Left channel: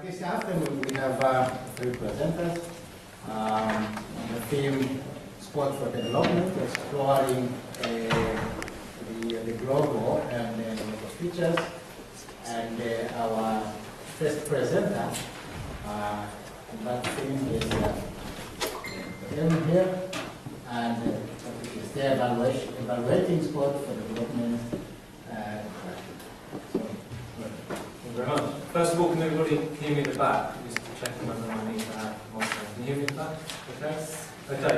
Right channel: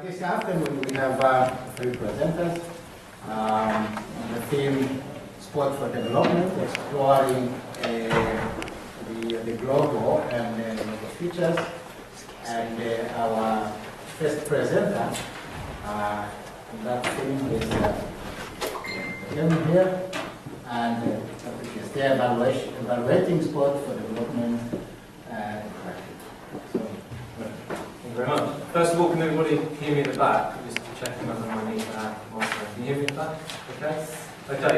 This afternoon we have three presenters. The theme Sport for Development, exploring the global and local features. And our first presenter on that theme is here, and the topic is the evaluating sport for development. Thank you very much. First of all, can everybody hear me at the back? Just checking whether my knees are out. Can you hear me at the back? Okay. Okay.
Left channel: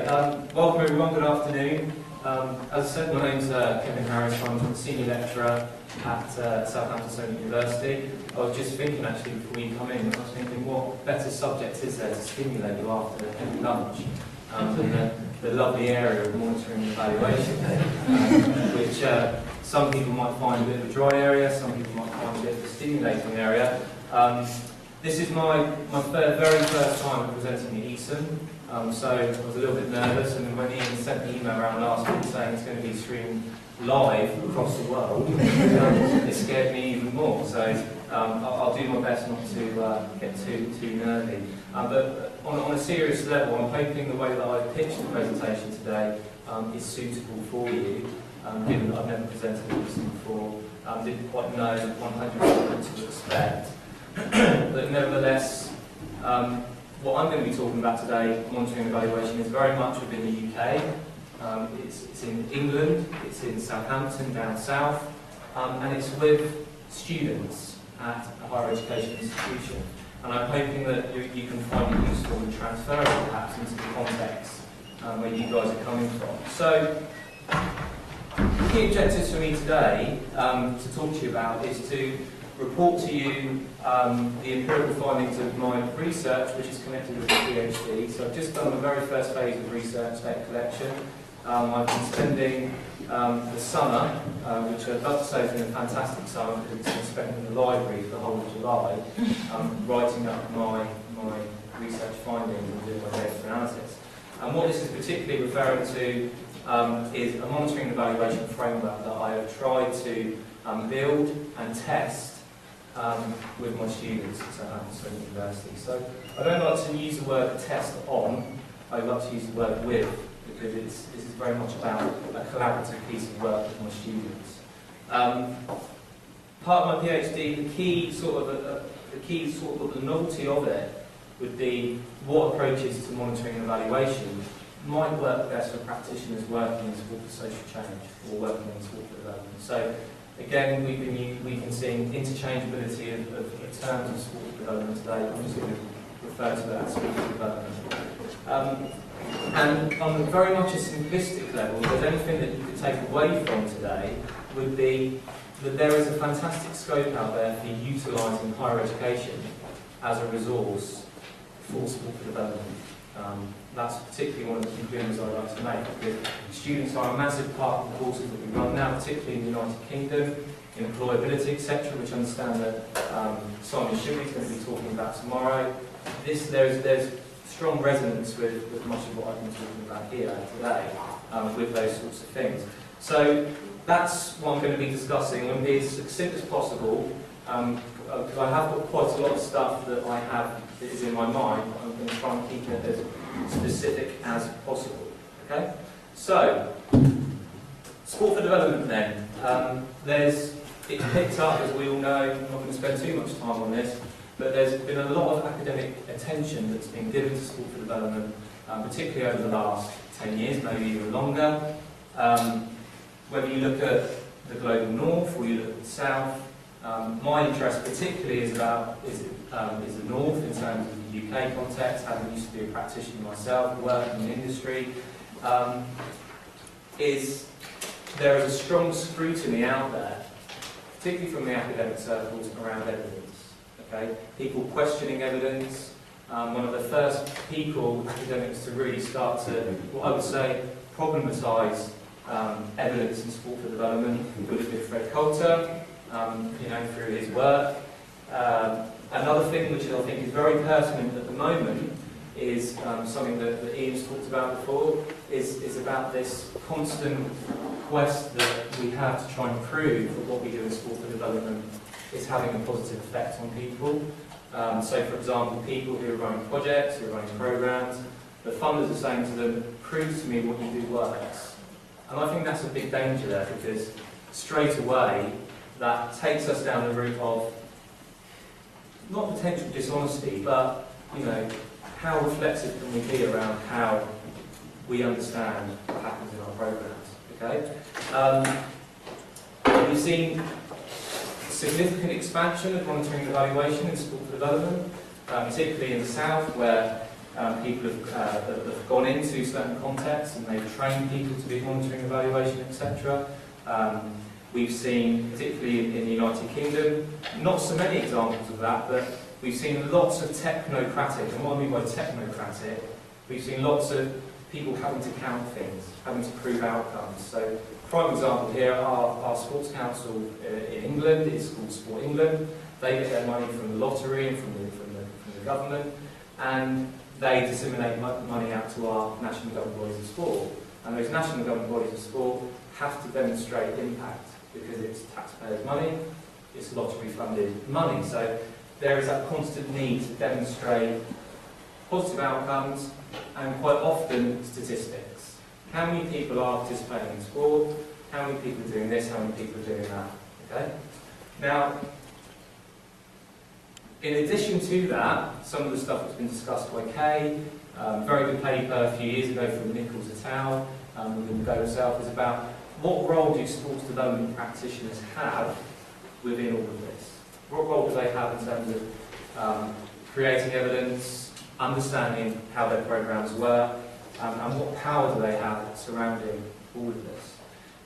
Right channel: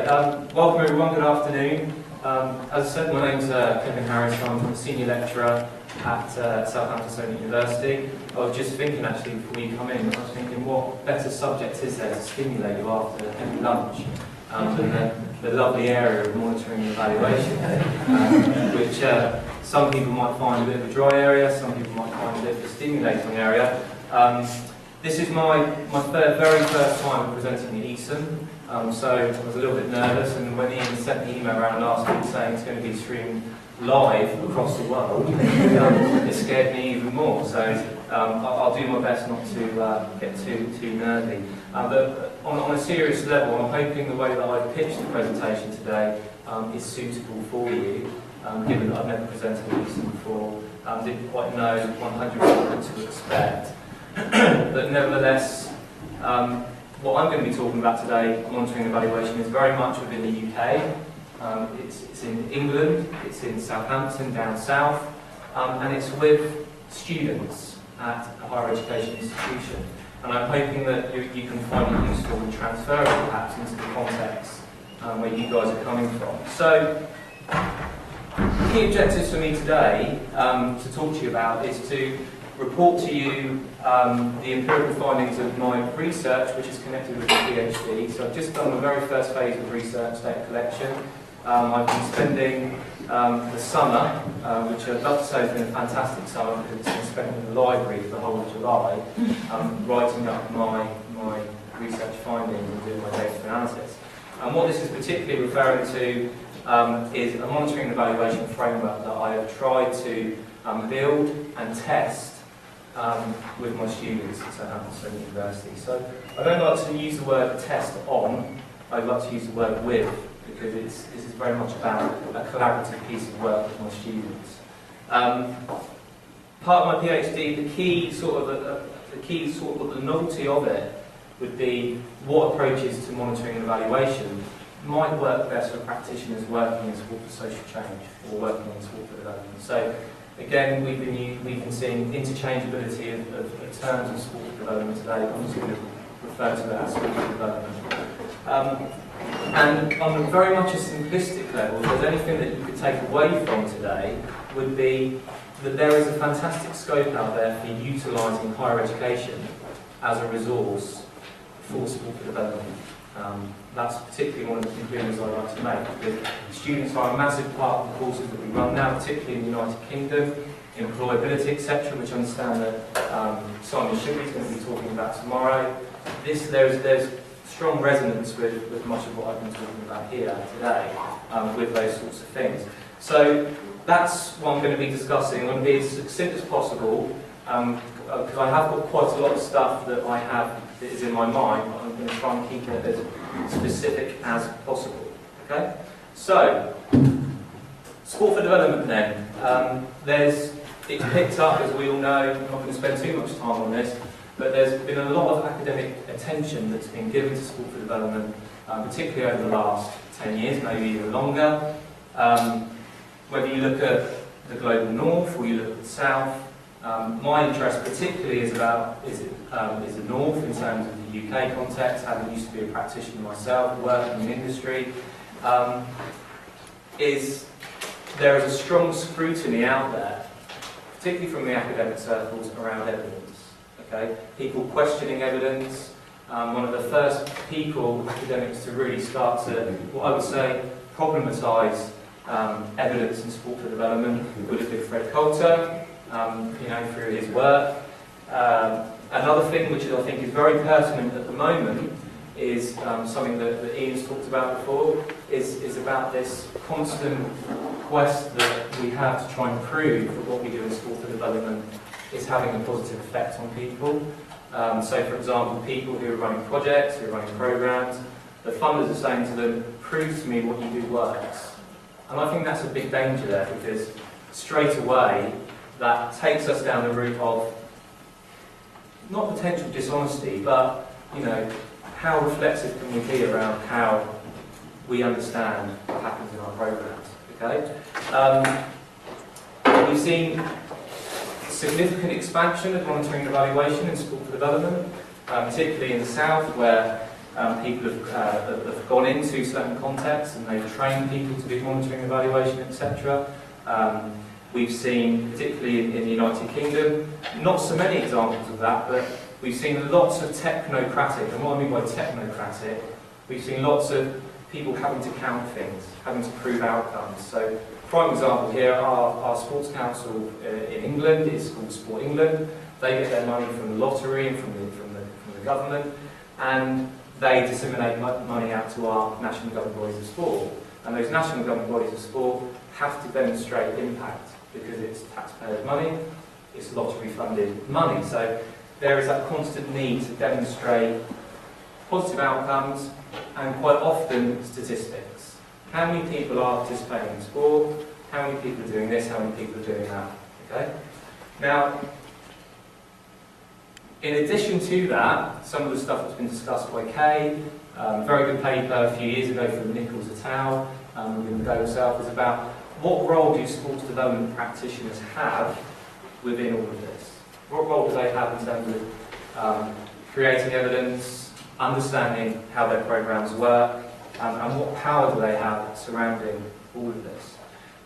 Welcome everyone. Good afternoon. As I said, my name's Kevin Harris. I'm a senior lecturer at Southampton University. I was just thinking actually before you come in, I was thinking what better subject is there to stimulate you after lunch than the lovely area of monitoring and evaluation, which some people might find a bit of a dry area, some people might find a bit of a stimulating area. This is my very first time presenting at Eton, so I was a little bit nervous, and when Ian sent the email around last week saying it's going to be streamed live across the world, it scared me even more. So I'll do my best not to get too nerdy. But on a serious level, I'm hoping the way that I've pitched the presentation today is suitable for you, given that I've never presented this before, didn't quite know 100% what to expect. But nevertheless, what I'm going to be talking about today, monitoring and evaluation, is very much within the UK. It's in England, it's in Southampton, down south, and it's with students at a higher education institution. And I'm hoping that you can find it useful and transferable perhaps into the context where you guys are coming from. So, the key objectives for me today to talk to you about is to report to you the empirical findings of my research, which is connected with a PhD. So I've just done the very first phase of research, data collection. I've been spending the summer, which I'd love to say has been a fantastic summer because it's been spent in the library for the whole of July, writing up my research findings and doing my data analysis. And what this is particularly referring to is a monitoring and evaluation framework that I have tried to build and test with my students at Southampton University. So I don't like to use the word test on, I'd like to use the word with, because this is very much about a collaborative piece of work with my students. Part of my PhD, the key sort of the novelty of it would be what approaches to monitoring and evaluation might work best for practitioners working in sport for social change or working in sport for development. So again, we've been seeing interchangeability of terms of sport for development today. I'm just going to refer to that as sport for development. And on very much a simplistic level, if there's anything that you could take away from today, would be that there is a fantastic scope out there for utilising higher education as a resource for sport for development. That's particularly one of the conclusions I'd like to make, because students are a massive part of the courses that we run now, particularly in the United Kingdom, employability, etc., which I understand that Simon Shibby is going to be talking about tomorrow. There's strong resonance with much of what I've been talking about here today, with those sorts of things. So that's what I'm going to be discussing. I'm going to be as succinct as possible, because I have got quite a lot of stuff that I have that is in my mind, but I'm going to try and keep it as specific as possible. Okay? So, sport for development then. It's picked up, as we all know. I'm not going to spend too much time on this, but there's been a lot of academic attention that's been given to sport for development, particularly over the last 10 years, maybe even longer. Whether you look at the global north or you look at the south, my interest particularly is the north in terms of the UK context, having used to be a practitioner myself, working in industry. There is a strong scrutiny out there, particularly from the academic circles, around evidence. Okay? People questioning evidence. One of the first academics to really start to, what I would say, problematise evidence in sport for development would have been Fred Coulter, through his work. Another thing which I think is very pertinent at the moment is something that Ian's talked about before, is about this constant quest that we have to try and prove that what we do in sport for development is having a positive effect on people. So for example, people who are running projects, who are running programs, the funders are saying to them, prove to me what you do works. And I think that's a big danger there, because straight away that takes us down the route of not potential dishonesty, but how reflexive can we be around how we understand what happens in our programs. Okay, we've seen significant expansion of monitoring and evaluation in sport for development, particularly in the south, where people have gone into certain contexts and they've trained people to do monitoring, evaluation, etc. We've seen, particularly in the United Kingdom, not so many examples of that, but we've seen lots of technocratic, and what I mean by technocratic, we've seen lots of people having to count things, having to prove outcomes. So, prime example here, our sports council in England is called Sport England. They get their money from the lottery and from the government, and they disseminate money out to our national governing bodies of sport. And those national governing bodies of sport have to demonstrate impact, because it's taxpayers' money, it's lottery-funded money. So there is that constant need to demonstrate positive outcomes and quite often statistics. How many people are participating in sport? How many people are doing this? How many people are doing that? Okay. Now, in addition to that, some of the stuff that's been discussed by Kay, very good paper a few years ago from Nichols et al. Within the Go South, is about what role do sports development practitioners have within all of this? What role do they have in terms of creating evidence, understanding how their programs work, and what power do they have surrounding all of this?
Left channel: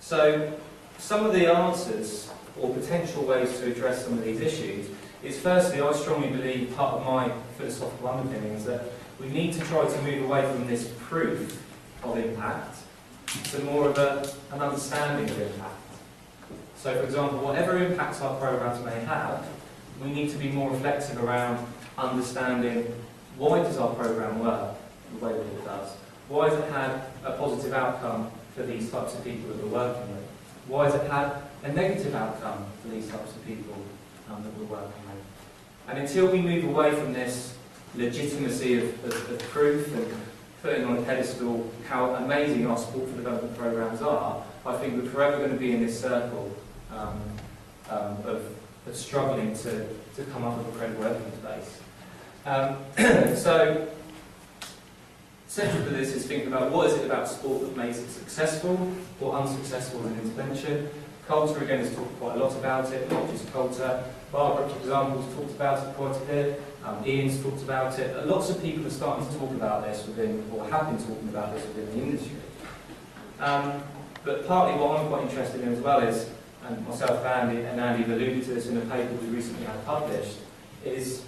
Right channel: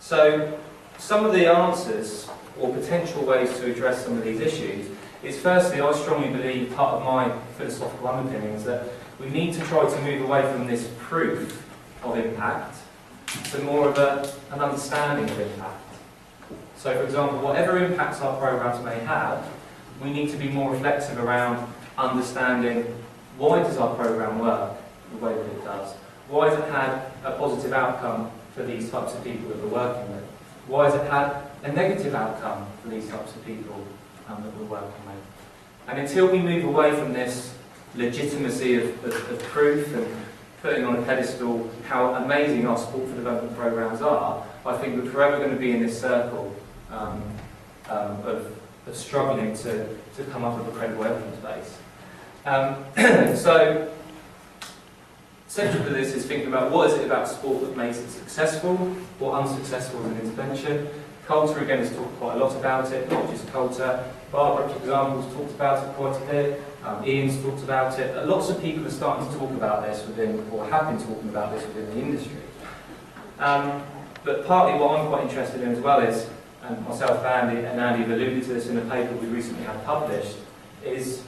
So, some of the answers, or potential ways to address some of these issues, is firstly, I strongly believe, part of my philosophical underpinnings, that we need to try to move away from this proof of impact to more of an understanding of impact. So, for example, whatever impacts our programs may have, we need to be more reflective around understanding, why does our program work the way that it does? Why has it had a positive outcome for these types of people that we're working with? Why has it had a negative outcome for these types of people that we're working with? And until we move away from this legitimacy of proof and putting on a pedestal how amazing our sport for development programs are, I think we're forever going to be in this circle of struggling to come up with a credible evidence base. So, central to this is thinking about what is it about sport that makes it successful or unsuccessful as an intervention. Culture, again, has talked quite a lot about it, not just culture. Barbara, for example, has talked about it quite a bit. Ian's talked about it. Lots of people are starting to talk about this within, or have been talking about this within the industry. But partly what I'm quite interested in as well is, and myself and Andy have alluded to this in a paper we recently had published, is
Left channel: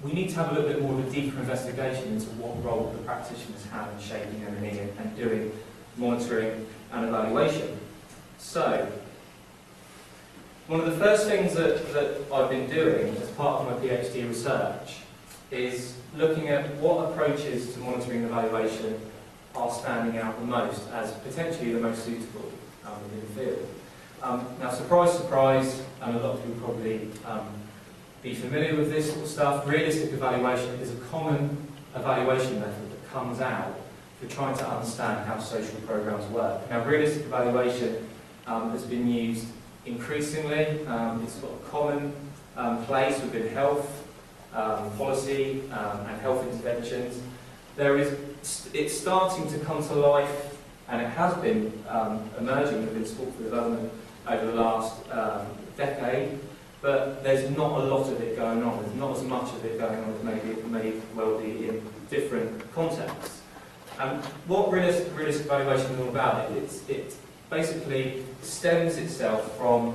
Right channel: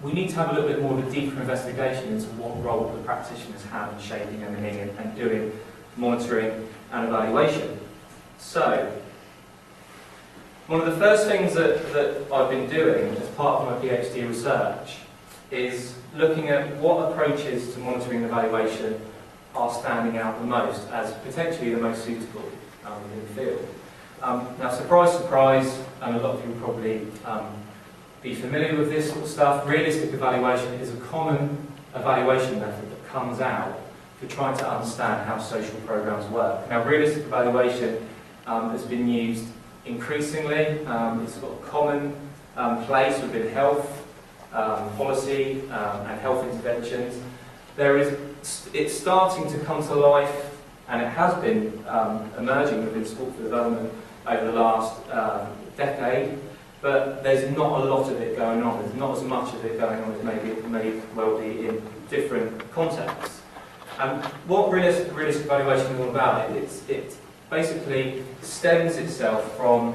we need to have a little bit more of a deeper investigation into what role the practitioners have in shaping and doing monitoring and evaluation. So, one of the first things that I've been doing as part of my PhD research is looking at what approaches to monitoring and evaluation are standing out the most as potentially the most suitable within the field. Now, surprise, surprise, and a lot of you will probably be familiar with this sort of stuff. Realistic evaluation is a common evaluation method that comes out for trying to understand how social programs work. Now, realistic evaluation has been used increasingly. It's got a common place within health policy and health interventions. It's starting to come to life, and it has been emerging within sport for development over the last decade, but there's not a lot of it going on. There's not as much of it going on as maybe it may well be in different contexts. What realistic evaluation is all about, it basically stems itself from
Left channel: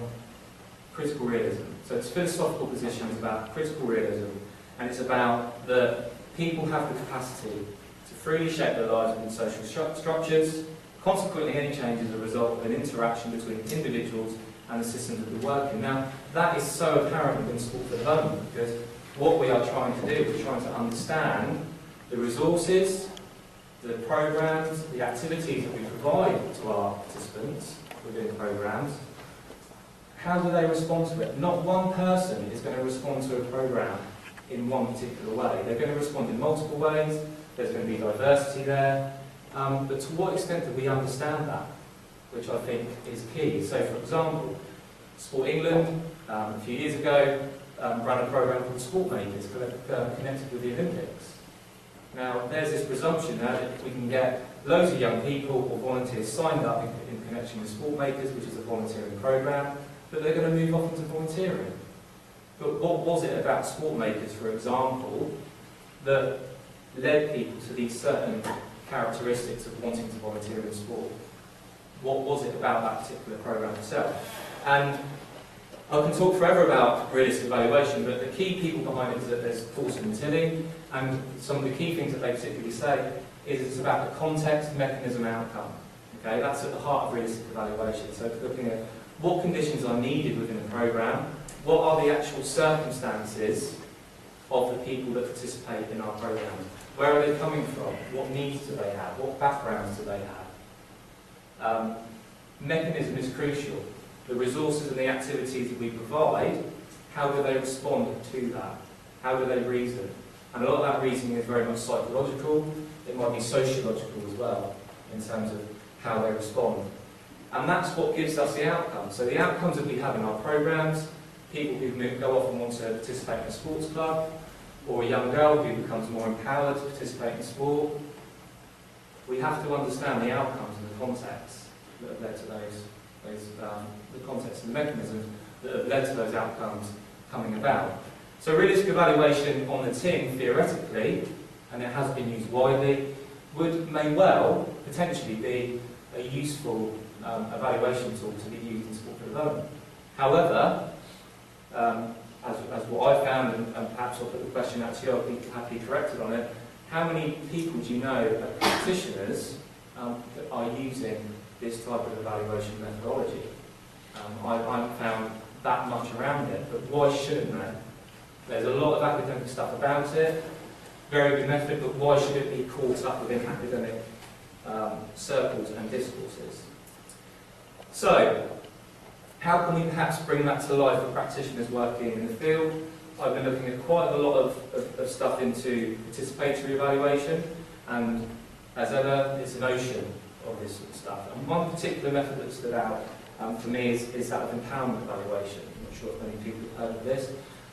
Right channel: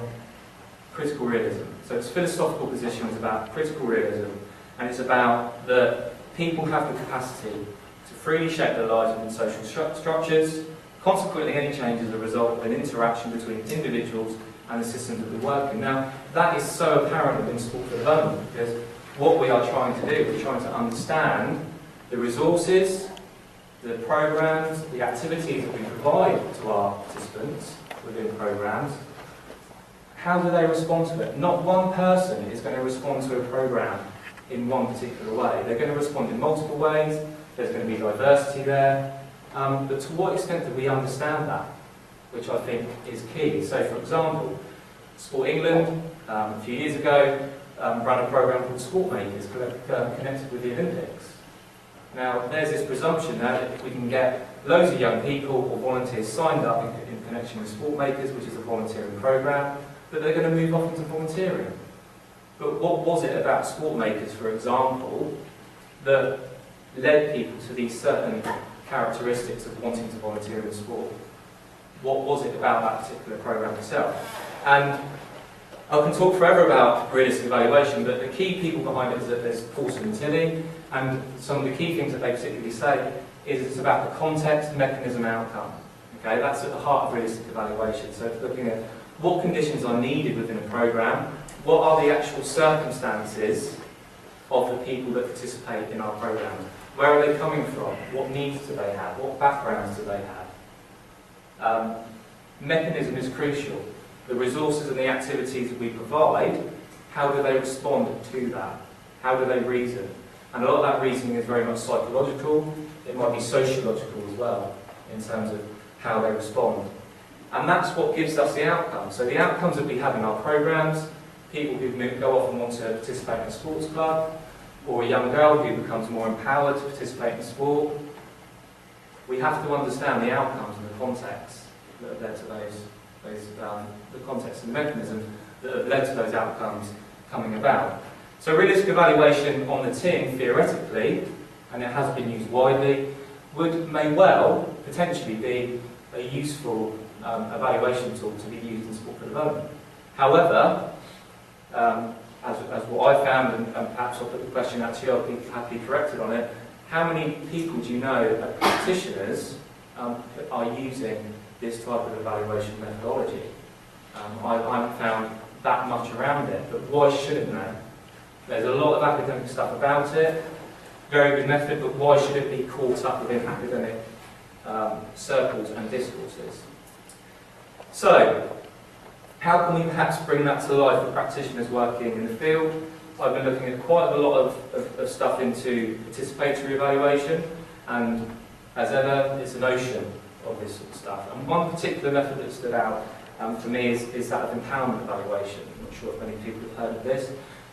critical realism. So its philosophical position is about critical realism, and it's about that people have the capacity to freely shape their lives within social structures. Consequently, any change is a result of an interaction between individuals and the systems that we work in. Now, that is so apparent within sport for development, because what we are trying to do is trying to understand the resources, the programs, the activities that we provide to our participants within programs. How do they respond to it? Not one person is going to respond to a program in one particular way. They're going to respond in multiple ways, there's going to be diversity there, but to what extent do we understand that, which I think is key. So for example, Sport England, a few years ago, ran a programme called Sport Makers, connected with the Olympics. Now, there's this presumption now that we can get loads of young people or volunteers signed up in connection with Sport Makers, which is a volunteering programme, but they're going to move off into volunteering. But what was it about Sport Makers, for example, that led people to these certain characteristics of wanting to volunteer in sport? What was it about that particular programme itself? And I can talk forever about realistic evaluation, but the key people behind it is that there's Paulson and Tilly, and some of the key things that they particularly say is it's about the context, mechanism, outcome. Okay, that's at the heart of realistic evaluation. So looking at what conditions are needed within a programme, what are the actual circumstances of the people that participate in our programme, where are they coming from, what needs do they have, what backgrounds do they have. Mechanism is crucial. The resources and the activities that we provide, how do they respond to that? How do they reason? And a lot of that reasoning is very much psychological. It might be sociological as well, in terms of how they respond. And that's what gives us the outcomes. So the outcomes that we have in our programmes, people who go off and want to participate in a sports club, or a young girl who becomes more empowered to participate in sport, we have to understand the outcomes and the context that have led to the context and the mechanisms that have led to those outcomes coming about. So realistic evaluation on the tin, theoretically, and it has been used widely, may well potentially be a useful evaluation tool to be used in sport for development. However, as what I found, and perhaps I'll put the question out to you, I'll be happily corrected on it, how many people do you know, practitioners, are using this type of evaluation methodology? I haven't found that much around it, but why shouldn't they? There's a lot of academic stuff about it, very good method, but why should it be caught up within academic circles and discourses? So, how can we perhaps bring that to life for practitioners working in the field? I've been looking at quite a lot of stuff into participatory evaluation, and as ever, it's an ocean of this sort of stuff. And one particular method that stood out for me is that of empowerment evaluation. I'm not sure if many people have heard of this,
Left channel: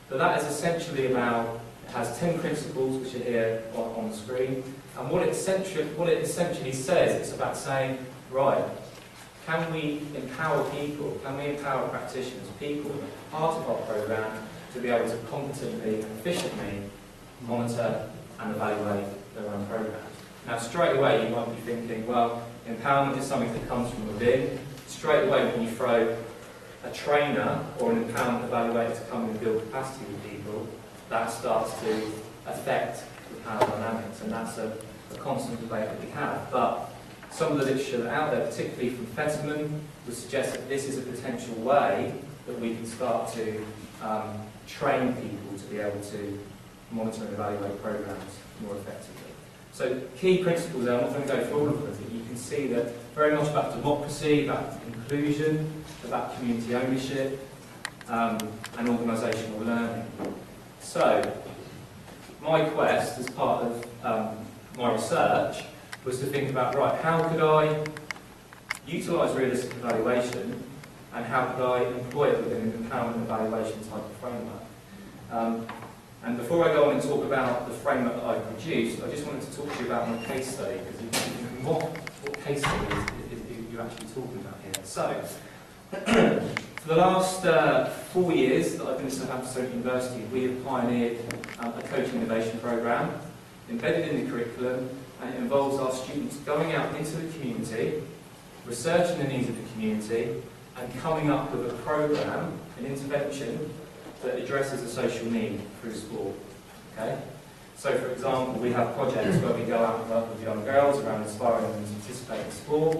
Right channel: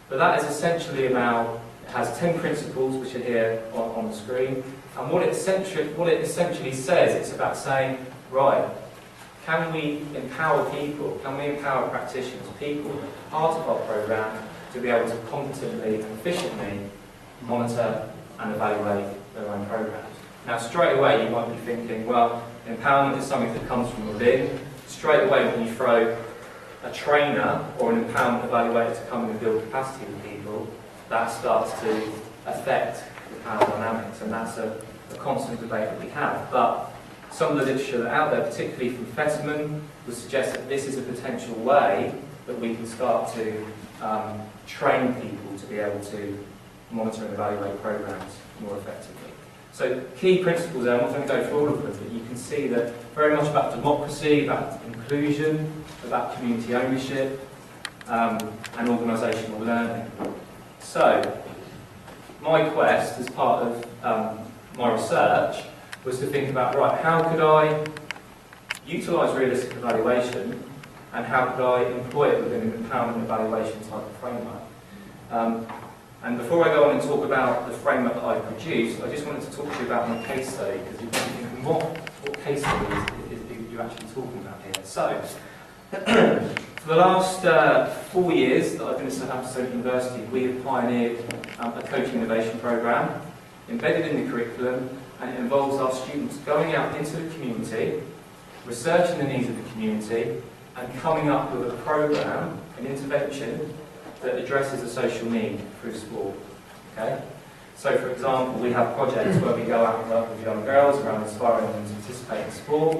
but that is essentially about, it has 10 principles which are here on the screen, and what it essentially says, it's about saying, right, can we empower people, can we empower practitioners, people, part of our programme, to be able to competently and efficiently monitor and evaluate their own programmes. Now straight away you might be thinking, well, empowerment is something that comes from within. Straight away when you throw a trainer or an empowerment evaluator to come in and build capacity with people, that starts to affect the power dynamics, and that's a constant debate that we have. But some of the literature that's out there, particularly from Fetterman, would suggest that this is a potential way that we can start to train people to be able to monitor and evaluate programs more effectively. So key principles there, I'm not going to go through all of them, but you can see that very much about democracy, about inclusion, about community ownership, and organisational learning. So, my quest as part of my research was to think about, right, how could I utilise realistic evaluation, and how could I employ it within an empowerment evaluation type of framework? And before I go on and talk about the framework that I've produced, I just wanted to talk to you about my case study, because you might be thinking, what case study is you actually talking about here? So, for the last 4 years that I've been at Southampton University, we have pioneered a coaching innovation programme embedded in the curriculum, and it involves our students going out into the community, researching the needs of the community, and coming up with a programme, an intervention, that addresses a social need through sport. Okay? So for example, we have projects where we go out and work with young girls around inspiring them to participate in sport.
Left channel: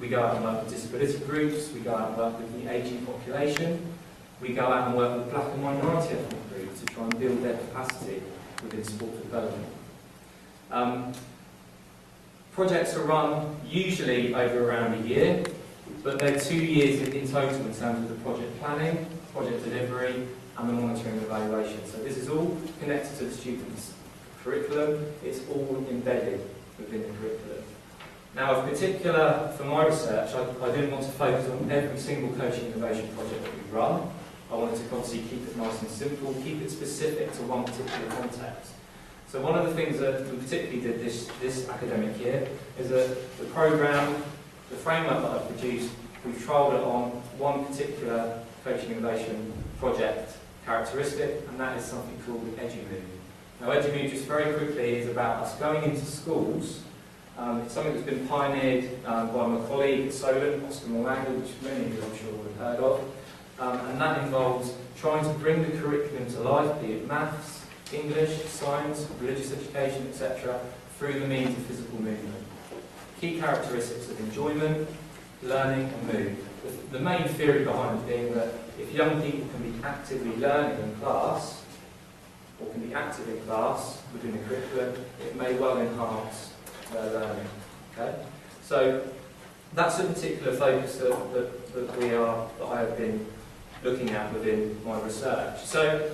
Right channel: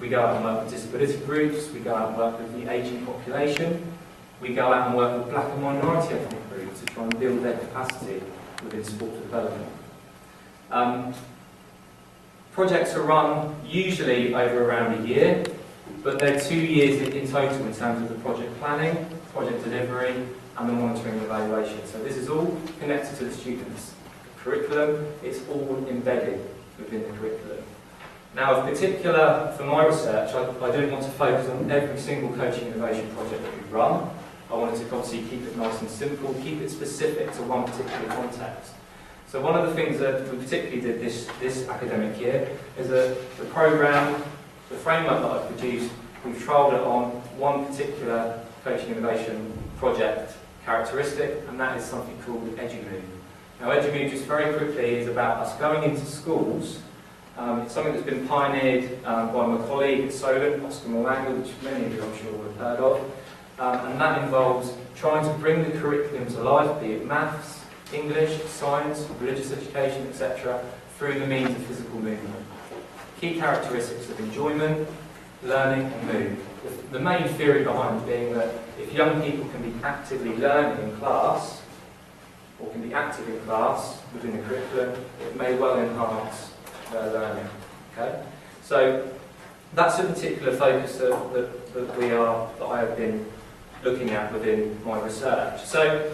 We go out and work with disability groups, we go out and work with the ageing population, we go out and work with black and minority ethnic groups to try and build their capacity within sport development. Projects are run usually over around a year, but they're 2 years in total in terms of the project planning, project delivery, and the monitoring and evaluation. So this is all connected to the students' curriculum, it's all embedded within the curriculum. Now, in particular, for my research, I didn't want to focus on every single coaching innovation project that we run. I wanted to obviously keep it nice and simple, keep it specific to one particular context. So one of the things that we particularly did this academic year is that the programme, the framework that I've produced, we've trialled it on one particular coaching innovation project characteristic, and that is something called EduMove. Now EduMove, just very quickly, is about us going into schools. It's something that's been pioneered by my colleague at Solent, Oscar Morangel, which many of you I'm sure will have heard of. And that involves trying to bring the curriculum to life, be it maths, English, science, religious education, etc., through the means of physical movement. Key characteristics of enjoyment, learning and mood. The main theory behind it being that if young people can be actively learning in class, or can be active in class within the curriculum, it may well enhance their learning. Okay? So that's a particular focus that I have been looking at within my research. So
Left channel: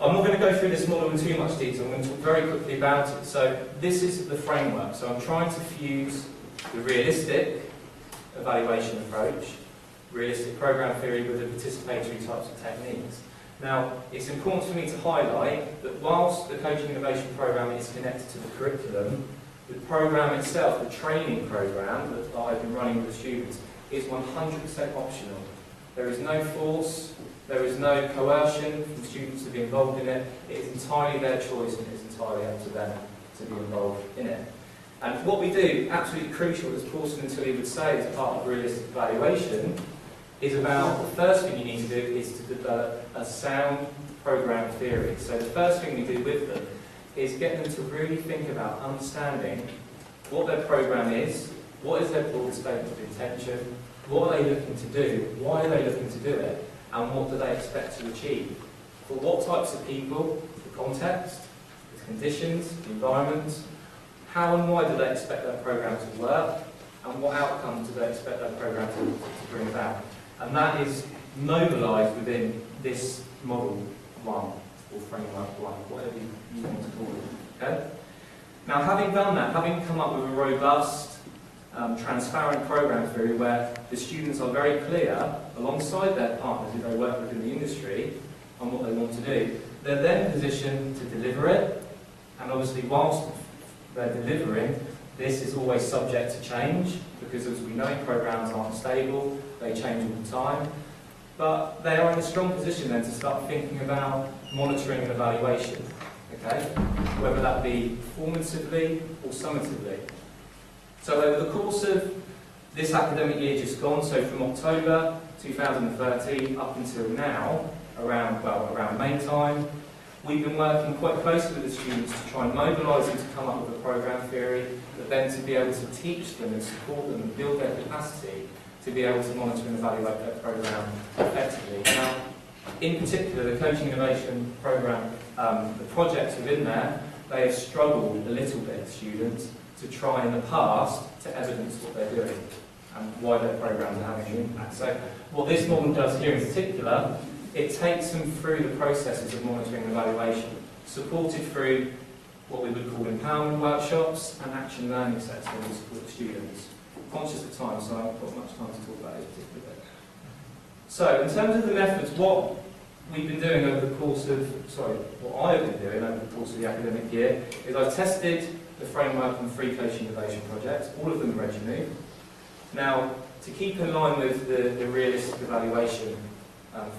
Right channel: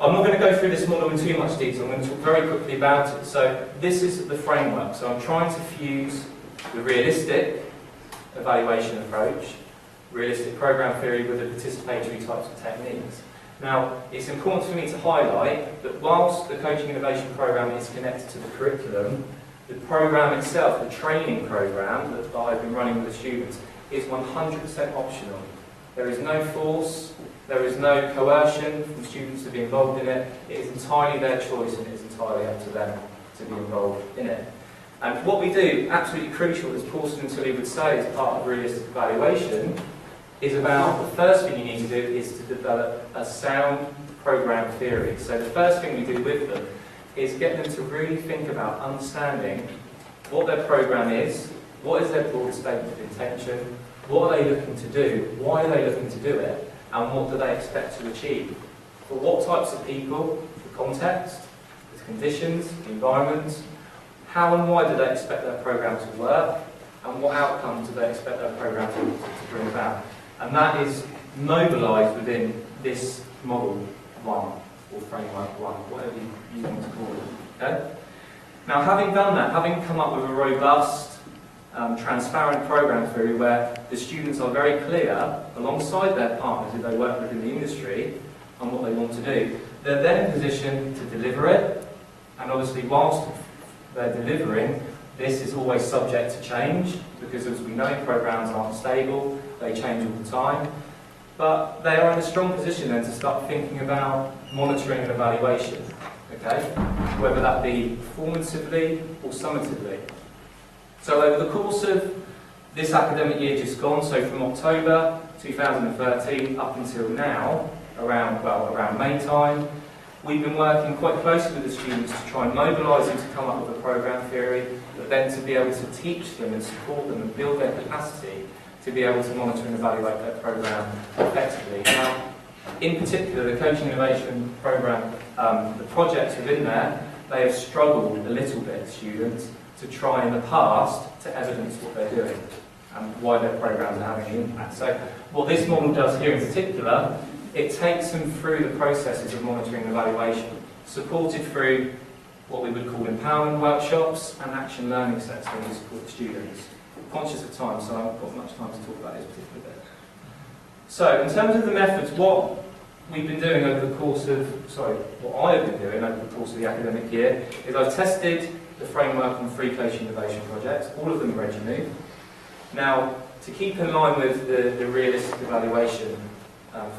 I'm not going to go through this model in too much detail, I'm going to talk very quickly about it. So this is the framework. So I'm trying to fuse the realistic evaluation approach, realistic program theory with the participatory types of techniques. Now, it's important for me to highlight that whilst the coaching innovation program is connected to the curriculum, the program itself, the training program that I've been running with the students, is 100% optional. There is no force, there is no coercion from students to be involved in it. It is entirely their choice and it is entirely up to them to be involved in it. And what we do, absolutely crucial, as Paulson and Tully would say, as part of realistic evaluation, is about the first thing you need to do is to develop a sound program theory. So the first thing we do with them is get them to really think about understanding what their program is, what is their broad statement of intention, what are they looking to do, why are they looking to do it, and what do they expect to achieve. For what types of people, the context, the conditions, the environment, how and why do they expect their program to work, and what outcomes do they expect their program to bring about. And that is mobilised within this model 1, or framework 1, whatever you want to call it. Okay? Now, having done that, having come up with a robust, transparent program theory where the students are very clear, alongside their partners who they work with in the industry, on what they want to do, they're then in position to deliver it. And obviously, whilst they're delivering, this is always subject to change, because as we know, programs aren't stable, they change all the time. But they are in a strong position then to start thinking about monitoring and evaluation, okay? Whether that be formatively or summatively. So over the course of this academic year just gone, so from October 2013 up until now, around May time, we've been working quite closely with the students to try and mobilise them to come up with a program theory, but then to be able to teach them and support them and build their capacity to be able to monitor and evaluate their program effectively. Now, in particular, the Coaching Innovation Programme, the projects within there, they have struggled a little bit, students, to try in the past to evidence what they're doing and why their programs are having an impact. So what this model does here in particular, it takes them through the processes of monitoring and evaluation, supported through what we would call empowerment workshops and action learning sets where we support the students. I'm conscious of time, so I haven't got much time to talk about this particular bit. So, in terms of the methods, what we've been doing over the course of, what I've been doing over the course of the academic year is I've tested the framework on 3 coaching innovation projects. All of them are EduMove. Now, to keep in line with the realistic evaluation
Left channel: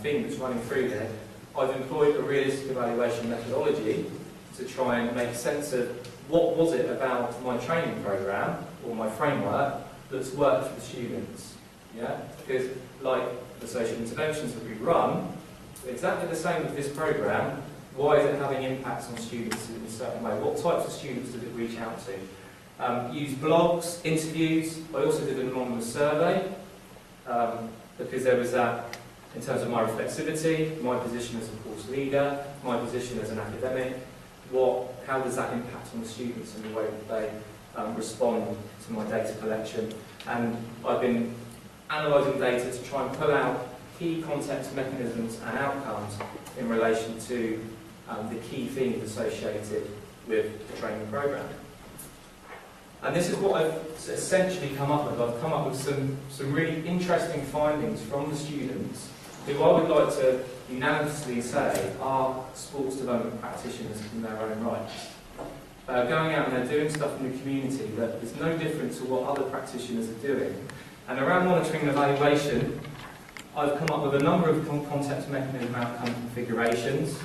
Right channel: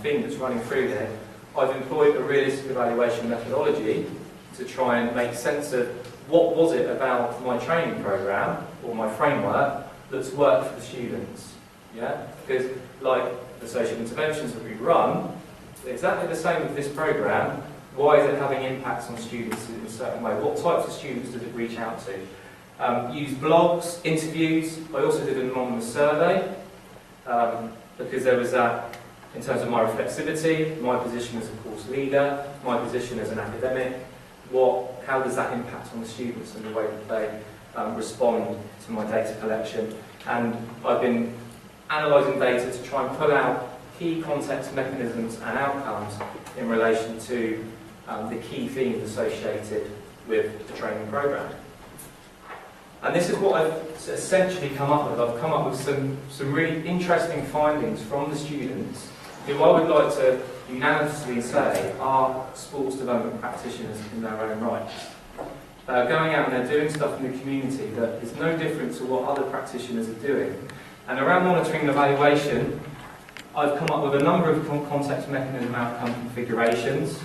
theme that's running through there, I've employed a realistic evaluation methodology to try and make sense of what was it about my training programme or my framework that's worked for the students. Yeah? Because like the social interventions that we run, exactly the same with this programme. Why is it having impacts on students in a certain way? What types of students does it reach out to? Use blogs, interviews. I also did an anonymous survey because there was that in terms of my reflexivity, my position as a course leader, my position as an academic. How does that impact on the students and the way that they respond to my data collection? And I've been analysing data to try and pull out key context mechanisms and outcomes in relation to the key themes associated with the training programme. And this is what I've essentially come up with. I've come up with some really interesting findings from the students who I would like to unanimously say are sports development practitioners in their own right. Going out and they're doing stuff in the community that is no different to what other practitioners are doing. And around monitoring and evaluation, I've come up with a number of context mechanism outcome configurations.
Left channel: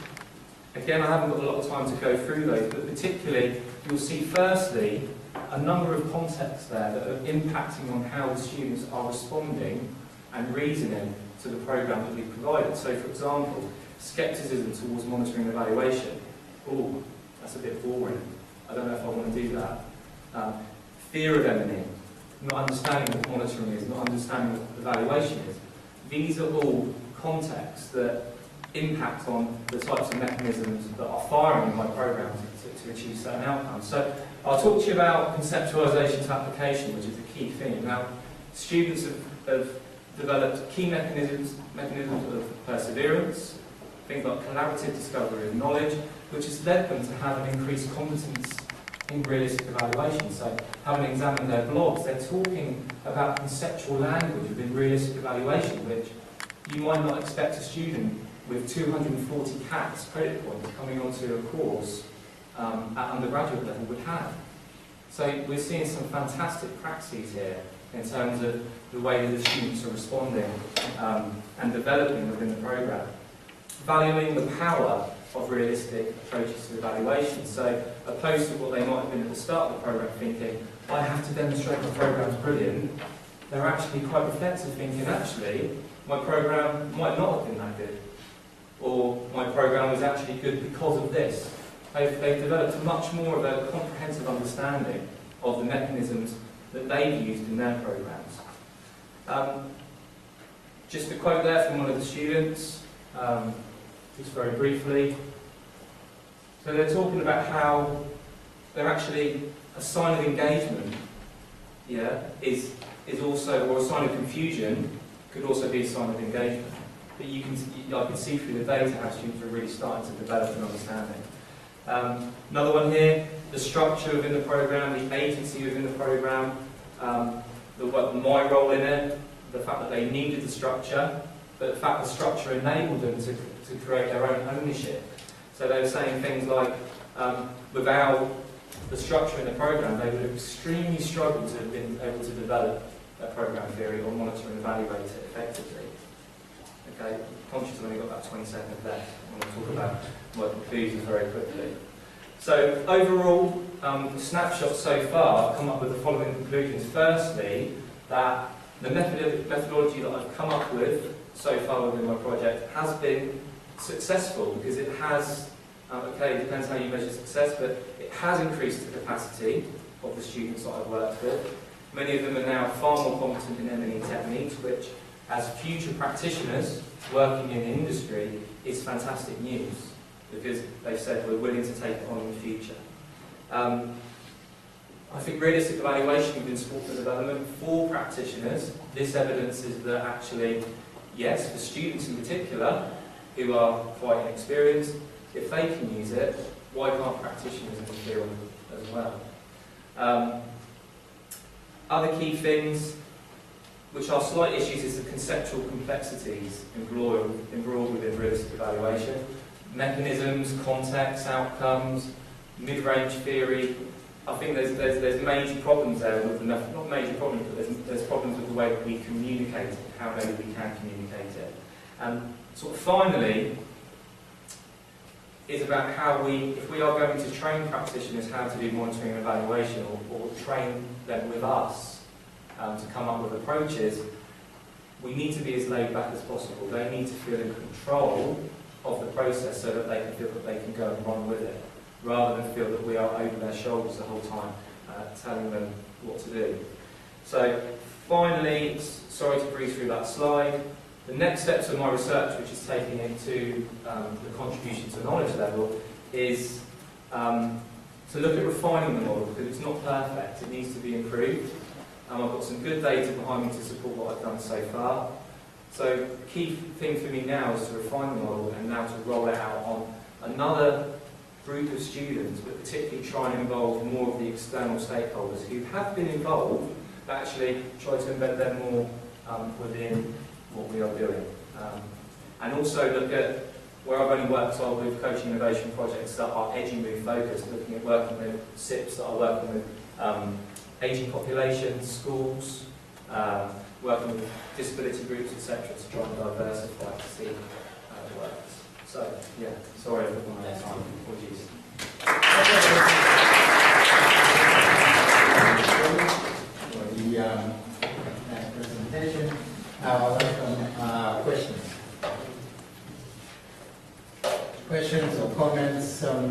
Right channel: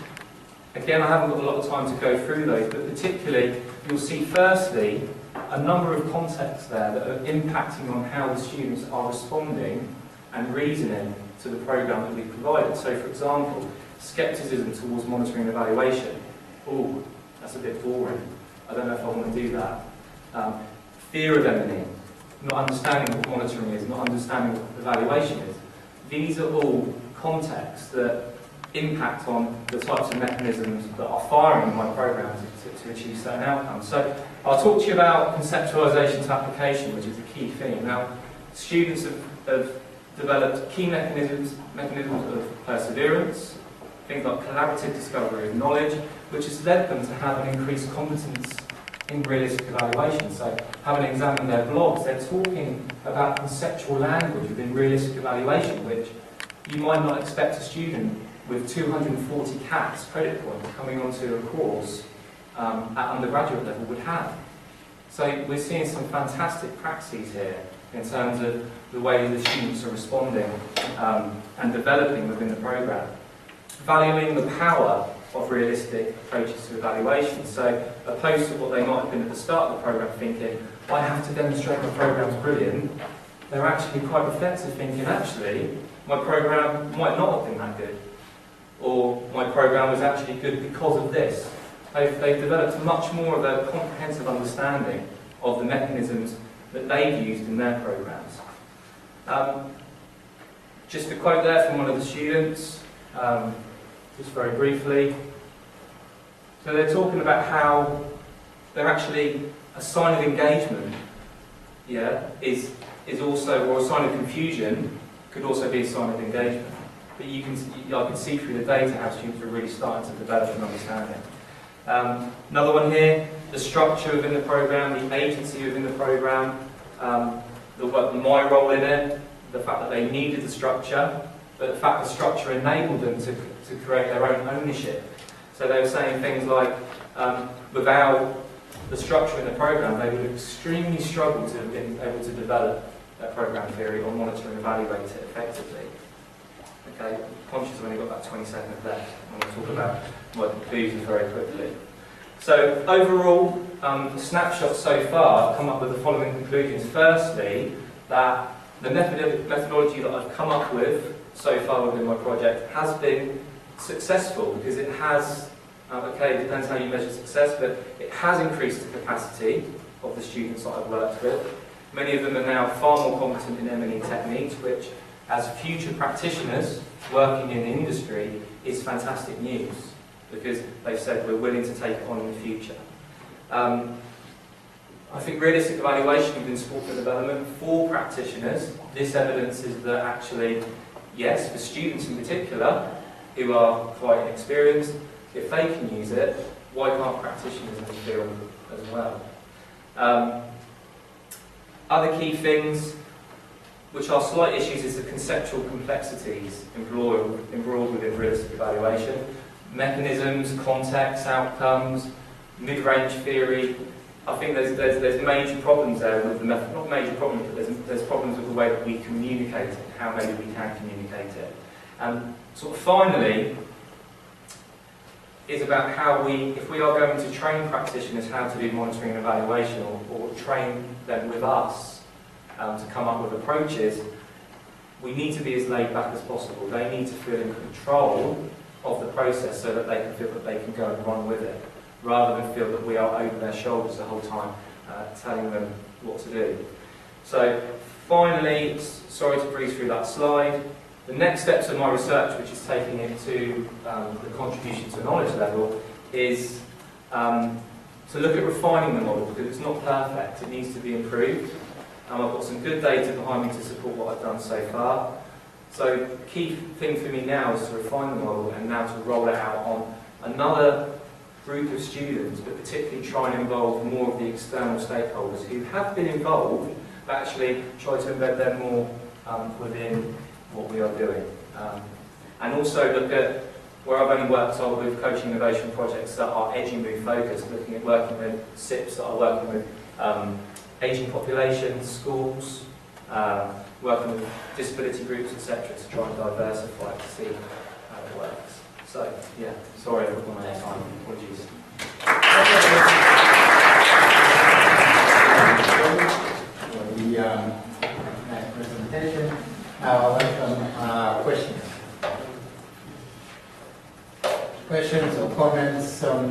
Again, I haven't got a lot of time to go through those, but particularly you'll see firstly a number of contexts there that are impacting on how the students are responding and reasoning to the programme that we've provided. So for example, scepticism towards monitoring and evaluation. Oh, that's a bit boring. I don't know if I want to do that. Fear of M&E, not understanding what monitoring is, not understanding what evaluation is. These are all contexts that impact on the types of mechanisms that are firing in my programme to achieve certain outcomes. So I'll talk to you about conceptualisation to application, which is the key thing. Now, students have developed key mechanisms of perseverance, things like collaborative discovery of knowledge, which has led them to have an increased competence in realistic evaluation. So, having examined their blogs, they're talking about conceptual language within realistic evaluation, which you might not expect a student with 240 CATS credit points coming onto a course at undergraduate level would have. So we're seeing some fantastic practices here in terms of the way the students are responding and developing within the programme. Valuing the power of realistic approaches to evaluation. So opposed to what they might have been at the start of the programme thinking, I have to demonstrate my programme's brilliant, they're actually quite reflective thinking, actually, my programme might not have been that good. Or my programme was actually good because of this. They've developed much more of a comprehensive understanding of the mechanisms that they've used in their programmes. Just a quote there from one of the students, just very briefly. So they're talking about how they're actually a sign of engagement, is also, or a sign of confusion could also be a sign of engagement. But I can see through the data how students are really starting to develop an understanding. Another one here, the structure within the programme, the agency within the programme, my role in it, the fact that they needed the structure, but the fact the structure enabled them to create their own ownership. So they were saying things like, without the structure in the programme, they would have extremely struggled to have been able to develop their programme theory or monitor and evaluate it effectively. Okay, I'm conscious I've only got about 20 seconds left. I'm going to talk about my conclusions very quickly. So overall, the snapshot so far, I've come up with the following conclusions. Firstly, that the methodology that I've come up with so far within my project has been successful because it has, it depends how you measure success, but it has increased the capacity of the students that I've worked with. Many of them are now far more competent in M&E techniques, which as future practitioners working in the industry is fantastic news because they've said we're willing to take it on in the future. I think realistic evaluation within sport and development for practitioners, this evidence is that actually, yes, for students in particular who are quite inexperienced, if they can use it, why can't practitioners in the field as well? Other key things which are slight issues is the conceptual complexities embroiled within realistic evaluation. Mechanisms, context, outcomes, mid-range theory. I think there's major problems there with the method, not major problems, but there's problems with the way that we communicate it, how maybe we can communicate it. And sort of finally, is about how if we are going to train practitioners how to do monitoring and evaluation, or train them with us, to come up with approaches, we need to be as laid back as possible. They need to feel in control of the process so that they can feel that they can go and run with it, rather than feel that we are over their shoulders the whole time, telling them what to do. So finally, sorry to breeze through that slide, the next steps of my research, which is taking it to the contribution to knowledge level, is to look at refining the model, because it's not perfect, it needs to be improved. I've got some good data behind me to support what I've done so far. So the key thing for me now is to refine the model and now to roll it out on another group of students, but particularly try and involve more of the external stakeholders who have been involved, but actually try to embed them more within what we are doing. And also look at where I've only worked on with coaching innovation projects that are EduMove focused, looking at working with SIPs that are working with ageing populations, schools, working with disability groups, etc., to try and diversify to see how it works. So, yeah, sorry I've run out of time. Apologies. For the nice presentation. Now I welcome questions. Questions or comments on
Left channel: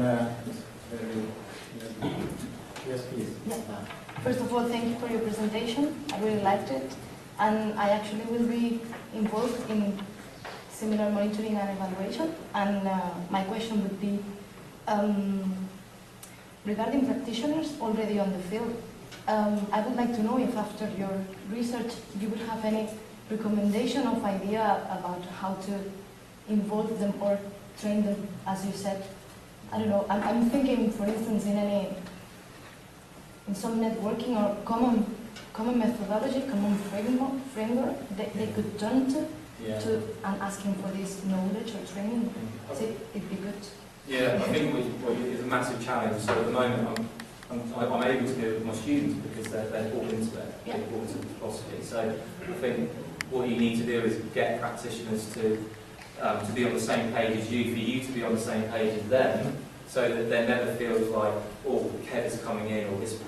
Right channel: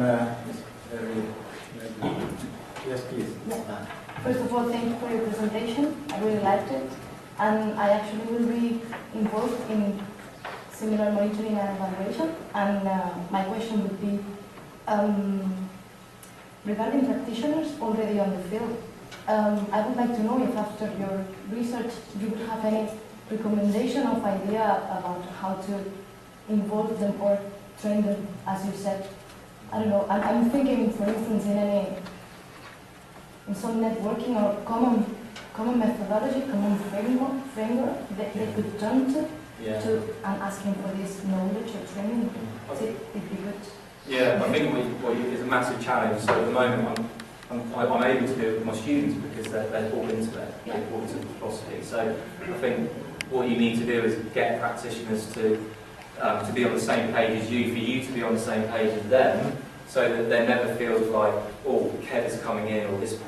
yes, please. Yeah. First of all, thank you for your presentation. I really liked it. And I actually will be involved in similar monitoring and evaluation. And my question would be, regarding practitioners already on the field, I would like to know if after your research you would have any recommendation of idea about how to involve them or train them, as you said. I don't know, I'm thinking, for instance, in some networking or common methodology, common framework that they could turn to, and asking for this knowledge or training. So it'd be good. Yeah, I think what is a massive challenge. So at the moment, I'm able to do it with my students because they're bought into it, they're bought into the philosophy. So I think what you need to do is get practitioners to be on the same page as you, for you to be on the same page as them, so that there never feels like, oh, Kev is coming in, or this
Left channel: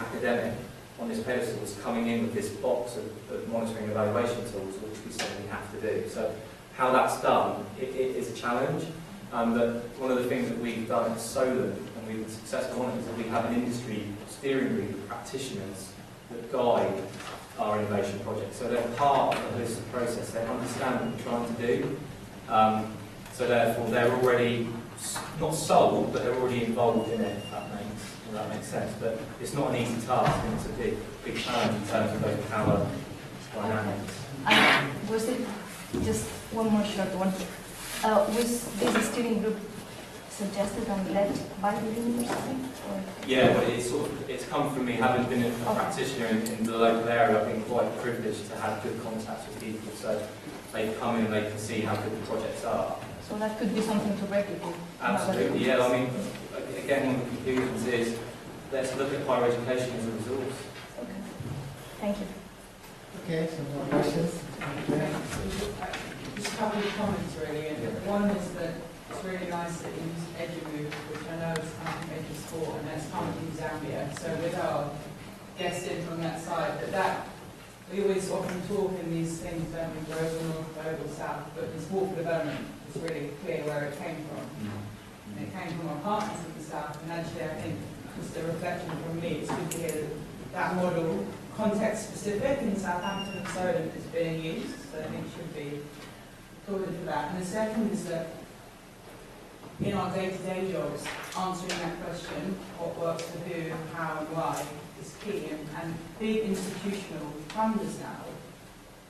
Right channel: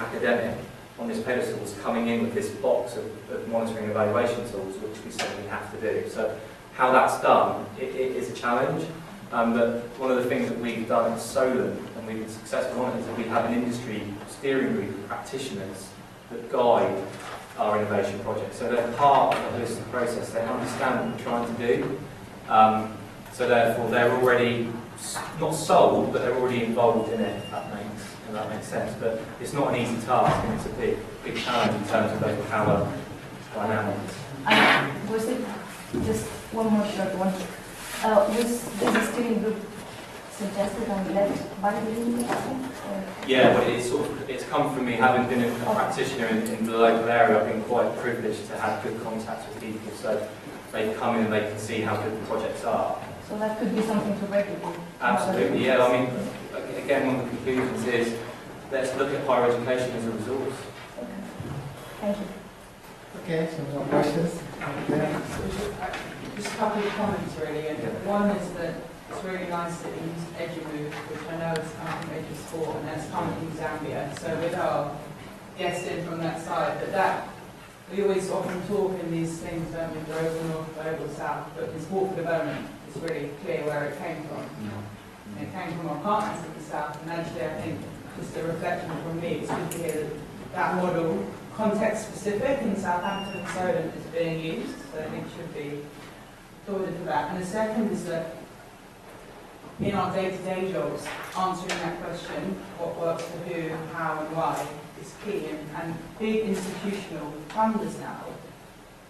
academic on this pedestal is coming in with this box of monitoring and evaluation tools, which we certainly have to do. So how that's done, it is a challenge. But one of the things that we've done at Solent, and we've been successful on it, is that we have an industry steering group of practitioners that guide our innovation project. So they're part of this process, they understand what we're trying to do. So therefore they're already, not sold, but they're already involved in it, if that makes sense. But it's not an easy task, and it's a big challenge in terms of those power dynamics. And was it, just one more short one, was this steering group suggested and led by the university? Yeah, but it's come from me having been a practitioner in the local area. I've been quite privileged to have good contacts with people, so they come in and they can see how good the projects are. So that could be something to replicate. Absolutely, yeah. I mean, again, one of the conclusions is let's look at higher education as a resource. Okay. Thank you. Okay, some more questions? Just a couple of comments really. And one is that it's really nice that you use EduMove, which I know is come from EduSport, and that's come from Zambia. So with our guests in from that side, that we always often talk in these things, don't we, global north, global south, but in sport for development, it's really clear where it came from. And it came from our partners in the south, and actually I think, just a reflection from me, it's good to hear that model, context specific in Southampton and Solent, is being used, so I think should be applauded for that. And the second is that in our day-to-day jobs, answering that question, what works for who, how and why, is key. And big institutional funders now,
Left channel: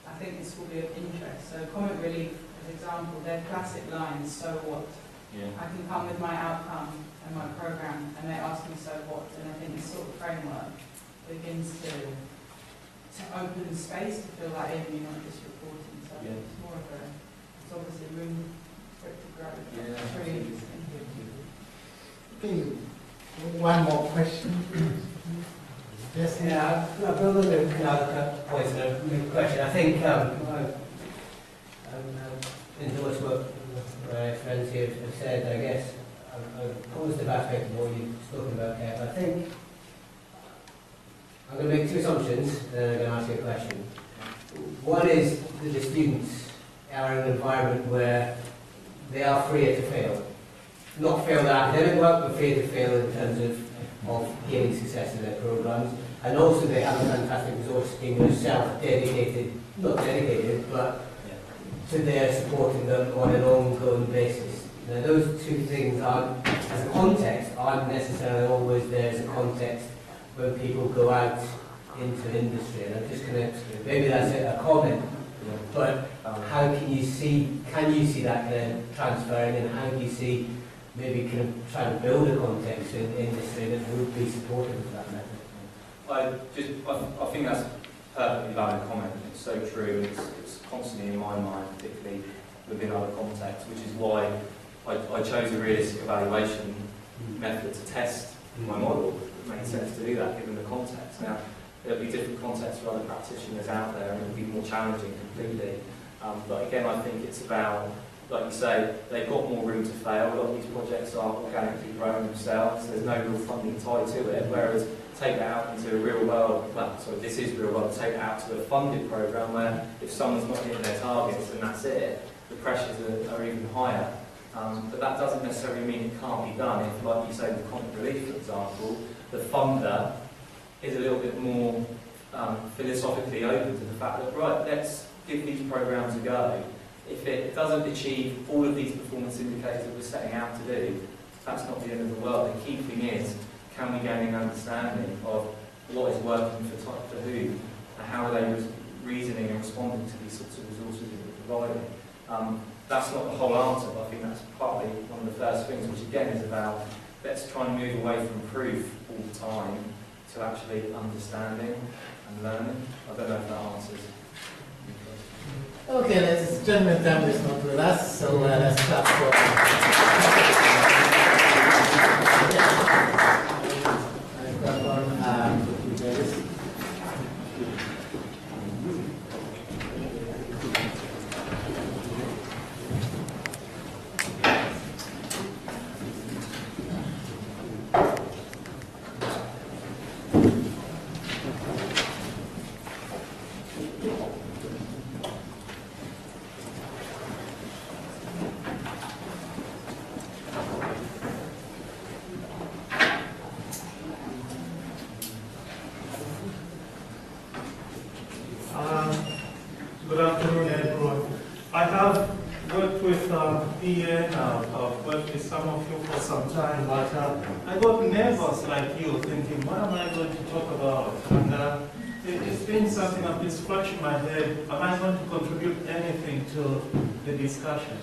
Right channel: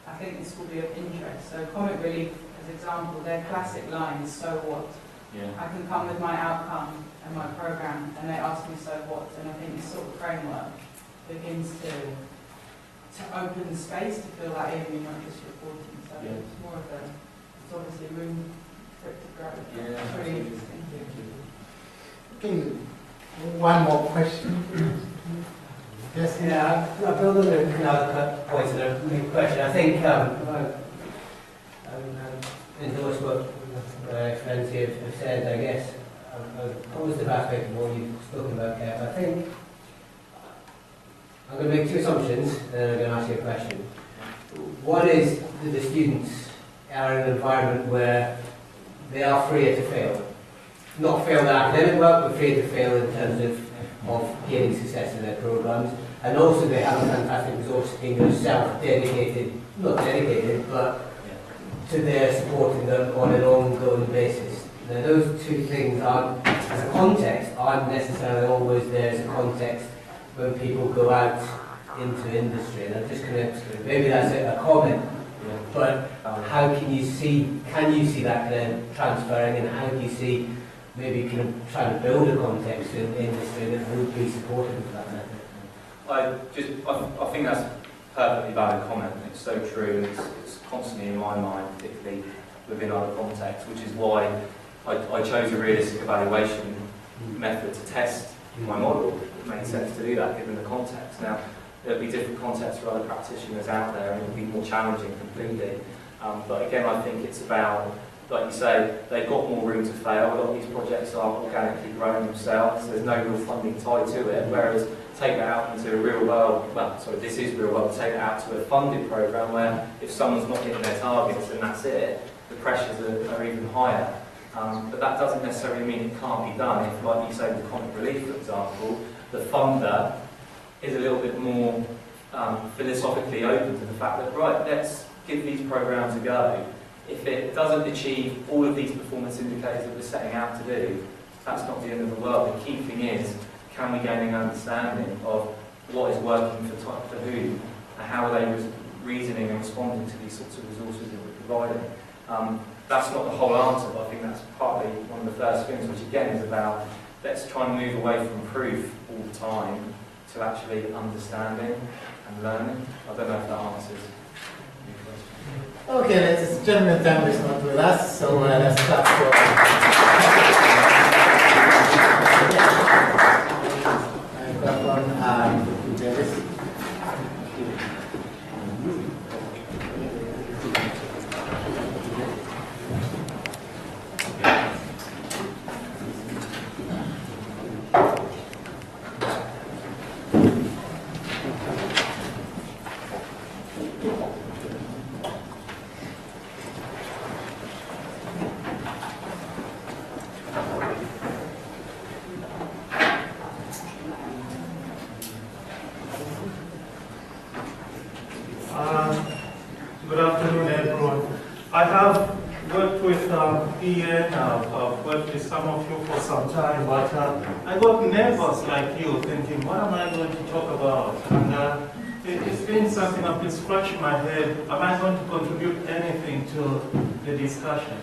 I think this will be of interest. So Comic Relief, as example, their classic line is, so what? Yeah. I can come with my outcome and my programme, and they ask me, so what? And I think this sort of framework begins to open the space to feel like even you're not just reporting. So it's more of it's obviously room for it to grow. Yeah, it's really interesting. Okay, one more question. Yes, yeah, I build on another point and a big question. I think endorse what my friends here have said. I guess a positive aspect of what you've spoken about, Kev. I think I'm going to make two assumptions and then I'm going to ask you a question. One is that the students are in an environment where they are freer to fail. Not fail their academic work, but freer to fail in terms of gaining success in their programs. And also they have a fantastic resource in yourself dedicated, not dedicated, but to their supporting them on an ongoing basis. Now those two things aren't, as a context, aren't necessarily always there as a context when people go out into industry. And I'm just going to, maybe that's a comment, but how can you see that then transferring, and how do you see maybe kind of trying to build a context in industry that would be supportive of that method? I think that's a perfectly valid comment. It's so true. It's constantly in my mind, particularly within other contexts, which is why I chose a realistic evaluation method to test my model. It made sense to do that given the context. Now, there'll be different contexts for other practitioners out there, and it'll be more challenging completely. But again, I think it's about, like you say, they've got more room to fail. A lot of these projects are organically growing themselves. There's no real funding tied to it. Whereas take that out into a real world, this is real world, take it out to a funded program where if someone's not hitting their targets and that's it, the pressures are even higher. But that doesn't necessarily mean it can't be done. If, like you say, with comic relief, for example, the funder is a little bit more philosophically open to the fact that, right, let's give these programs a go. If it doesn't achieve all of these performance indicators that we're setting out to do, that's not the end of the world. The key thing is, can we gain an understanding of what is working for who, and how are they reasoning and responding to these sorts of resources that we're providing. That's not the whole answer, but I think that's partly one of the first things, which again is about, let's try and move away from proof all the time to actually understanding and learning. I don't know if that answers your question. Okay, ladies and gentlemen, time is not with us, so let's start for... Microphone, Davis. Good afternoon, everyone. I have worked with Ian, I've worked with some of you for some time, but I got nervous like you, thinking, what am I going to talk about? And it's been something I've been scratching my head. Am I going to contribute anything to the discussion?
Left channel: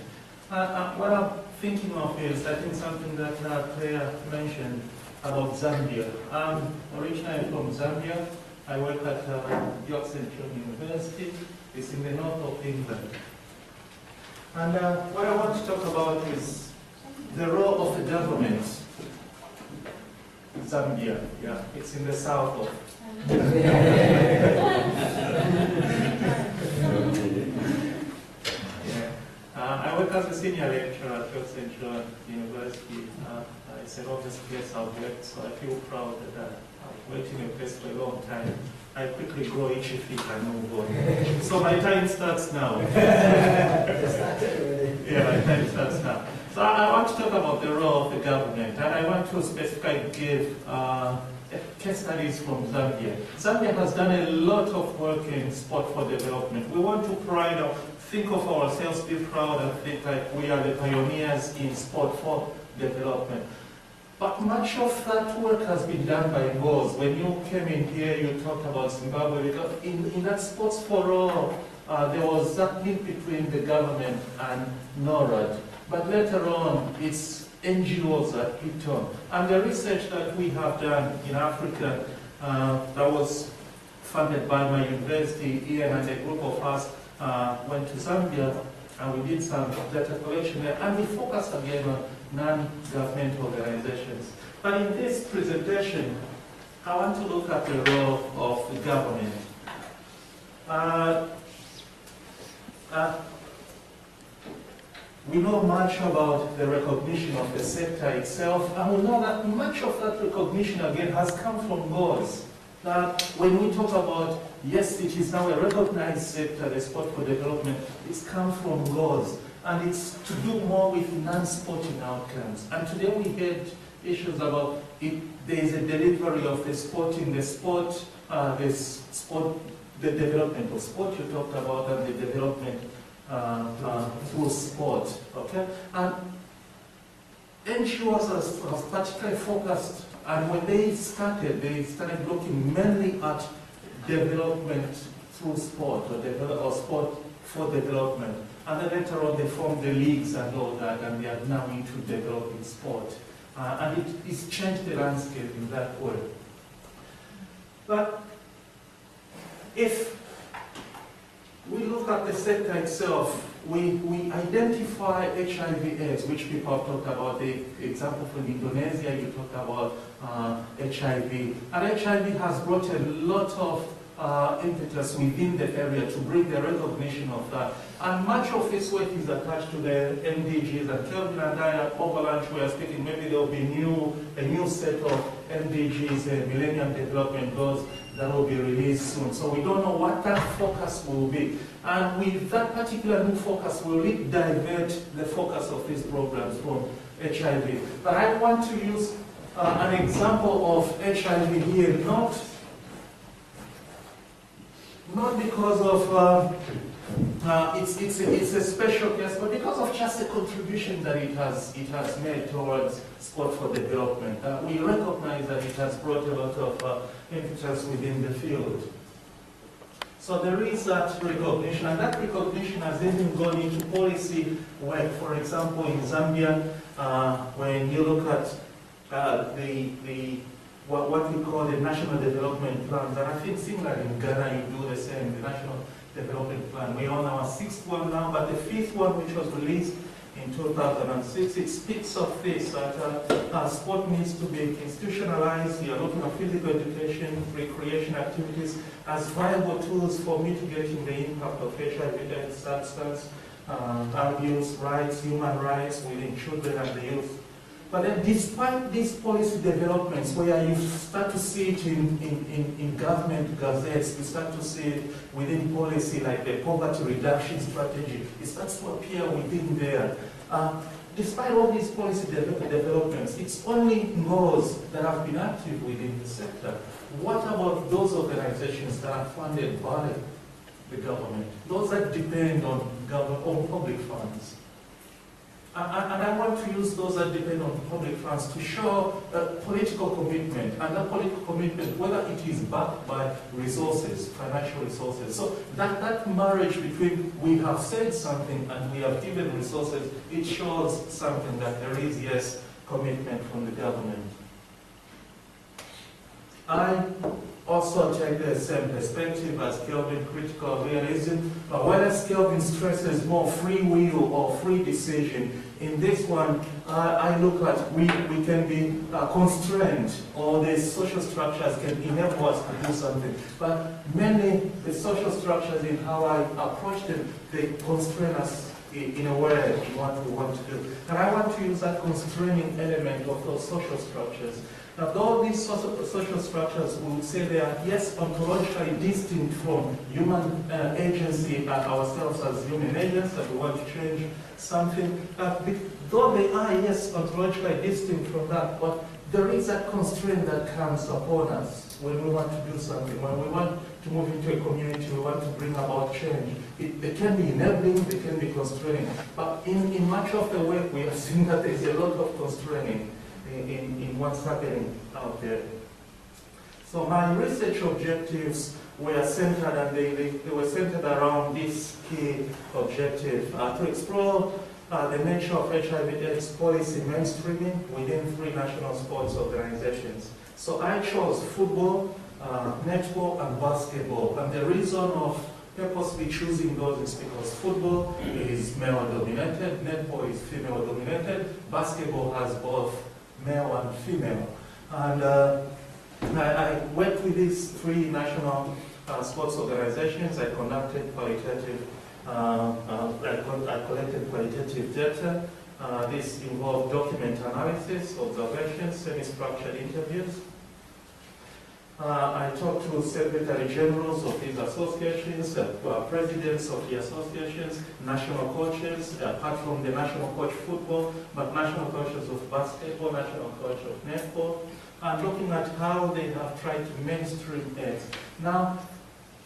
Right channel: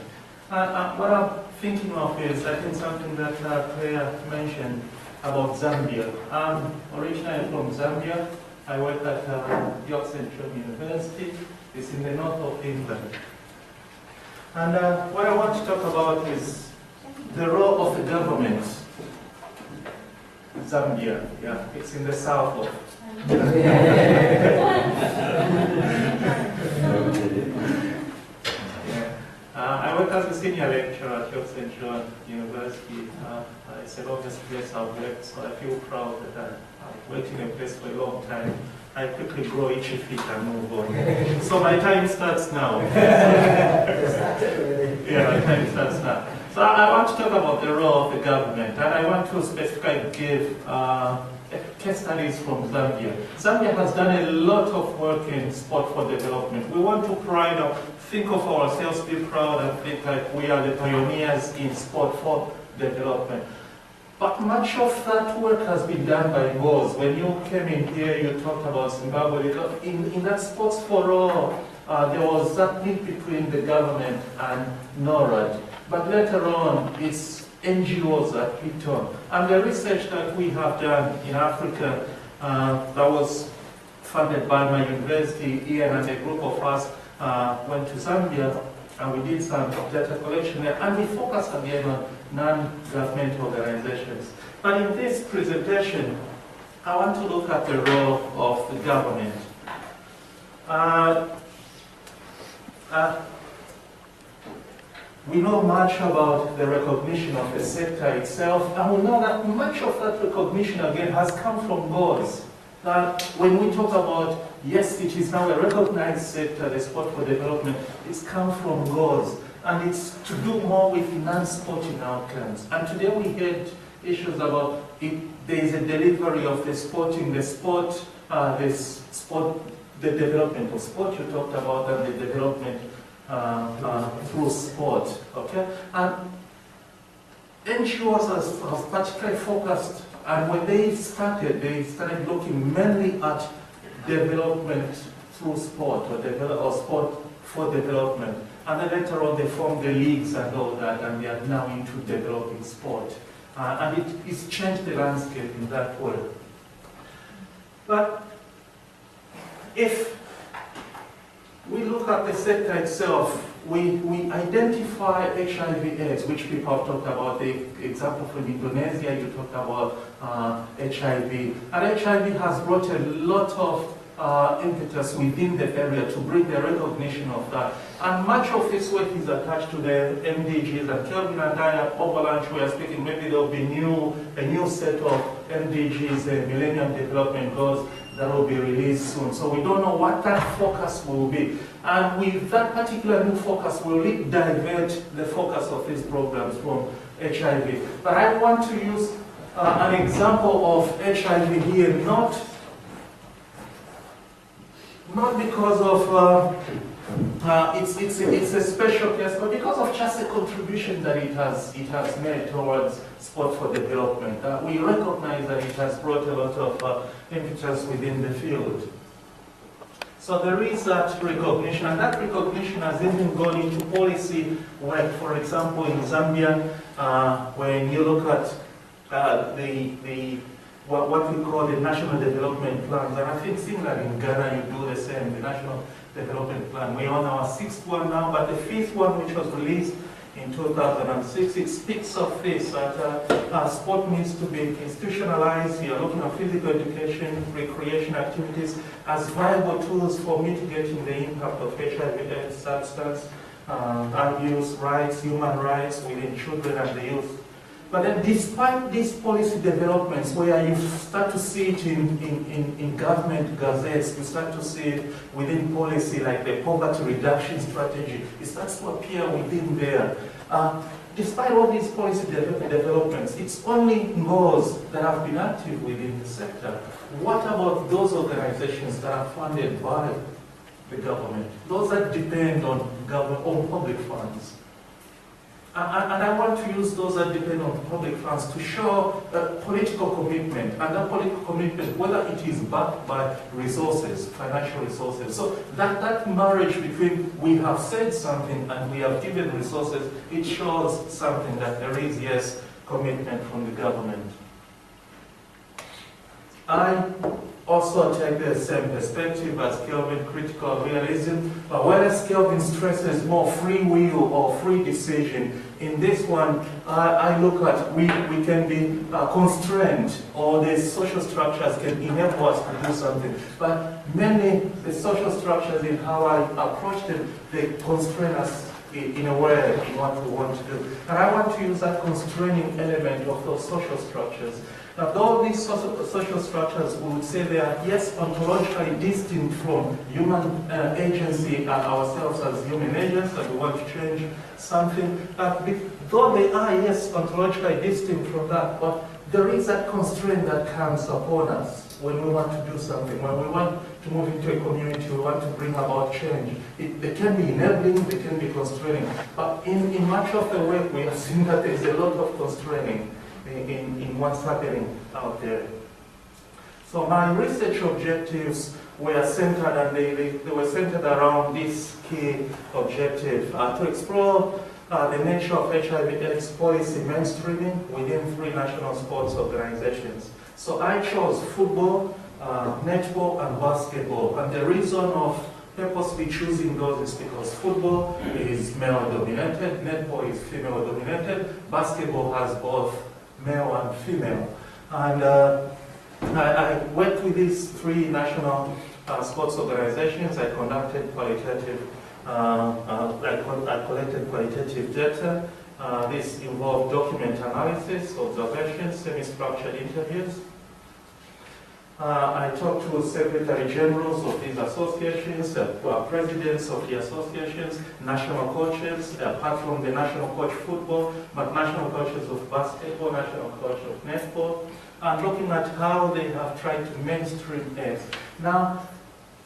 What I'm thinking of is, I think something that Claire mentioned about Zambia. I'm originally from Zambia. I work at York Central University. It's in the north of England. And what I want to talk about is the role of the government. Zambia, yeah, it's in the south of. I work as a senior lecturer at York Central University. It's a longest place I've worked, so I feel proud that I've worked in a place for a long time. I quickly grow itchy feet and move on. So my time starts now. Yeah, my time starts now. So I want to talk about the role of the government, and I want to specifically give case studies from Zambia. Zambia has done a lot of work in sport for development. We want to think of ourselves, be proud, and think like we are the pioneers in sport for development. But much of that work has been done by Ngos. When you came in here, you talked about Zimbabwe. Because in that Sports for All, there was that link between the government and NORAD. But later on, it's NGOs that picked on. And the research that we have done in Africa, that was funded by my university, Ian and a group of us went to Zambia, and we did some data collection there, and we focused again on non-governmental organizations. But in this presentation, I want to look at the role of the government. We know much about the recognition of the sector itself, and we know that much of that recognition, again, has come from Ngos. That when we talk about, yes, it is now a recognized sector, the sport for development, it's come from Ngos. And it's to do more with non-sporting outcomes. And today we had issues about if there is a delivery of the development of sport you talked about, and the development through sport. Okay, and NGOs have particularly focused, and when they started looking mainly at development through sport or sport for development. And then later on they formed the leagues and all that, and they are now into developing sport. And it's changed the landscape in that way. But if we look at the sector itself, we identify HIV/AIDS, which people have talked about. The example from Indonesia, you talked about HIV. And HIV has brought a lot of impetus within the area to bring the recognition of that. And much of this work is attached to the MDGs, and Kelvin and I over lunch we are speaking, maybe there will be a new set of MDGs, the Millennium Development Goals, that will be released soon. So we don't know what that focus will be. And with that particular new focus, we'll divert the focus of these programs from HIV. But I want to use an example of HIV here, not because of it's a special case, but because of just the contribution that it has made towards sport for development. We recognize that it has brought a lot of impetus within the field. So there is that recognition, and that recognition has even gone into policy work. For example, in Zambia, when you look at what we call the national development plans, and I think similarly in Ghana you do the same, the national development plan. We're on our 6th one now, but the 5th one, which was released in 2006, it speaks of this, that sport needs to be institutionalized. You're looking at physical education, recreation activities as viable tools for mitigating the impact of HIV/AIDS, substance abuse, human rights within children and the youth. But then despite these policy developments, where you start to see it in government gazettes, you start to see it within policy like the poverty reduction strategy, it starts to appear within there. Despite all these policy developments, it's only those that have been active within the sector. What about those organizations that are funded by the government? Those that depend on public funds. And I want to use those that depend on public funds to show political commitment, and that political commitment, whether it is backed by resources, financial resources. So that marriage between we have said something and we have given resources, it shows something that there is, yes, commitment from the government. I also take the same perspective as Kelvin, critical realism, but whereas Kelvin stresses more free will or free decision, in this one, I look at we can be constrained, or the social structures can enable us to do something, but mainly the social structures in how I approach them, they constrain us in a way in what we want to do. And I want to use that constraining element of those social structures. Now, all these social structures, we would say they are, yes, ontologically distinct from human agency and ourselves as human agents, that we want to change something. Though they are, yes, ontologically distinct from that, but there is that constraint that comes upon us when we want to do something, when we want to move into a community, we want to bring about change. They can be enabling, they can be constraining, but in much of the work, we have seen that there is a lot of constraining in what's happening out there. So my research objectives were centered, and they were centered around this key objective, to explore the nature of HIV/AIDS policy mainstreaming within 3 national sports organizations. So I chose football, netball, and basketball. And the reason of purposely choosing those is because football is male-dominated, netball is female-dominated, basketball has both male and female. And I worked with these 3 national sports organizations. I conducted qualitative, I collected qualitative data. This involved document analysis, observations, semi-structured interviews. I talked to secretary generals of these associations, presidents of the associations, national coaches, apart from the national coach football, but national coaches of basketball, national coach of netball, and looking at how they have tried to mainstream AIDS. Now,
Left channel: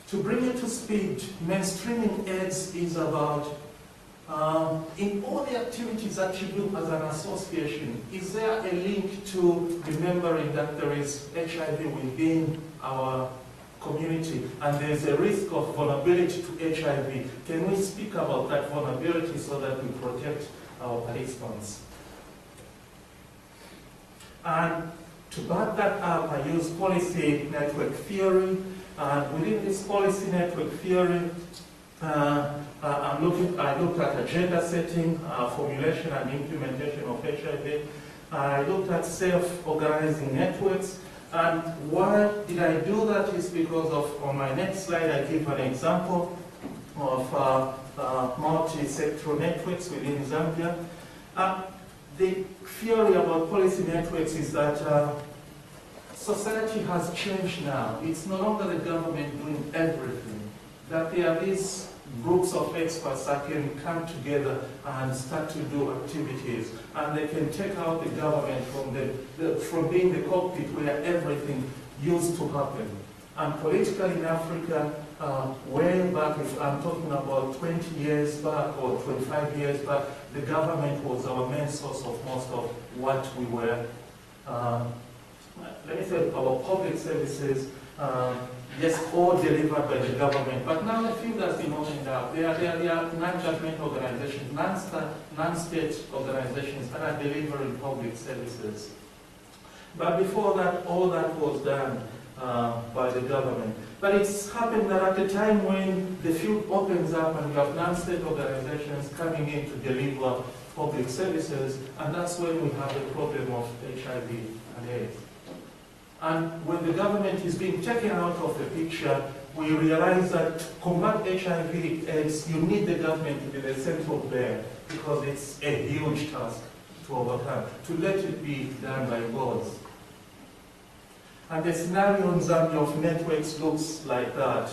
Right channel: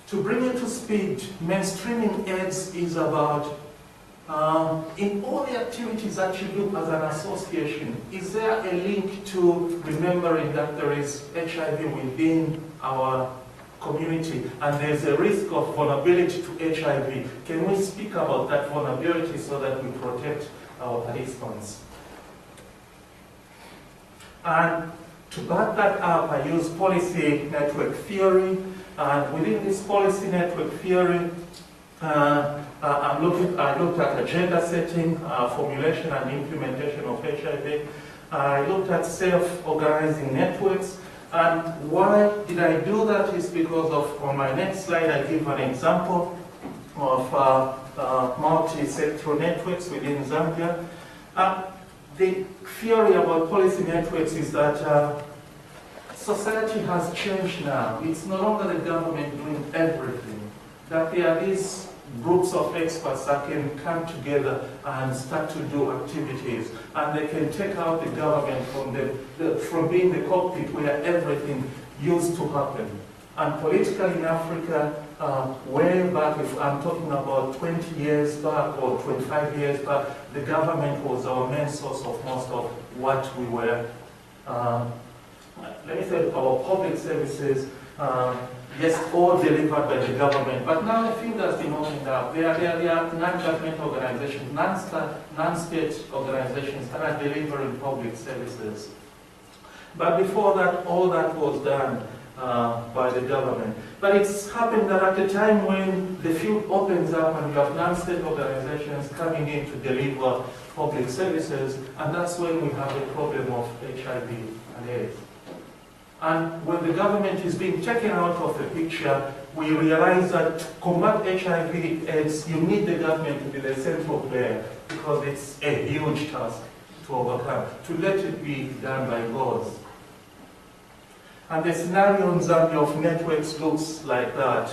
to bring you to speed, mainstreaming AIDS is about, in all the activities that you do as an association, is there a link to remembering that there is HIV within our community, and there's a risk of vulnerability to HIV. Can we speak about that vulnerability so that we protect our participants? And to back that up, I use policy network theory, and within this policy network theory, I looked at agenda setting, formulation and implementation of HIV. I looked at self-organizing networks. And why did I do that is because of, on my next slide, I give an example of multi-sectoral networks within Zambia. The theory about policy networks is that society has changed now. It's no longer the government doing everything. That there are these groups of experts that can come together and start to do activities, and they can take out the government from being the cockpit where everything used to happen. And politically in Africa, way back, if I'm talking about 20 years back or 25 years back, the government was our main source of most of what we were. Let me say our public services, yes, all delivered by the government, but now the field has been opened up. There are non-government organizations, non-state organizations that are delivering public services. But before that, all that was done by the government. But it's happened that at the time when the field opens up and we have non-state organizations coming in to deliver public services, and that's when we have the problem of HIV and AIDS. And when the government is being taken out of the picture, we realize that to combat HIV/AIDS, you need the government to be the central player, because it's a huge task to overcome, to let it be done by gods. And the scenario in Zambia of networks looks like that.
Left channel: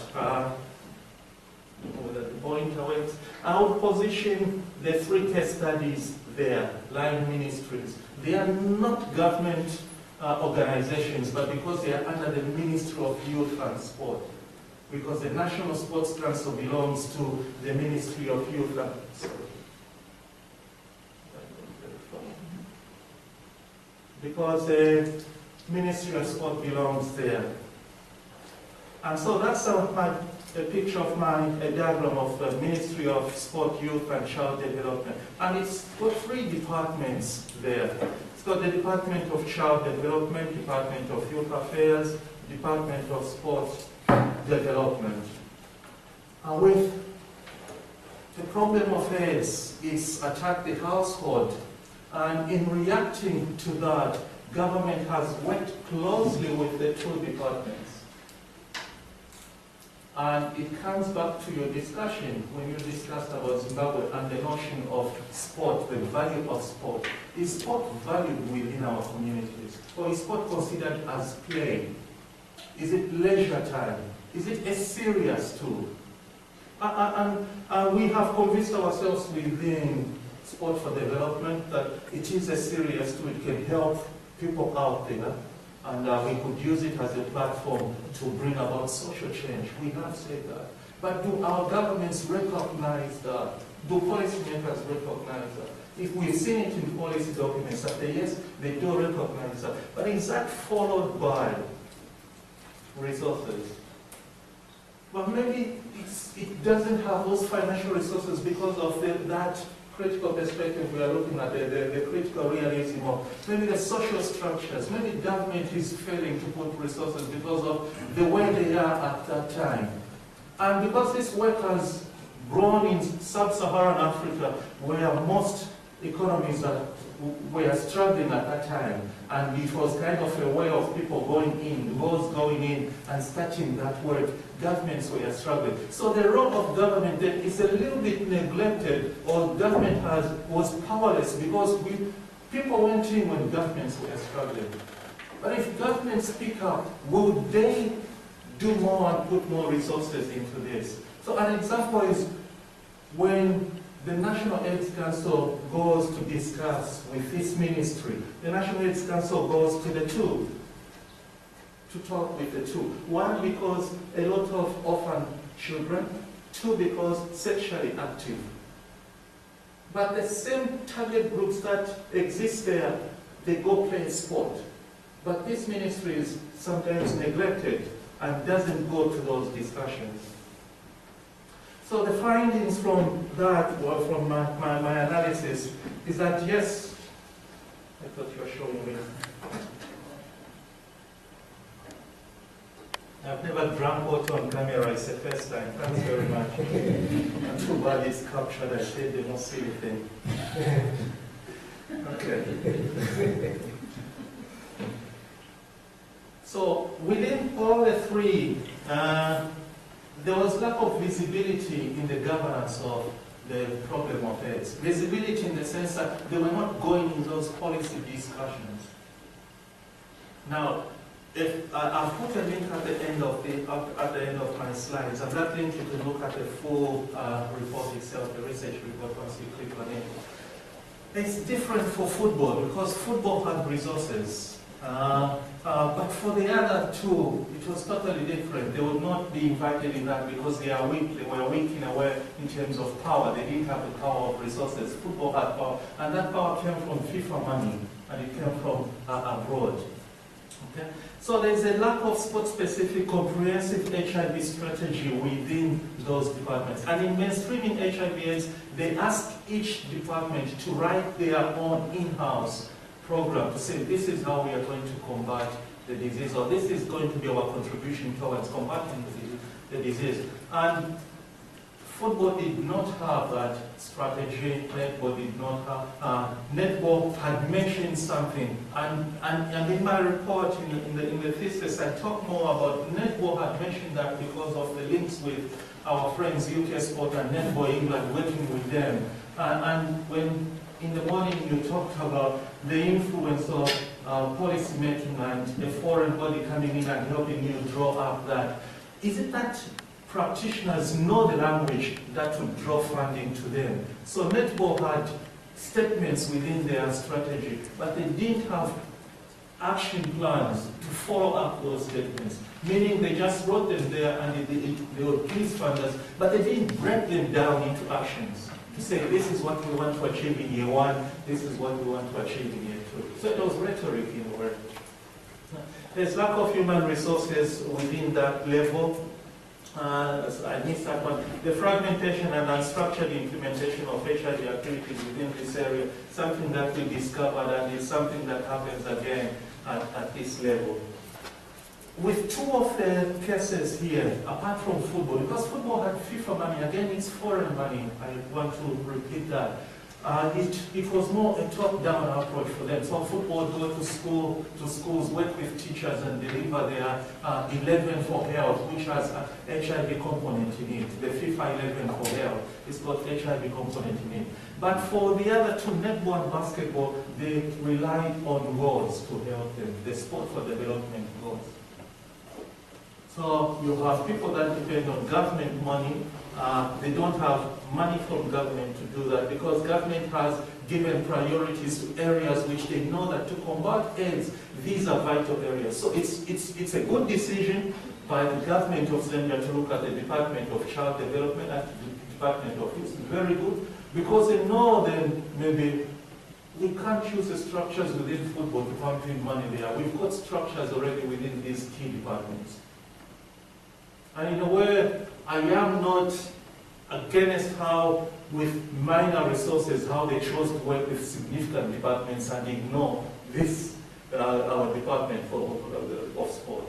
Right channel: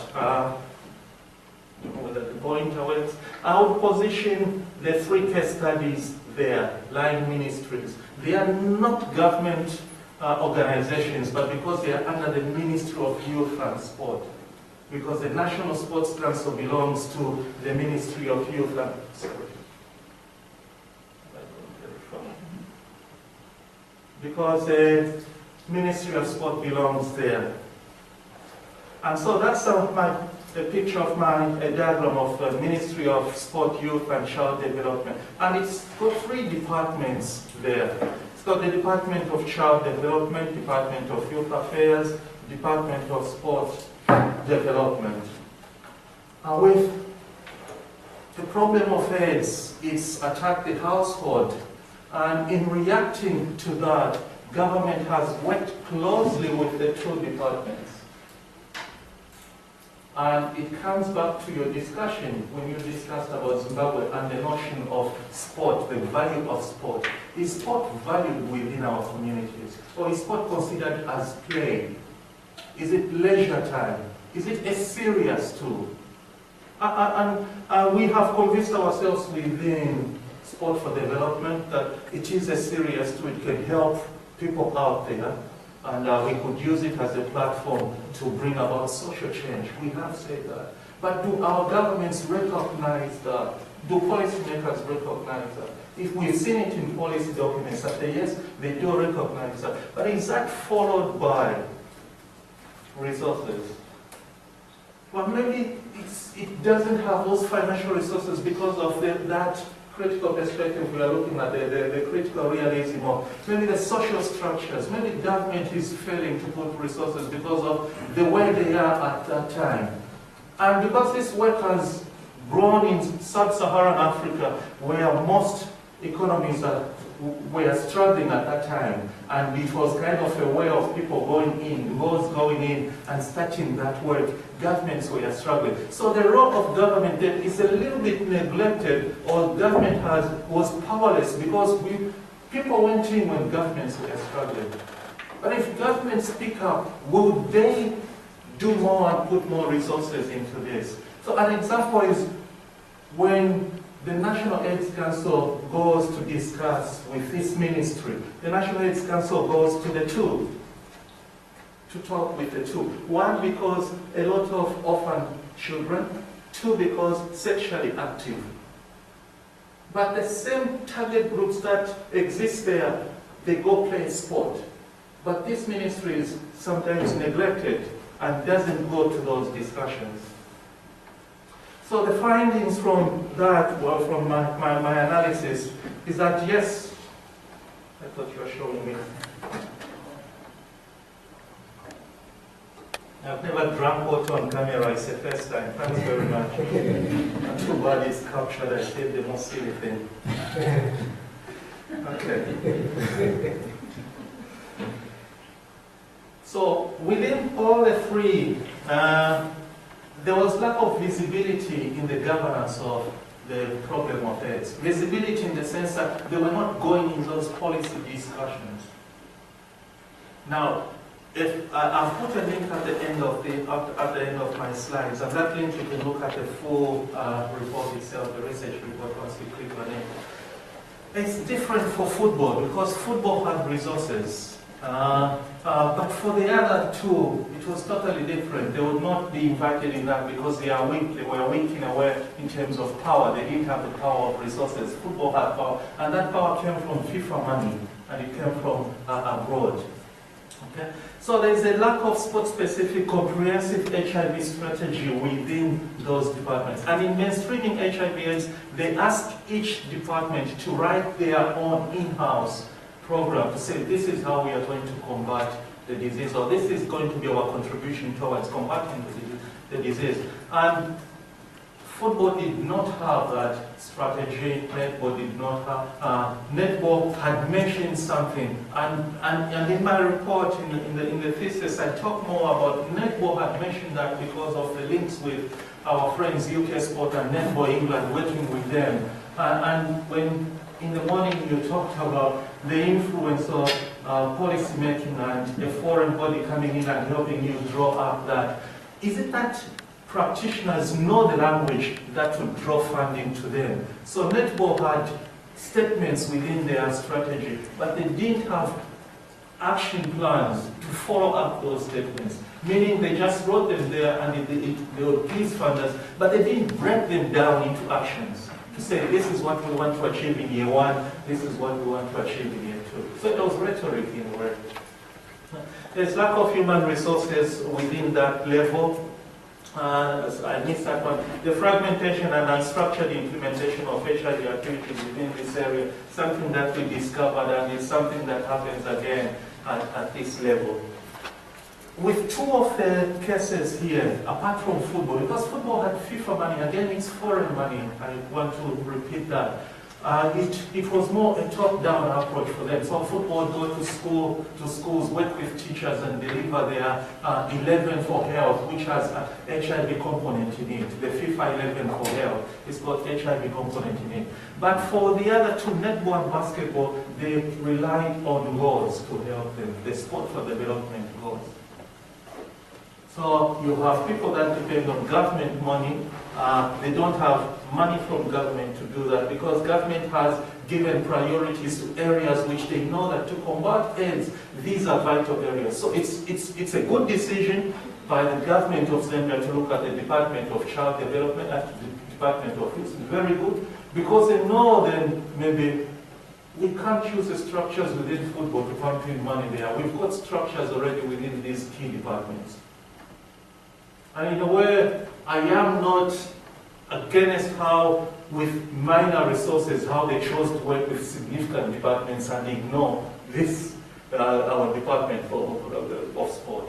Whether the pointer works. I would position the 3 case studies there, line ministries. They are not government organizations, but because they are under the Ministry of Youth and Sport. Because the National Sports Council belongs to the Ministry of Youth and Sport. Because the Ministry of Sport belongs there. And so that's a picture of a diagram of the Ministry of Sport, Youth and Child Development. And it's got 3 departments there. It's got the Department of Child Development, Department of Youth Affairs, Department of Sport Development. And with the problem of AIDS, it's attacked the household. And in reacting to that, government has worked closely with the 2 departments. And it comes back to your discussion when you discussed about Zimbabwe and the notion of sport, the value of sport. Is sport valued within our communities? Or is sport considered as play? Is it leisure time? Is it a serious tool? And we have convinced ourselves within Sport for Development that it is a serious tool. It can help people out there. And we could use it as a platform to bring about social change. We have said that. But do our governments recognize that? Do policymakers recognize that? If we've seen it in policy documents, that yes, they do recognize that. But is that followed by resources? Well, maybe it doesn't have those financial resources because of that critical perspective we are looking at, the critical realism of maybe the social structures. Maybe government is failing to put resources because of the way they are at that time. And because this work has grown in sub-Saharan Africa, where most economies were struggling at that time, and it was kind of a way of people going in and starting that work. Governments were struggling. So the role of government then is a little bit neglected, or government was powerless because people went in when governments were struggling. But if governments speak up, would they do more and put more resources into this? So an example is when the National AIDS Council goes to discuss with this ministry. The National AIDS Council goes to the 2 to talk with the 2. 1, because a lot of orphan children. 2, because sexually active. But the same target groups that exist there, they go play sport. But this ministry is sometimes neglected. and doesn't go to those discussions. So the findings from that, well, from my analysis, is that yes, I thought you were showing me. I've never drank water on camera, it's the first time. Thanks very much. And too bad it's captured, I said the most silly thing. Okay. So within all the three, there was lack of visibility in the governance of the problem of AIDS. Visibility in the sense that they were not going in those policy discussions. Now, if I've put a link at the end of my slides, and that link you can look at the full report itself, the research report, once you click on it. It's different for football because football had resources. But for the other two, it was totally different. They would not be invited in that because they are weak. They were weak in a way in terms of power. They didn't have the power of resources. Football had power, and that power came from FIFA money, and it came from abroad. Okay? So there's a lack of sport-specific comprehensive HIV strategy within those departments. And in mainstreaming HIV/AIDS, they ask each department to write their own in-house program to say this is how we are going to combat the disease, or this is going to be our contribution towards combating the disease. And football did not have that strategy, netball did not have. Netball had mentioned something, and in my report, in the thesis, I talk more about netball had mentioned that because of the links with our friends UK Sport and Netball England, working with them. And when in the morning you talked about the influence of policy making and a foreign body coming in and helping you draw up that. Is it that practitioners know the language that will draw funding to them? So Netball had statements within their strategy, but they didn't have action plans to follow up those statements. Meaning they just wrote them there and they would please funders, but they didn't break them down into actions to say this is what we want to achieve in year one, this is what we want to achieve in year two. So it was rhetoric in a way. There's lack of human resources within that level. I missed that one. The fragmentation and unstructured implementation of HIV activities within this area, something that we discovered, and it's something that happens again at this level. With two of the cases here, apart from football, because football had FIFA money, again it's foreign money, I want to repeat that. It was more a top-down approach for them. So football go to schools, work with teachers and deliver their 11 for health, which has an HIV component in it. The FIFA 11 for health is got HIV component in it. But for the other two, netball and basketball, they rely on goals to help them, the sport for development goals. So you have people that depend on government money. They don't have money from government to do that because government has given priorities to areas which they know that to combat AIDS, these are vital areas. So it's a good decision by the government of Zambia to look at the Department of Child Development and the Department of Youth. Very good because they know then maybe we can't use the structures within football to pump in money there. We've got structures already within these key departments. And in a way, I am not against how, with minor resources, how they chose to work with significant departments and ignore this, our department of sport.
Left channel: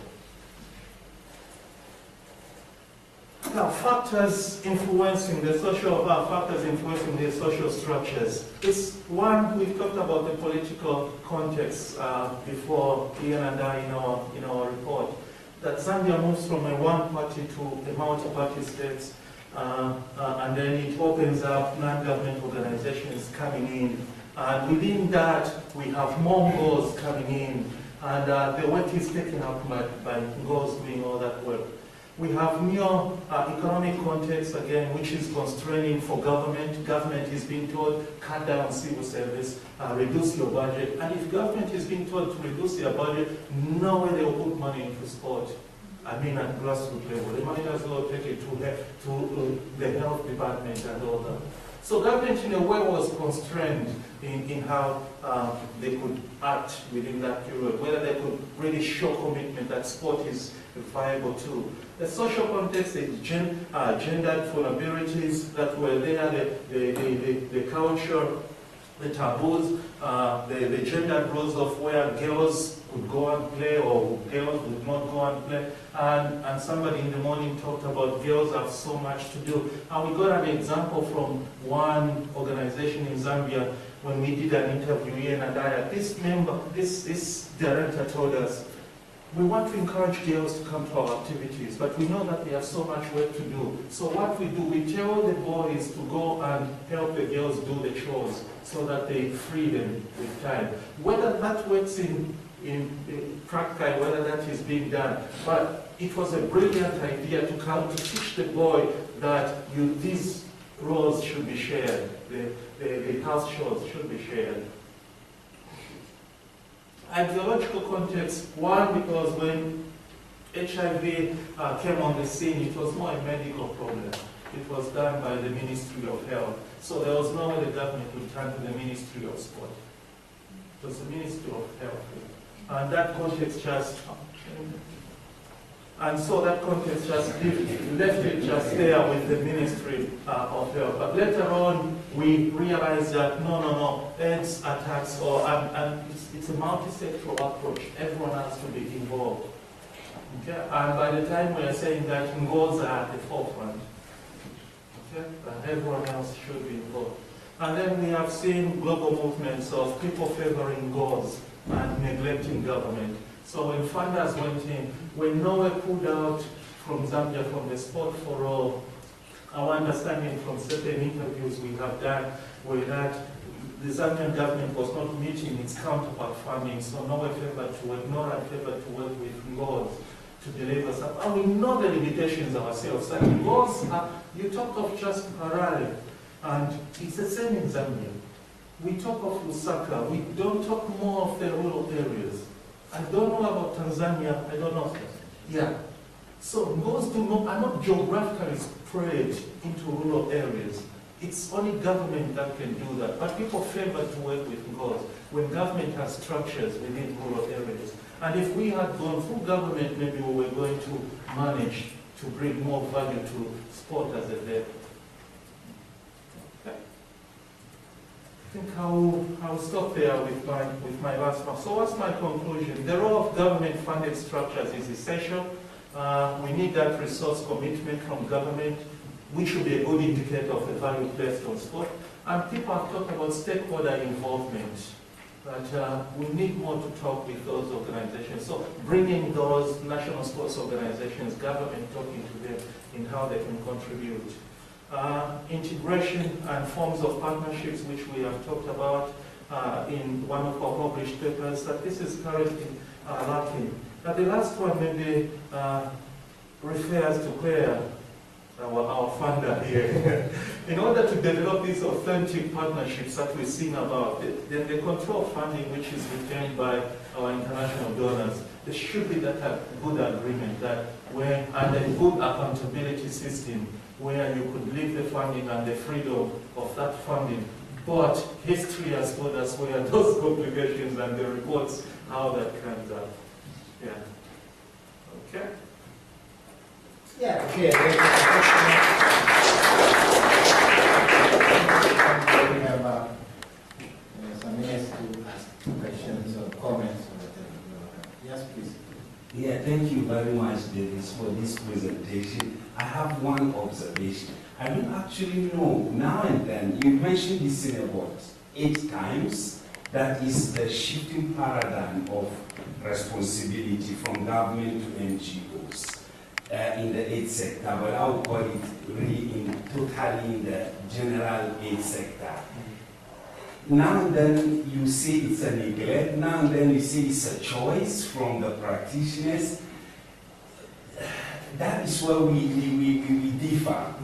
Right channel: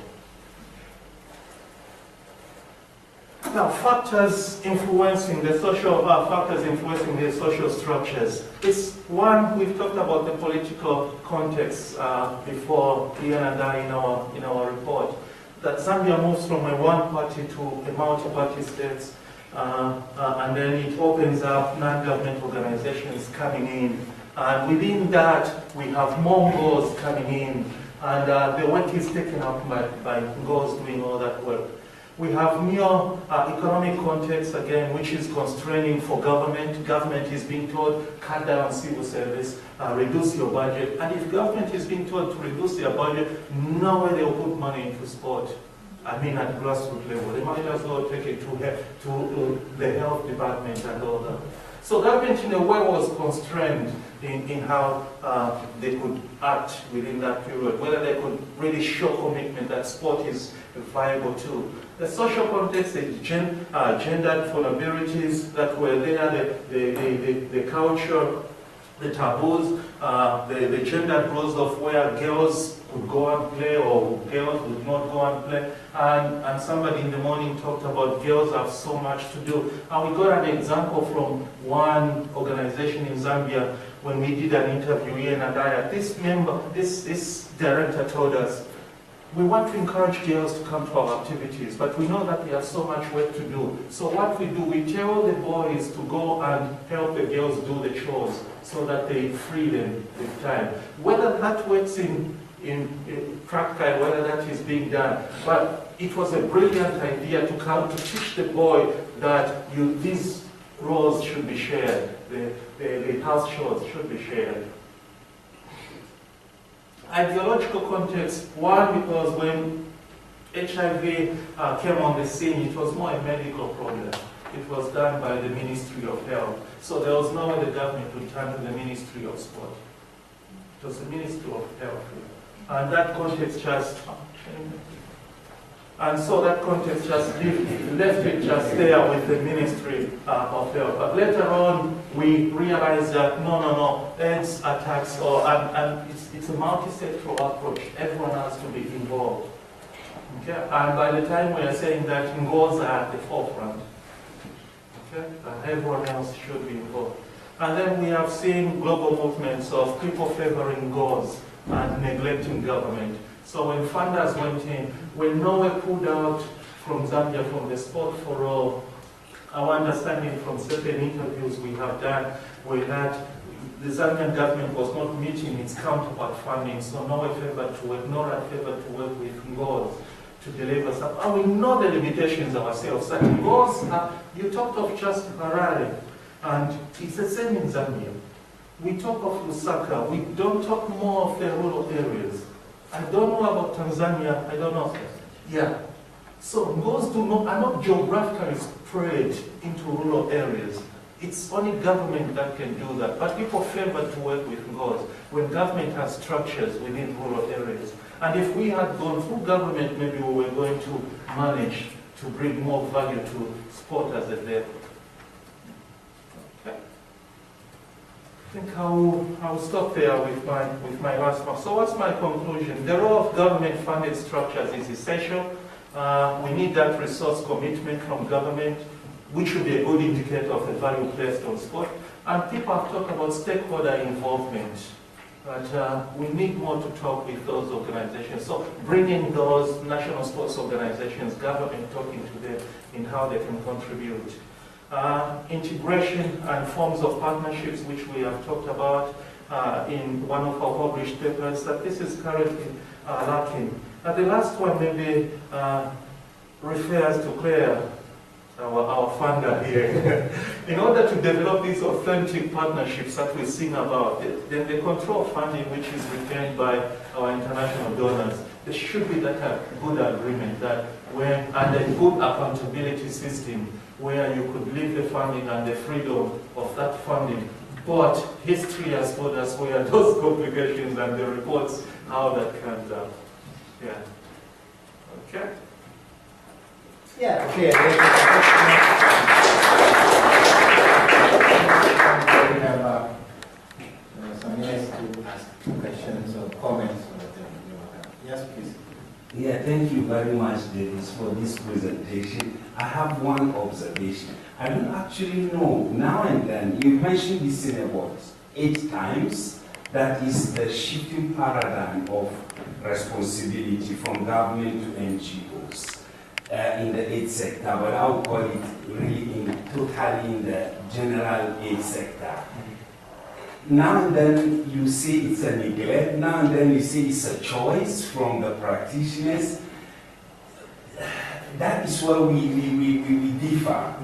Now, factors influencing the social structures. It's one, we've talked about the political context before Ian and I in our report. That Zambia moves from a one-party to a multi-party state, and then it opens up non-government organizations coming in. And within that, we have more goals coming in, and the work is taken up by goals doing all that work. We have new economic context, again, which is constraining for government. Government is being told, cut down civil service, reduce your budget. And if government is being told to reduce their budget, no way they will put money into sport. I mean at grassroots level. They might as well take it to the health department and all that. So government in a way was constrained in how they could act within that period, whether they could really show commitment that sport is a viable tool. The social context, the gendered vulnerabilities that were there, the culture, the taboos, the gendered roles of where girls could go and play or girls would not go and play. And somebody in the morning talked about girls have so much to do. And we got an example from one organization in Zambia when we did an interview here in Adaya. This director told us, we want to encourage girls to come to our activities, but we know that we have so much work to do. So what we do, we tell the boys to go and help the girls do the chores so that they free them with time. Whether that works in practical, whether that is being done, but it was a brilliant idea to come to teach the boy that these roles should be shared, the house chores should be shared. Ideological context, one, because when HIV came on the scene, it was more a medical problem. It was done by the Ministry of Health. So there was no way the government would turn to the Ministry of Sport. It was the Ministry of Health. And that context just, and so that context just left it just there with the Ministry of Health. But later on, we realized that no, AIDS attacks, and it's a multi-sectoral approach. Everyone has to be involved. Okay? And by the time we are saying that Ngos are at the forefront, okay? And everyone else should be involved. And then we have seen global movements of people favoring Ngos and neglecting government. So when funders went in, when Norway pulled out from Zambia from the Sport for All, our understanding from certain interviews we have done were that the Zambian government was not meeting its counterpart funding, so Norway favored to work, NORAD favored to work with Ngos to deliver some. And we know the limitations ourselves. And Ngos, you talked of just Harare, and it's the same in Zambia. We talk of Lusaka, we don't talk more of the rural areas. I don't know about Tanzania, I don't know. Yeah. So Ngos are not geographically spread into rural areas. It's only government that can do that. But people favor to work with Ngos when government has structures within rural areas. And if we had gone through government, maybe we were going to manage to bring more value to sport as a vehicle. Okay. I think I'll stop there with my last one. So what's my conclusion? The role of government-funded structures is essential. We need that resource commitment from government, which should be a good indicator of the value placed on sport. And people have talked about stakeholder involvement, but we need more to talk with those organizations. So bringing those national sports organizations, government talking to them in how they can contribute. Integration and forms of partnerships, which we have talked about in one of our published papers, that this is currently lacking. The last one maybe refers to Claire, our funder here. In order to develop these authentic partnerships that we sing about, then the control funding which is retained by our international donors, there should be that good agreement that and a good accountability system where you could leave the funding and the freedom of that funding. But history has told us where those complications and the reports, how that comes out. Yeah. Okay. Yeah, okay. We have some minutes to ask questions or comments. Yes, please. Yeah, thank you very much, Davis, for this presentation. I have one observation. I don't actually know, now and then, you mentioned this in about 8 times, that is the shifting paradigm of responsibility from government to NGOs in the aid sector, but I would call it really totally in the general aid sector. Now and then you see it's a neglect, now and then you see it's a choice from the practitioners. That is where we differ.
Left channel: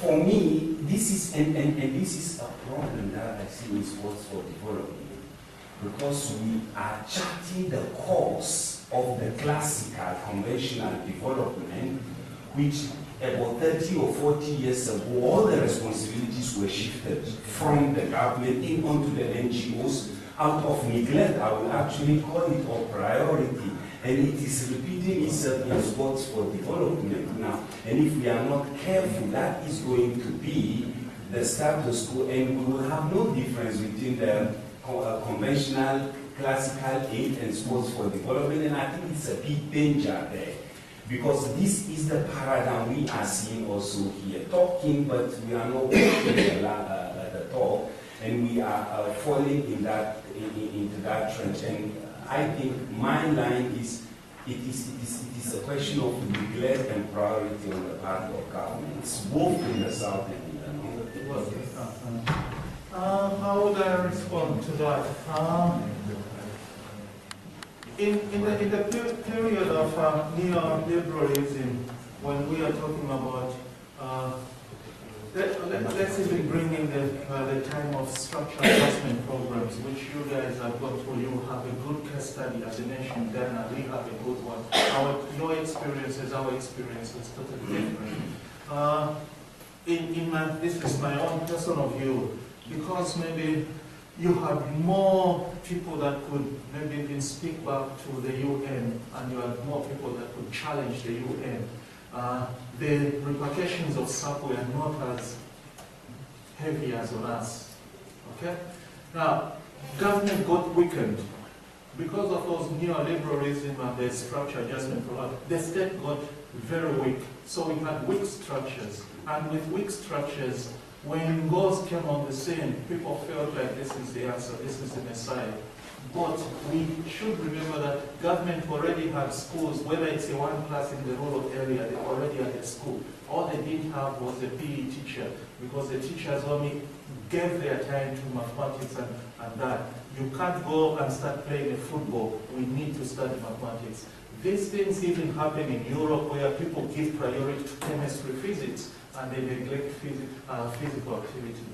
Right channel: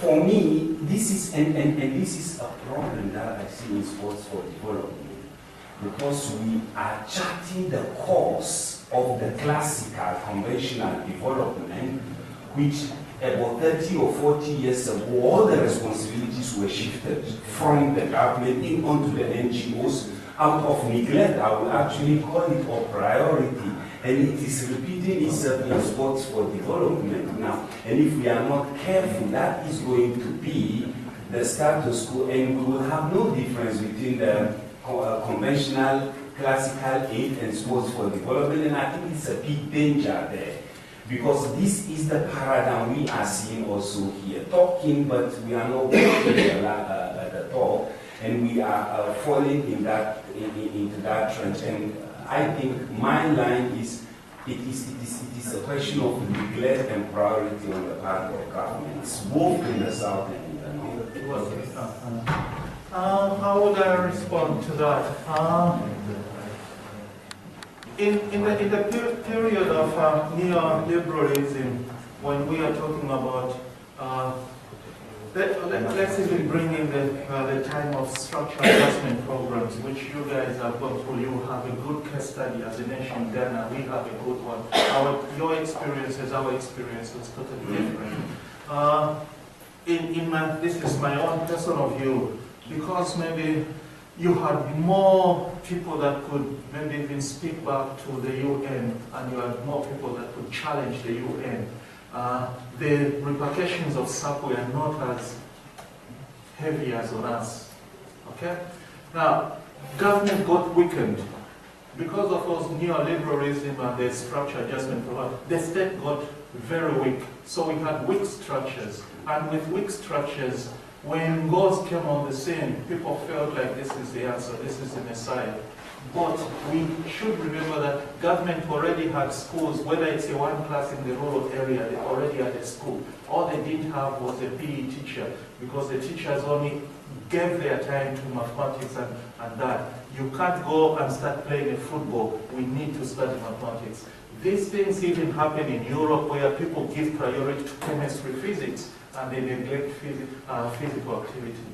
For me, this is, and this is a problem that I see in sports for development, because we are charting the course of the classical, conventional development, which about 30 or 40 years ago, all the responsibilities were shifted from the government in onto the NGOs out of neglect. I will actually call it a priority. And it is repeating itself in sports for development now. And if we are not careful, that is going to be the status quo, and we will have no difference between the conventional, classical aid and sports for development. And I think it's a big danger there. Because this is the paradigm we are seeing also here. Talking, but we are not walking at the talk, and we are falling in that, into that trench. And I think my line is, it is a question of neglect and priority on the part of government. It's both in the south and in the north. How would I respond to that? In the period of neoliberalism, when we are talking about, let's even bring in the time of structural adjustment programs, which you guys have gone through. You have a good case study as a nation, Ghana. We have a good one. Your experiences, our experience was totally different. This is my own personal view, because maybe you had more people that could maybe even speak back to the UN, and you had more people that could challenge the UN. The repercussions of SAP were not as heavy as on us. Okay? Now, government got weakened because of those neoliberalism and the structure adjustment program. The state got very weak. So we had weak structures. And with weak structures, when goals came on the scene, people felt like this is the answer, this is the Messiah. But we should remember that government already had schools, whether it's a one class in the rural area, they already had a school. All they didn't have was a PE teacher, because the teachers only gave their time to mathematics and that. You can't go and start playing a football. We need to study mathematics. These things even happen in Europe, where people give priority to chemistry, physics, and they neglect physical activity.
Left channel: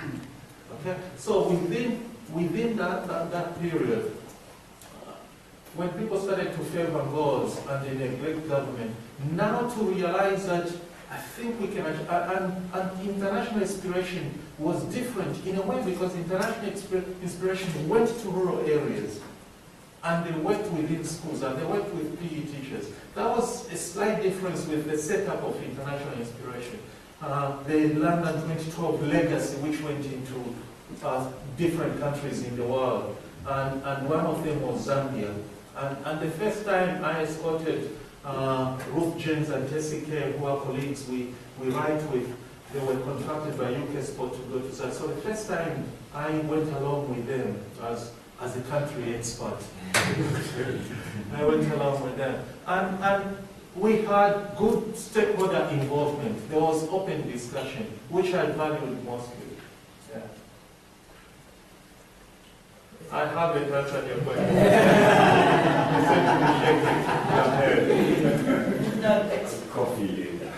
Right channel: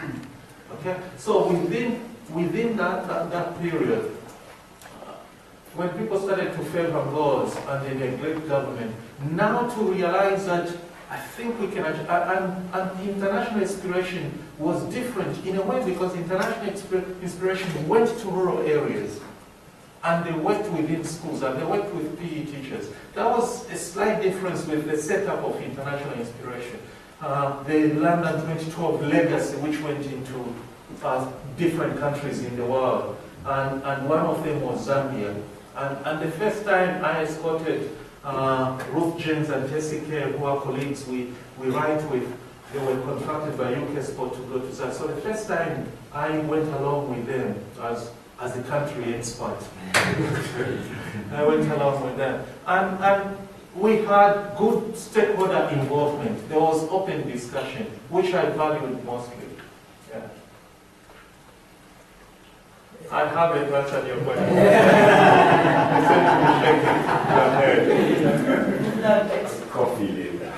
Okay? So within that period, when people started to favor laws and they neglect government, now to realize that I think we can, and international inspiration was different in a way, because international inspiration went to rural areas and they worked within schools and they worked with PE teachers. That was a slight difference with the setup of international inspiration. The London 2012 legacy, which went into different countries in the world, and one of them was Zambia. And the first time I escorted Ruth James and Tessie Kerr, who are colleagues we write with, they were contracted by UK Sport to go to Zambia. So the first time I went along with them as a country expert. I went along with them. And we had good stakeholder involvement. There was open discussion, which I valued mostly. Yeah. I haven't answered your question. No, it's Coffee later.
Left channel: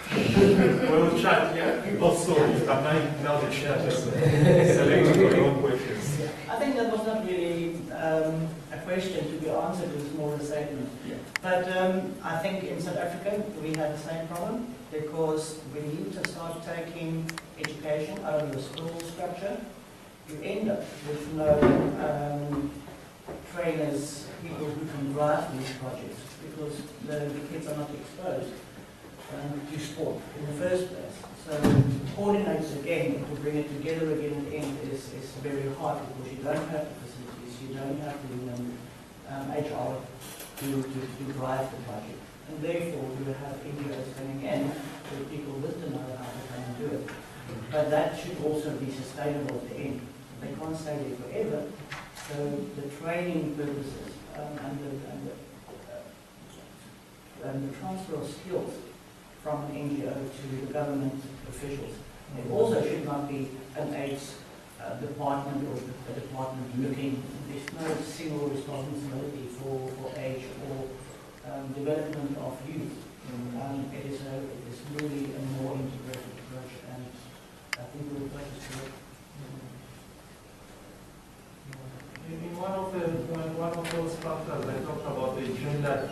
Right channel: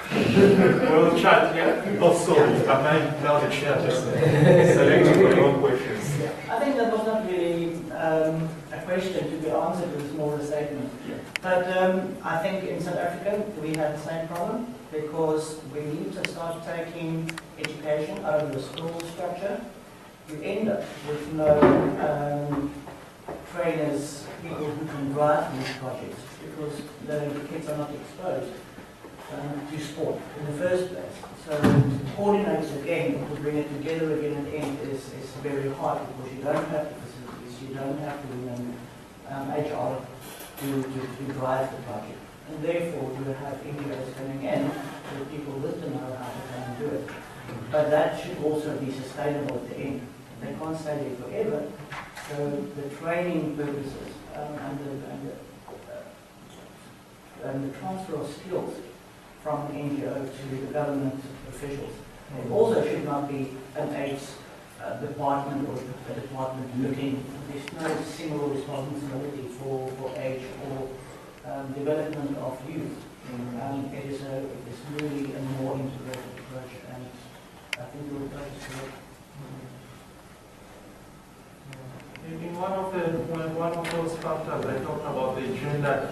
We'll chat, yeah? Oh, sorry, I'm now the chair, just selecting your own questions. I think that was not really a question to be answered, it was more a statement. Yeah. But I think in South Africa we had the same problem, because we need to start taking education out of the school structure. You end up with no trainers, people who can drive these projects, because the kids are not exposed to sport in the first place. So to coordinate it again, to bring it together again at the end is very hard, because you don't have the facilities, you don't have the HR to drive the project. And therefore you have NGOs coming in with people with the know-how to come and do it. But that should also be sustainable at the end. They can't stay there forever. So the training purposes and the transfer of skills from an NGO to the government officials. It also should not be an AIDS department or a department looking. There's no single responsibility for age or development of youth. It is really a more integrated approach, and I think the approach is correct. In one of those factors, I talked about the gender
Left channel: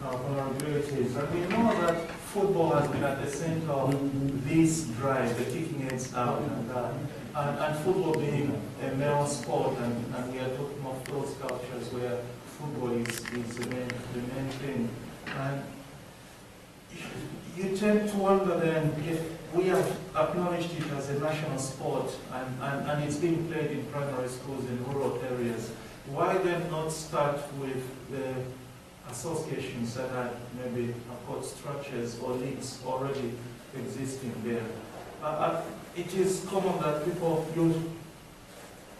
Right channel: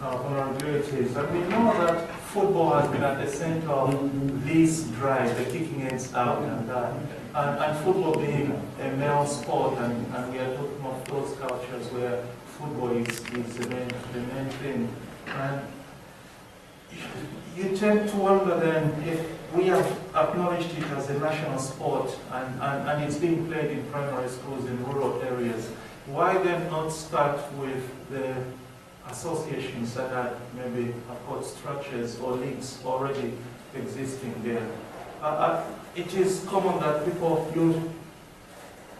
vulnerabilities, and we know that football has been at the center of this drive, the kicking heads out and that. And football being a male sport, and we are talking of those cultures where football is the main thing. And you tend to wonder then, if we have acknowledged it as a national sport and it's being played in primary schools in rural areas, why then not start with the associations that had maybe got structures or leagues already existing there? It is common that people,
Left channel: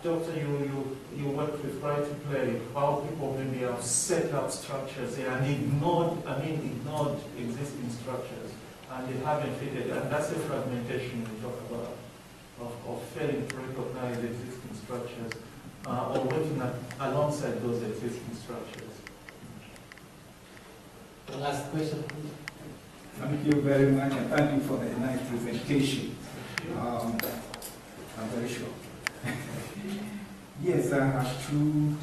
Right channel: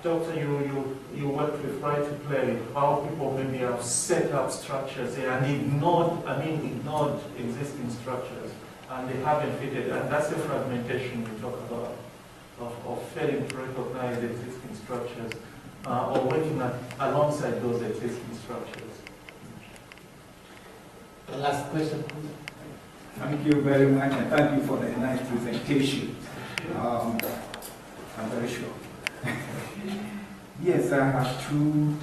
Doctor, you work with Right to Play, how people maybe have set up structures there and ignored existing structures, and they haven't fitted, and that's the fragmentation we talk about, of failing to recognize existing structures, or working alongside those existing structures. The last question. Thank you very much, and thank you for the nice presentation. I'm very sure. Yes, I have two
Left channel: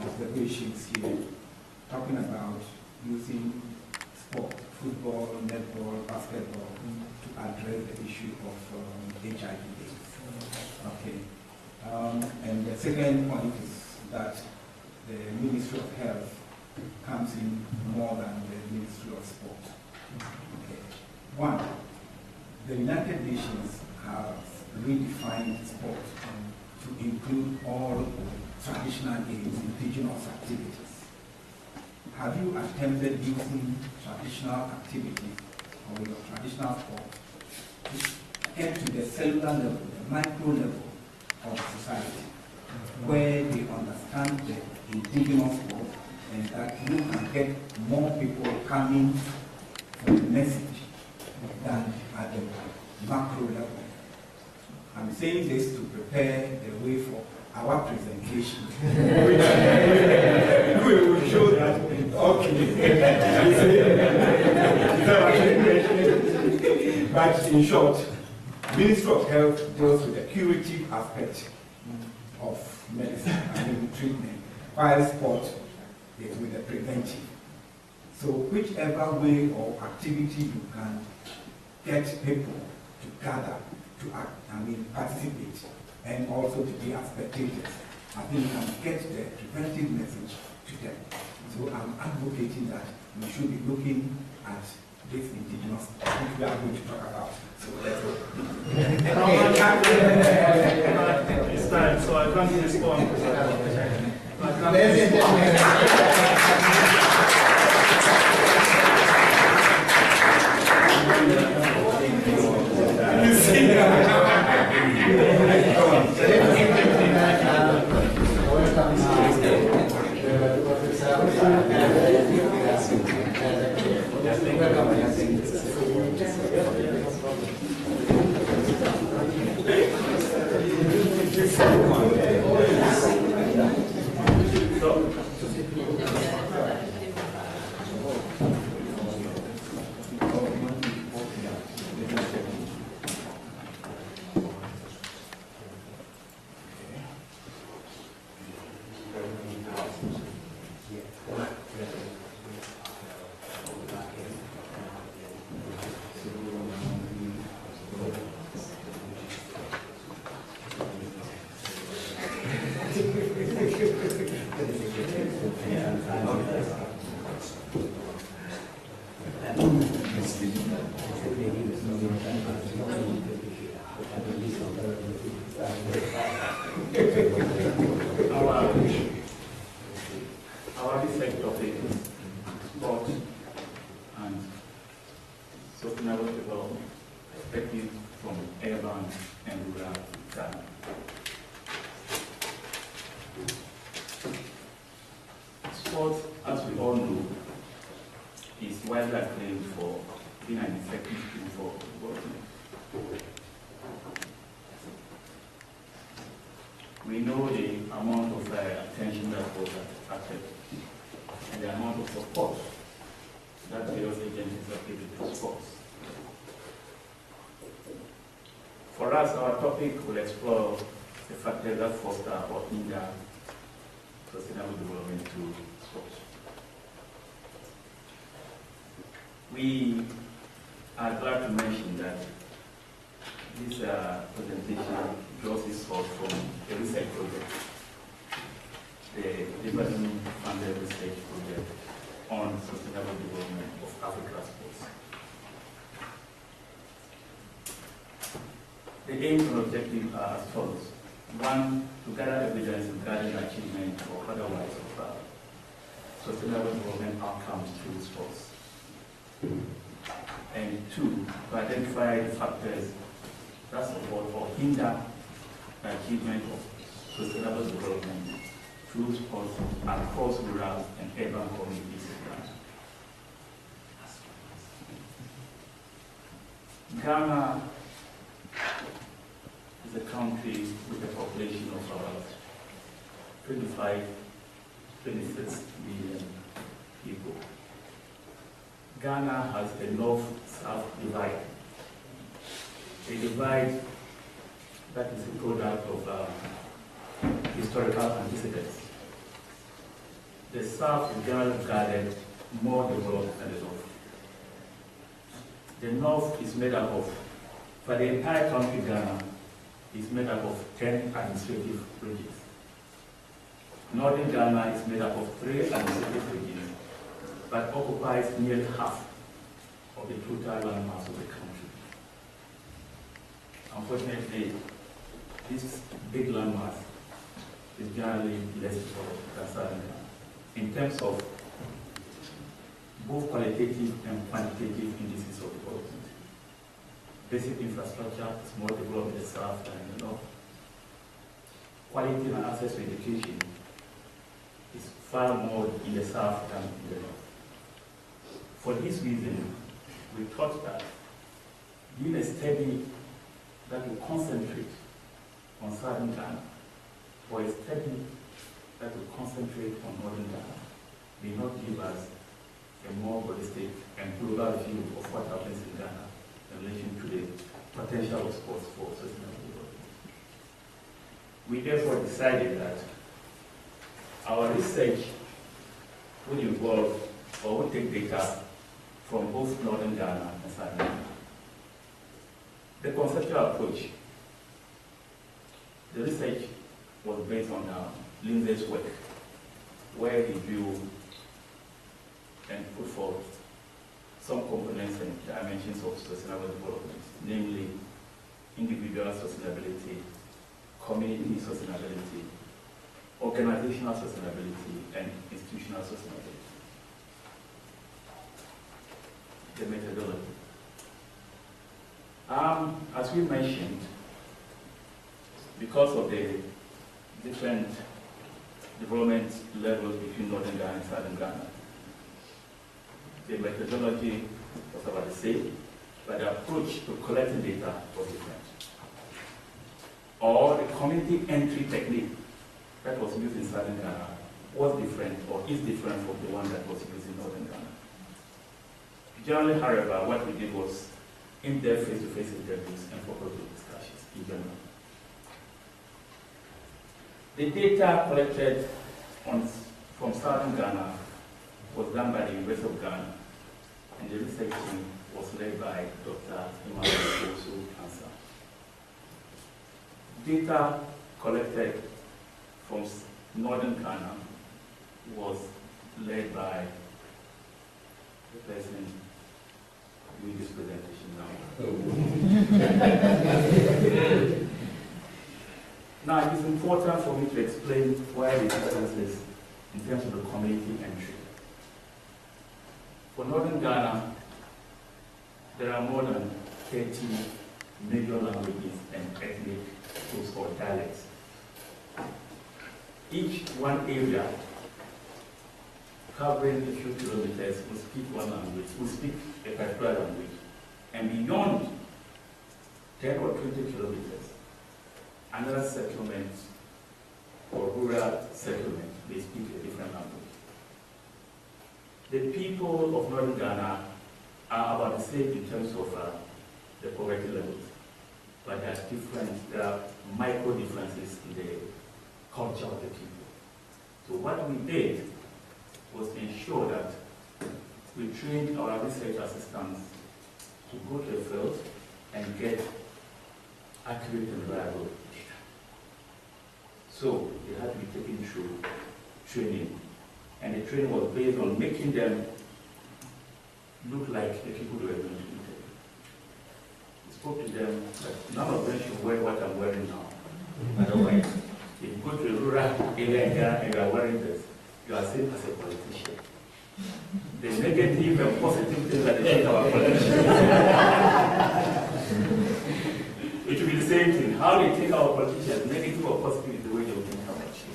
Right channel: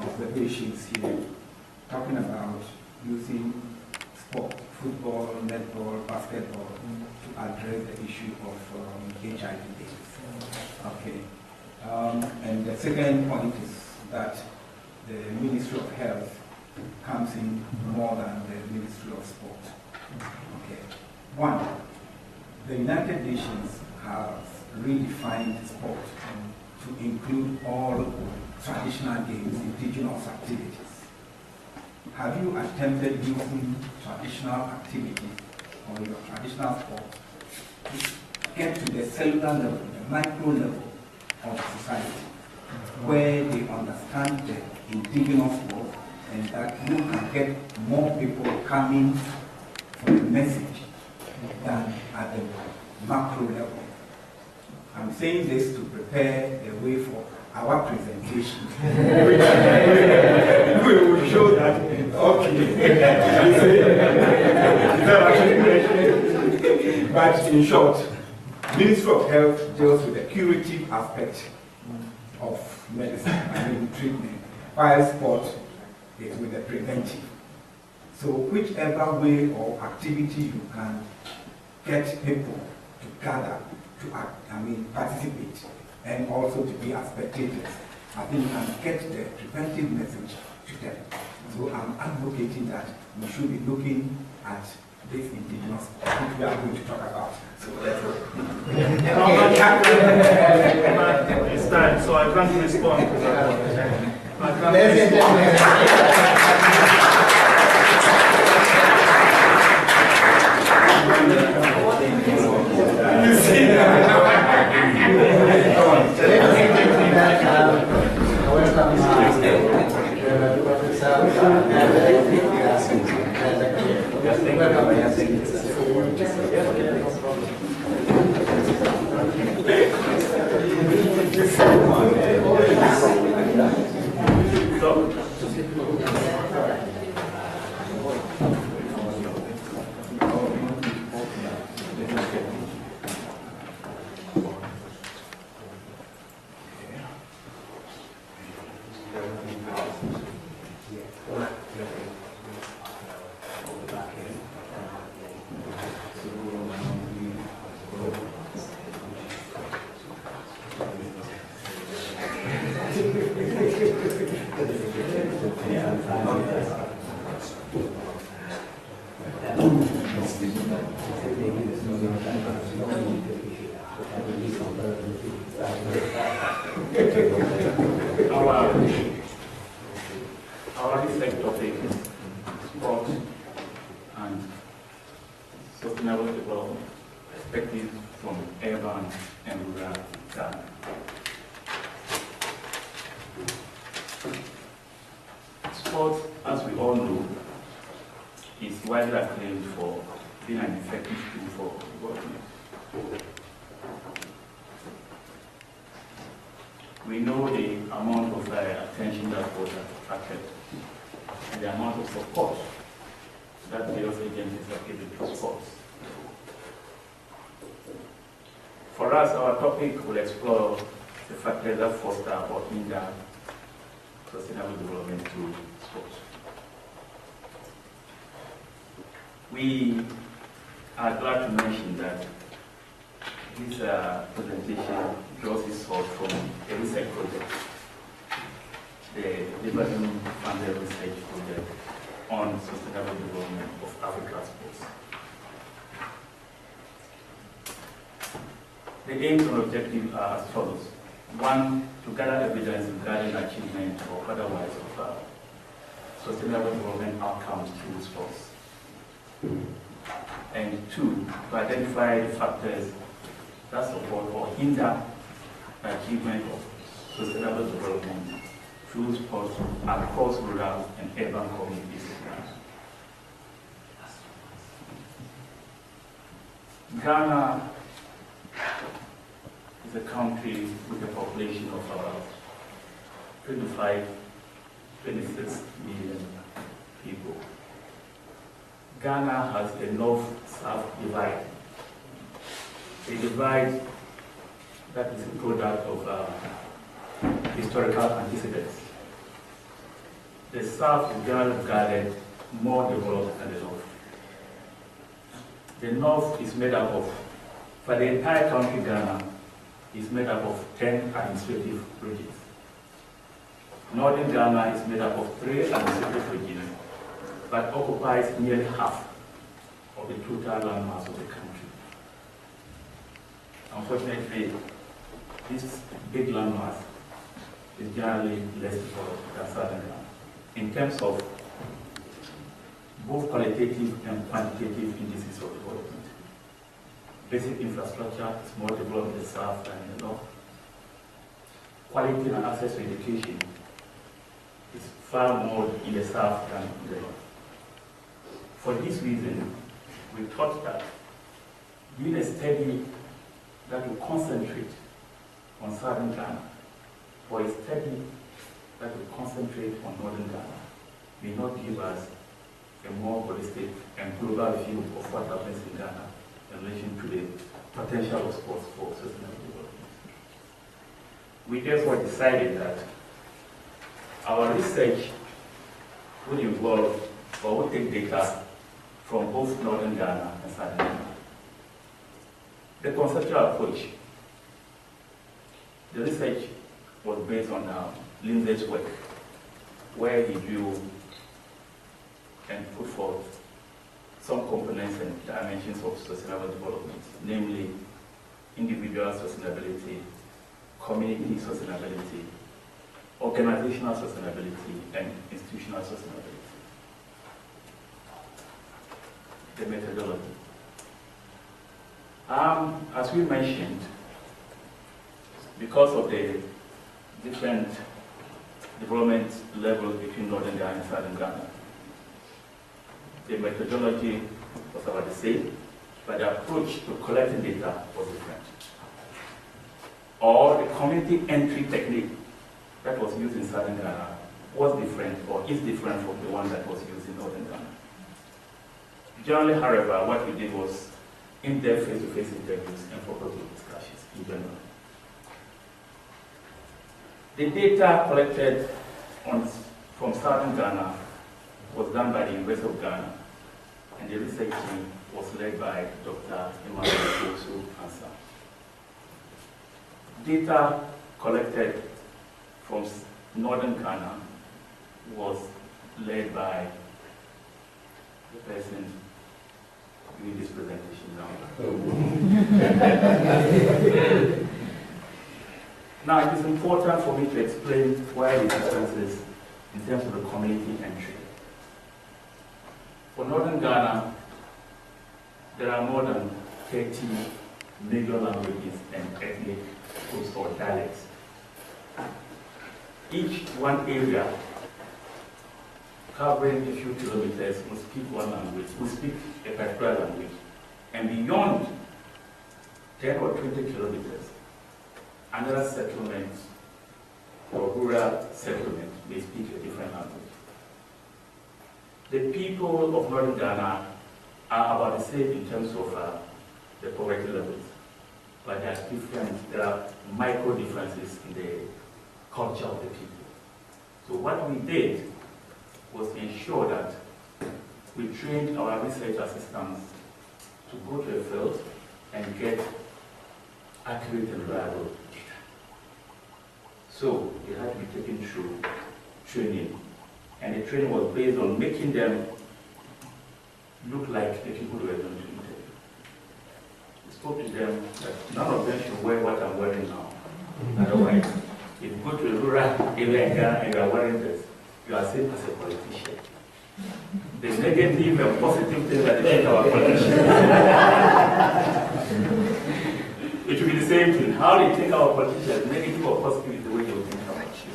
observations here, talking about using sport, football, netball, basketball, to address the issue of HIV/AIDS. Okay. And the second point is that the Ministry of Health comes in more than the Ministry of Sport. Okay. One, the United Nations has redefined sport to include all traditional games, indigenous activities. Have you attempted using traditional activities or your traditional sport to get to the cellular level, the micro level of society, where they understand the indigenous sport and that you can get more people coming for the message than at the macro level? I'm saying this to prepare the way for our presentation, which we will show that, okay, but in short, Ministry of Health deals with the curative aspect of medicine, treatment, while sport is with the preventive. So whichever way or activity you can get people to gather, to participate, and also to be as spectators, I think you can get the preventive message to them. So I'm advocating that we should be looking at this indigenous sport, which we are going to talk about. So let's go. It's time, so I can't respond because I can't respond. You see our reflect topic is sport and sustainable development perspective from urban and rural Ghana. Sport, as we all know, is widely acclaimed for being an effective tool for development. We know the amount of attention that was attracted and the amount of support that various agencies have given to sports. For us, our topic will explore the factors that foster or hinder sustainable development through sports. We I'd like to mention that this presentation draws its source from a research project, the Liberton funded research project on sustainable development of Africa's sports. The aims and objectives are as follows. One, to gather evidence regarding achievement or otherwise of sustainable development outcomes through sports. And two, to identify the factors that support or hinder the achievement of sustainable development through sports across rural and urban communities in Ghana. Ghana is a country with a population of about 26 million people. Ghana has a north-south divide. A divide that is a product of historical antecedents. The south is generally regarded more developed than the north. The north is made up of, for the entire country, Ghana is made up of 10 administrative regions. Northern Ghana is made up of 3 administrative regions, but occupies nearly half of the total landmass of the country. Unfortunately, this big landmass is generally less developed than Southern Ghana in terms of both qualitative and quantitative indices of development. Basic infrastructure is more developed in the south than in the north. Quality and access to education is far more in the south than in the north. For this reason, we thought that doing a study that will concentrate on Southern Ghana, or a study that will concentrate on Northern Ghana, may not give us a more holistic and global view of what happens in Ghana in relation to the potential of sports for sustainable development. We therefore decided that our research would involve or would take data from both Northern Ghana and Southern Ghana. The conceptual approach, the research was based on Lindsay's work, where he drew and put forth some components and dimensions of sustainable development, namely individual sustainability, community sustainability, organizational sustainability, and institutional sustainability. The methodology. As we mentioned, because of the different development levels between Northern Ghana and Southern Ghana, the methodology was about the same, but the approach to collecting data was different. Or the community entry technique that was used in Southern Ghana was different or is different from the one that was used in Northern Ghana. Generally, however, what we did was in-depth face-to-face interviews and focus group discussions in general. The data collected from Southern Ghana was done by the University of Ghana, and the research team was led by Dr. Emmanuel Ansa. Data collected from Northern Ghana was led by the person doing this presentation now. Now, it is important for me to explain why the differences in terms of the community entry. For Northern Ghana, there are more than 30 major languages and ethnic groups or dialects. Each one area covering a few kilometers will speak one language, will speak a particular language. And beyond 10 or 20 kilometers, another settlement or rural settlement may speak a different language. The people of Northern Ghana are about the same in terms of the poverty levels, but there are micro differences in the culture of the people. So what we did was ensure that we trained our research assistants to go to a field and get accurate and reliable data. So they had to be taken through training, and the training was based on making them look like the people they were going to interview. We spoke to them that none of them should wear what I'm wearing now. Otherwise, if you go to a rural area in Ghana and you are wearing this, you are seen as a politician. The negative and positive things that they think our politicians. It should be the same thing. How they think our politicians, negative or positive, is the way they will think about you.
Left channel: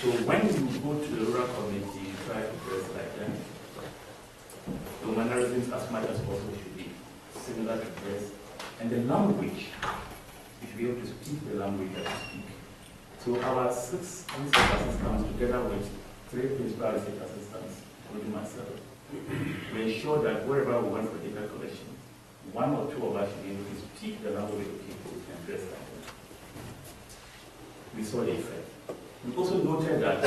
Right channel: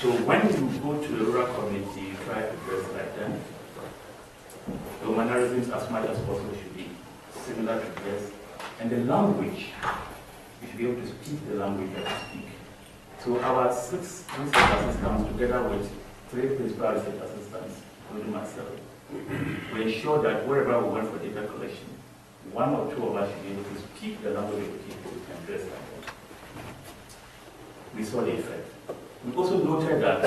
So when you go to the rural community, you try to dress like them. The mannerisms as much as possible should be similar to dress. And the language, you should be able to speak the language that you speak. So our 6 research assistants, together with 3 principal research assistants, including myself, we ensure that wherever we went for data collection, 1 or 2 of us should be able to speak the language of the people and dress like them. We saw the effect. We also noted that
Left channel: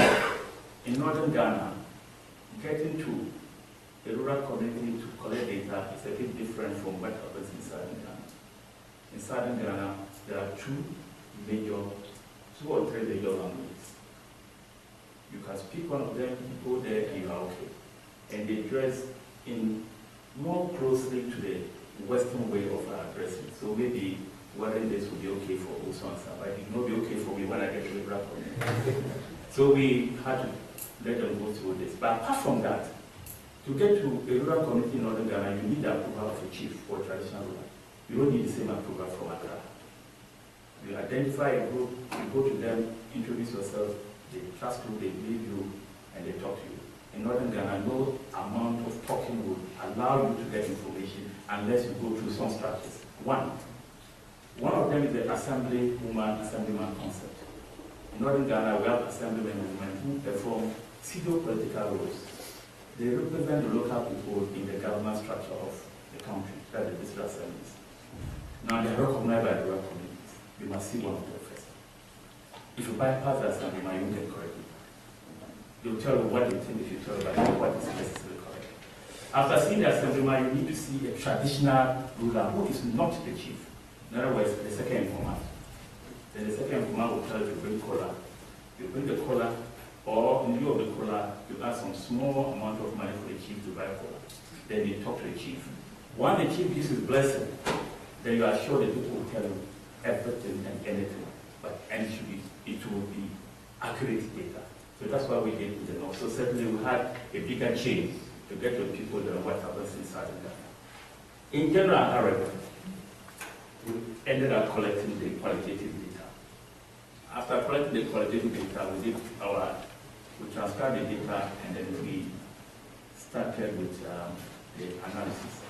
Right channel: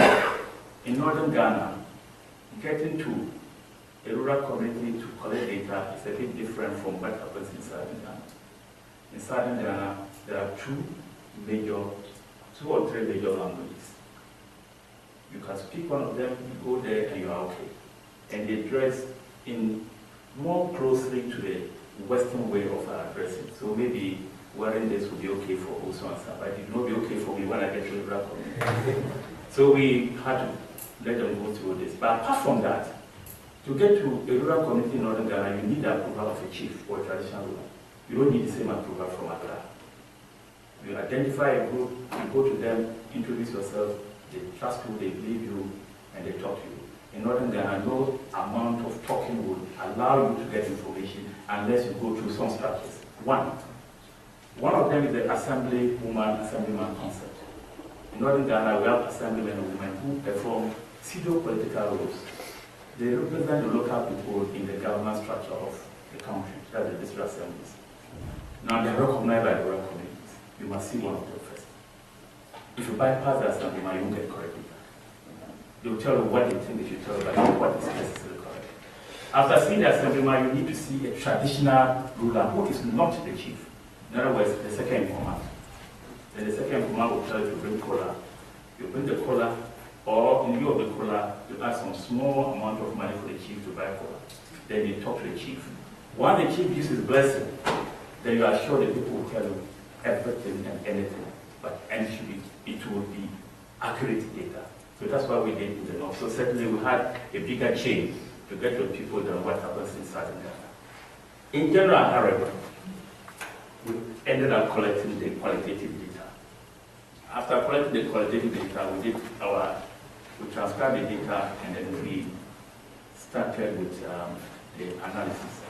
in northern Ghana, getting to a rural community to collect data is a bit different from what happens in southern Ghana. In southern Ghana, there are 2 or 3 major languages. You can speak one of them, you go there and you are okay. And they dress in more closely to the Western way of dressing. So maybe wearing this would be okay for also and stuff, but it would not be okay for me when I get to the rural community. So we had to let them go through this. But apart from that, to get to a rural community in northern Ghana, you need the approval of a chief or a traditional ruler. You don't need the same approval from Accra. You identify a group, you go to them, introduce yourself, they trust you, they believe you, and they talk to you. In northern Ghana, no amount of talking would allow you to get information unless you go through some structures. One of them is the assemblyman concept. In northern Ghana, we have assemblymen and women who perform pseudo-political roles. They represent the local people in the government structure of the country, that's the district assemblies. Now they are recognized by the rural communities. You must see one of them first. If you bypass the assemblyman, you won't get correct data. They will tell you what they think they should tell you, but not what is necessarily correct. After seeing the assemblyman, you need to see a traditional ruler who is not the chief. In other words, the second informant. Then the second informant will tell you to bring cola. You bring the cola, or in lieu of the cola, you ask some small amount of money for the chief to buy cola. Then you talk to the chief. Once the chief gives his blessing, then you are sure the people will tell you everything and anything. And it will be accurate data. So that's why we did in the north. So certainly we had a bigger chain to get to people than what happens in southern Ghana. In general, however, we ended up collecting the qualitative data. After collecting the qualitative data, we transcribed the data and then we started with the analysis.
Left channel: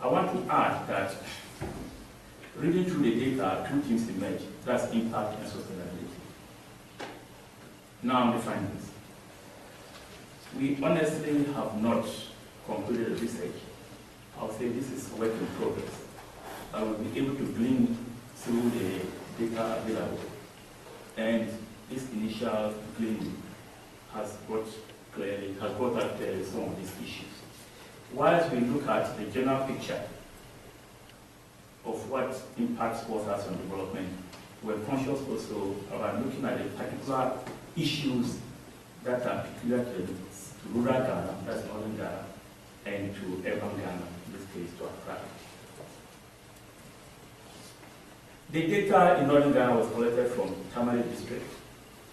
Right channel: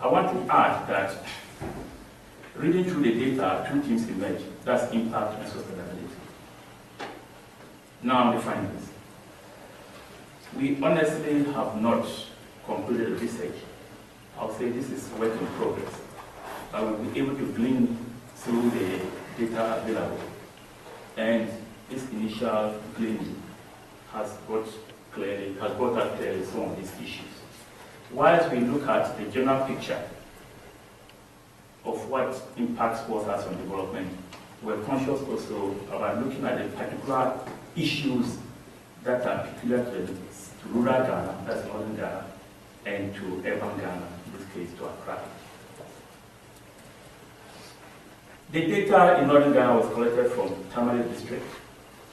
I want to add that reading through the data, 2 themes emerge. That's impact and sustainability. Now the findings. We honestly have not concluded the research. I'll say this is work in progress. I will be able to glean through the data available. And this initial gleaning has brought out clearly some of these issues. Whilst we look at the general picture of what impact sports has on development, we're conscious also about looking at the particular issues that are peculiar to rural Ghana, that's northern Ghana, and to urban Ghana, in this case to Accra. The data in northern Ghana was collected from Tamale District,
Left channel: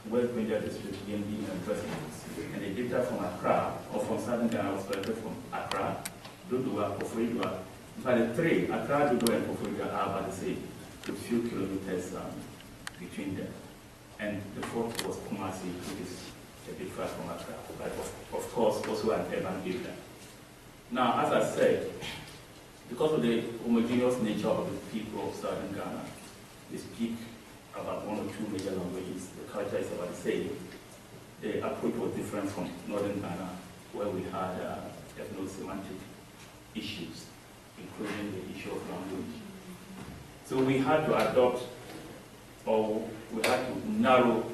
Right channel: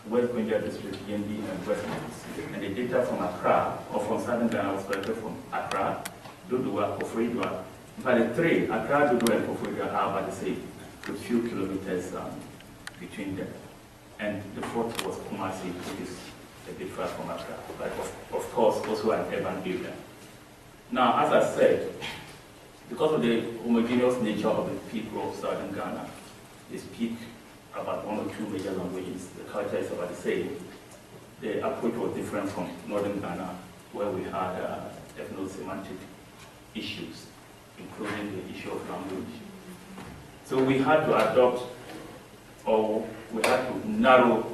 West Benja District, ENB, and West District. And the data from Accra, or from southern Ghana, was collected from Accra, Dodowa, Koforidua. But the 3, Accra, Dodo, and Koforidua, are about the same, with few kilometers between them. And the 4th was Kumasi, which is a bit far from Accra, but of course also an urban area. Now, as I said, because of the homogeneous nature of the people of southern Ghana, they speak about 1 or 2 major languages. The culture is about the same. The approach was different from northern Ghana, where we had ethno-semantic issues, including the issue of language. So we had to adopt, or we had to narrow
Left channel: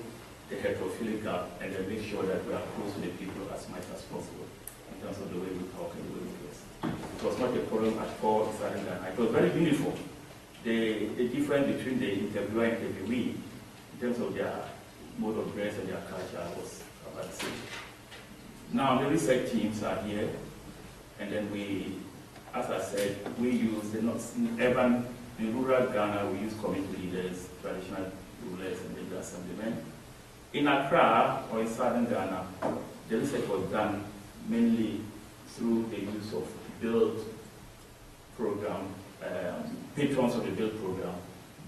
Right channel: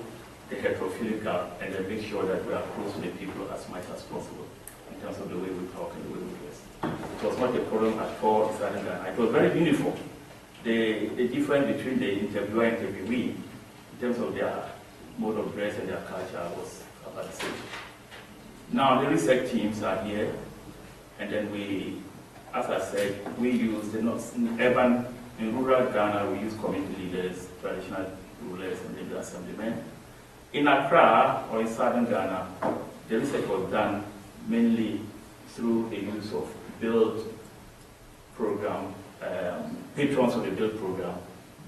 the heterophilic gap and then make sure that we are close to the people as much as possible in terms of the way we talk and the way we dress. It was not a problem at all in Southern Ghana. It was very uniform. The difference between the interviewer and interviewee in terms of their mode of dress and their culture was about the same. Now the research teams are here, and then we, as I said, we use the urban, in rural Ghana, we use community leaders, traditional rulers, and the assemblymen. In Accra or in Southern Ghana, the research was done mainly through the use of build program, patrons of the build program.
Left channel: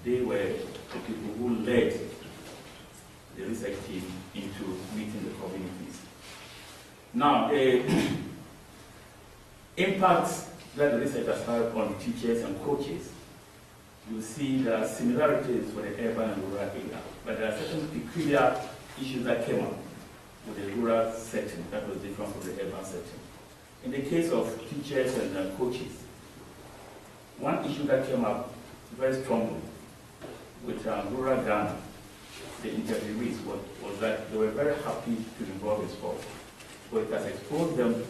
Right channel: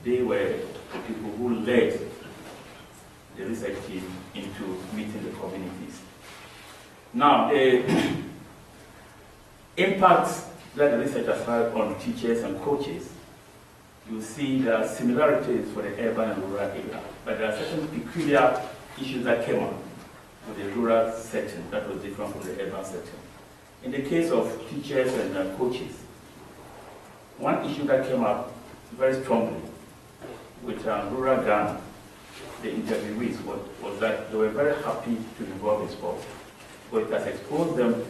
They were the people who led the research team into meeting the communities. Now, the impact that the research has had on teachers and coaches, you see there are similarities for the urban and rural area, but there are certain peculiar issues that came up with the rural setting that was different from the urban setting. In the case of teachers and coaches, one issue that came up very strongly with rural Ghana, the interviewees, was that they were very happy to involve in sports, but it has exposed them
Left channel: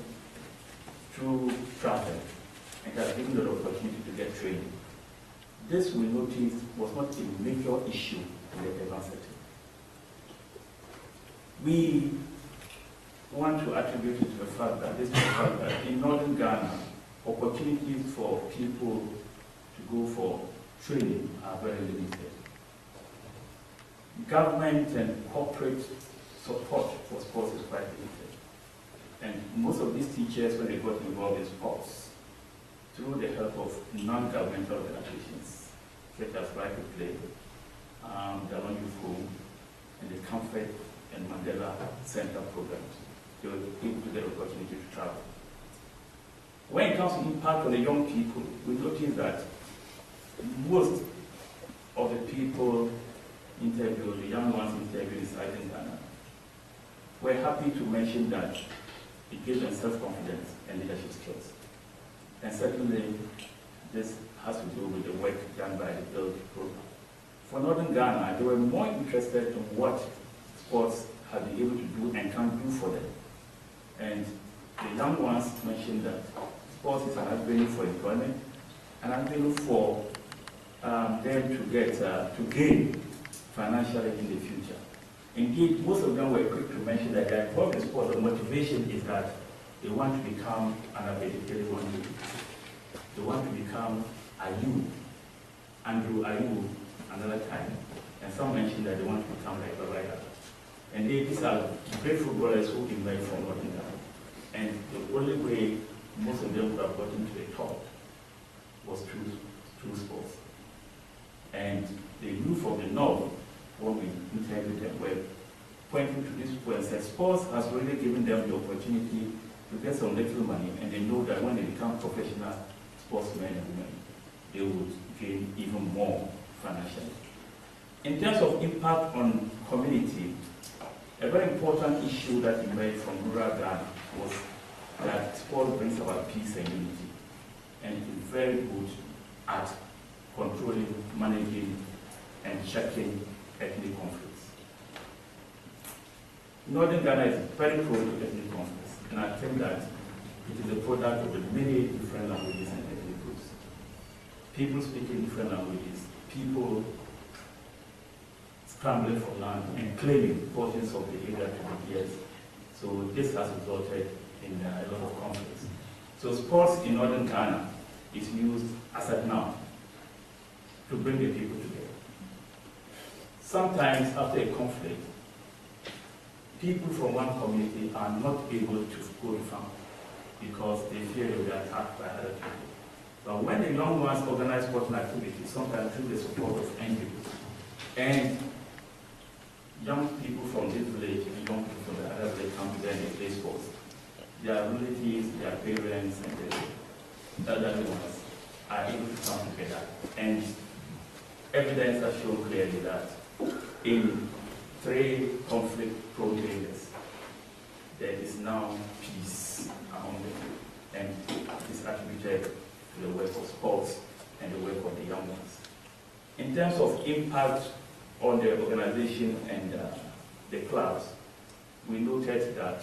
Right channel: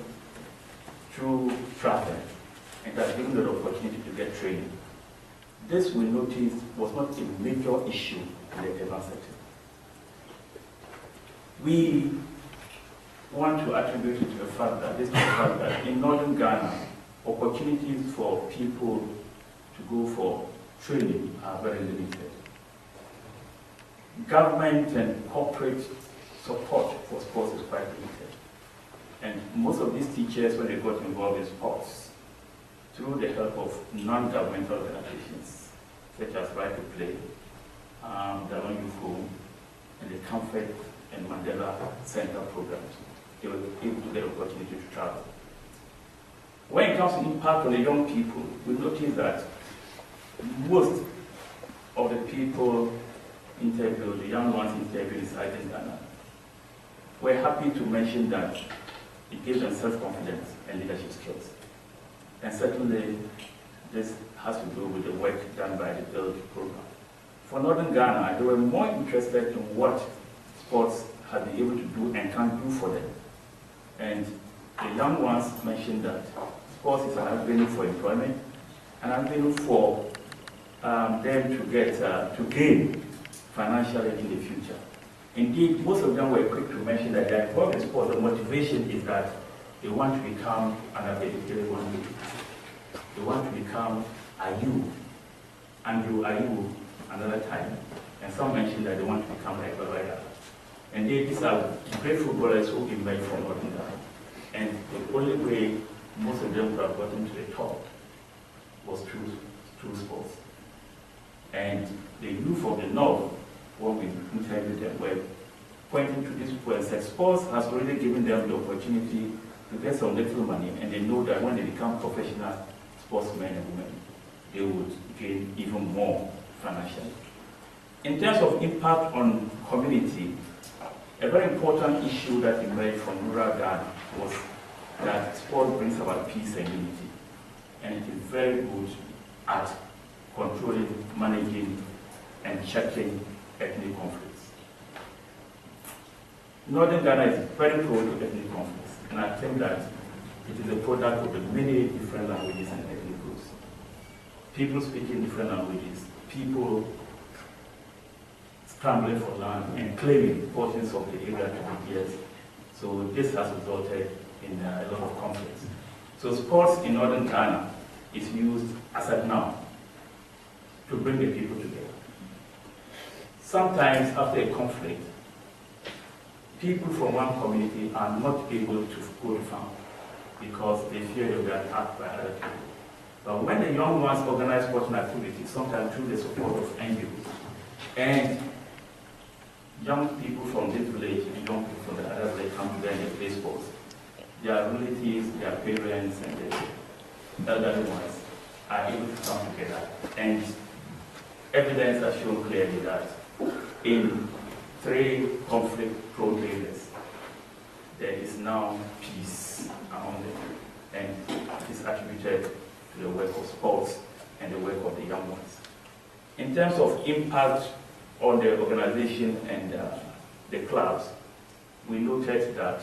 through traveling and has given them the opportunity to get training. This, we noticed, was not a major issue in the urban setting. We want to attribute it to the fact that in northern Ghana, opportunities for people to go for training are very limited. Government and corporate support for sports is quite limited. And most of these teachers, when they got involved in sports, through the help of non-governmental organizations, such as Right to Play, the Long Youth Home, and the Comfort and Mandela Center programs, they were able to get opportunity to travel. When it comes to impact on the young people, we notice that most of the people interviewed, the young ones interviewed in Southern Ghana, were happy to mention that it gives them self-confidence and leadership skills. And certainly, this has to do with the work done by the BUILD program. For Northern Ghana, they were more interested in what sports have been able to do and can do for them. And the young ones mentioned that sports is an avenue for employment, an avenue for them to gain financially in the future. Indeed, most of them were quick to mention that their involved in sports, the motivation is that they want to become an athletic one day. They want to become Andrew Ayew another time. And some mentioned that they want to become like Babaya. And these are great footballers who emerged from Northern Ghana. And the only way most of them would have gotten to the top was through sports. And the youth of the North, when we interviewed them, were pointing to this point and said sports has already given them the opportunity to get some little money, and they know that when they become professional sportsmen and women, they would gain even more financially. In terms of impact on community, a very important issue that emerged from rural Ghana was that sport brings about peace and unity, and it is very good at controlling, managing, and checking ethnic conflicts. Northern Ghana is very prone to ethnic conflicts, and I think that it is a product of the many different languages and ethnic groups. People speaking different languages, people scrambling for land and claiming portions of the area to be theirs. So this has resulted in a lot of conflicts. So sports in Northern Ghana is used as at now to bring the people together. Sometimes after a conflict, people from one community are not able to go to farm because they fear they'll be attacked by other people. But when the young ones organize sporting activities, sometimes through the support of NGOs, and young people from this village and young people from the other village come together and they play sports, their relatives, their parents, and the elderly ones are able to come together. And evidence has shown clearly that in 3 conflict-prone areas, there is now peace among them, and it is attributed to the work of sports and the work of the young ones. In terms of impact on the organization and the clubs, we noted that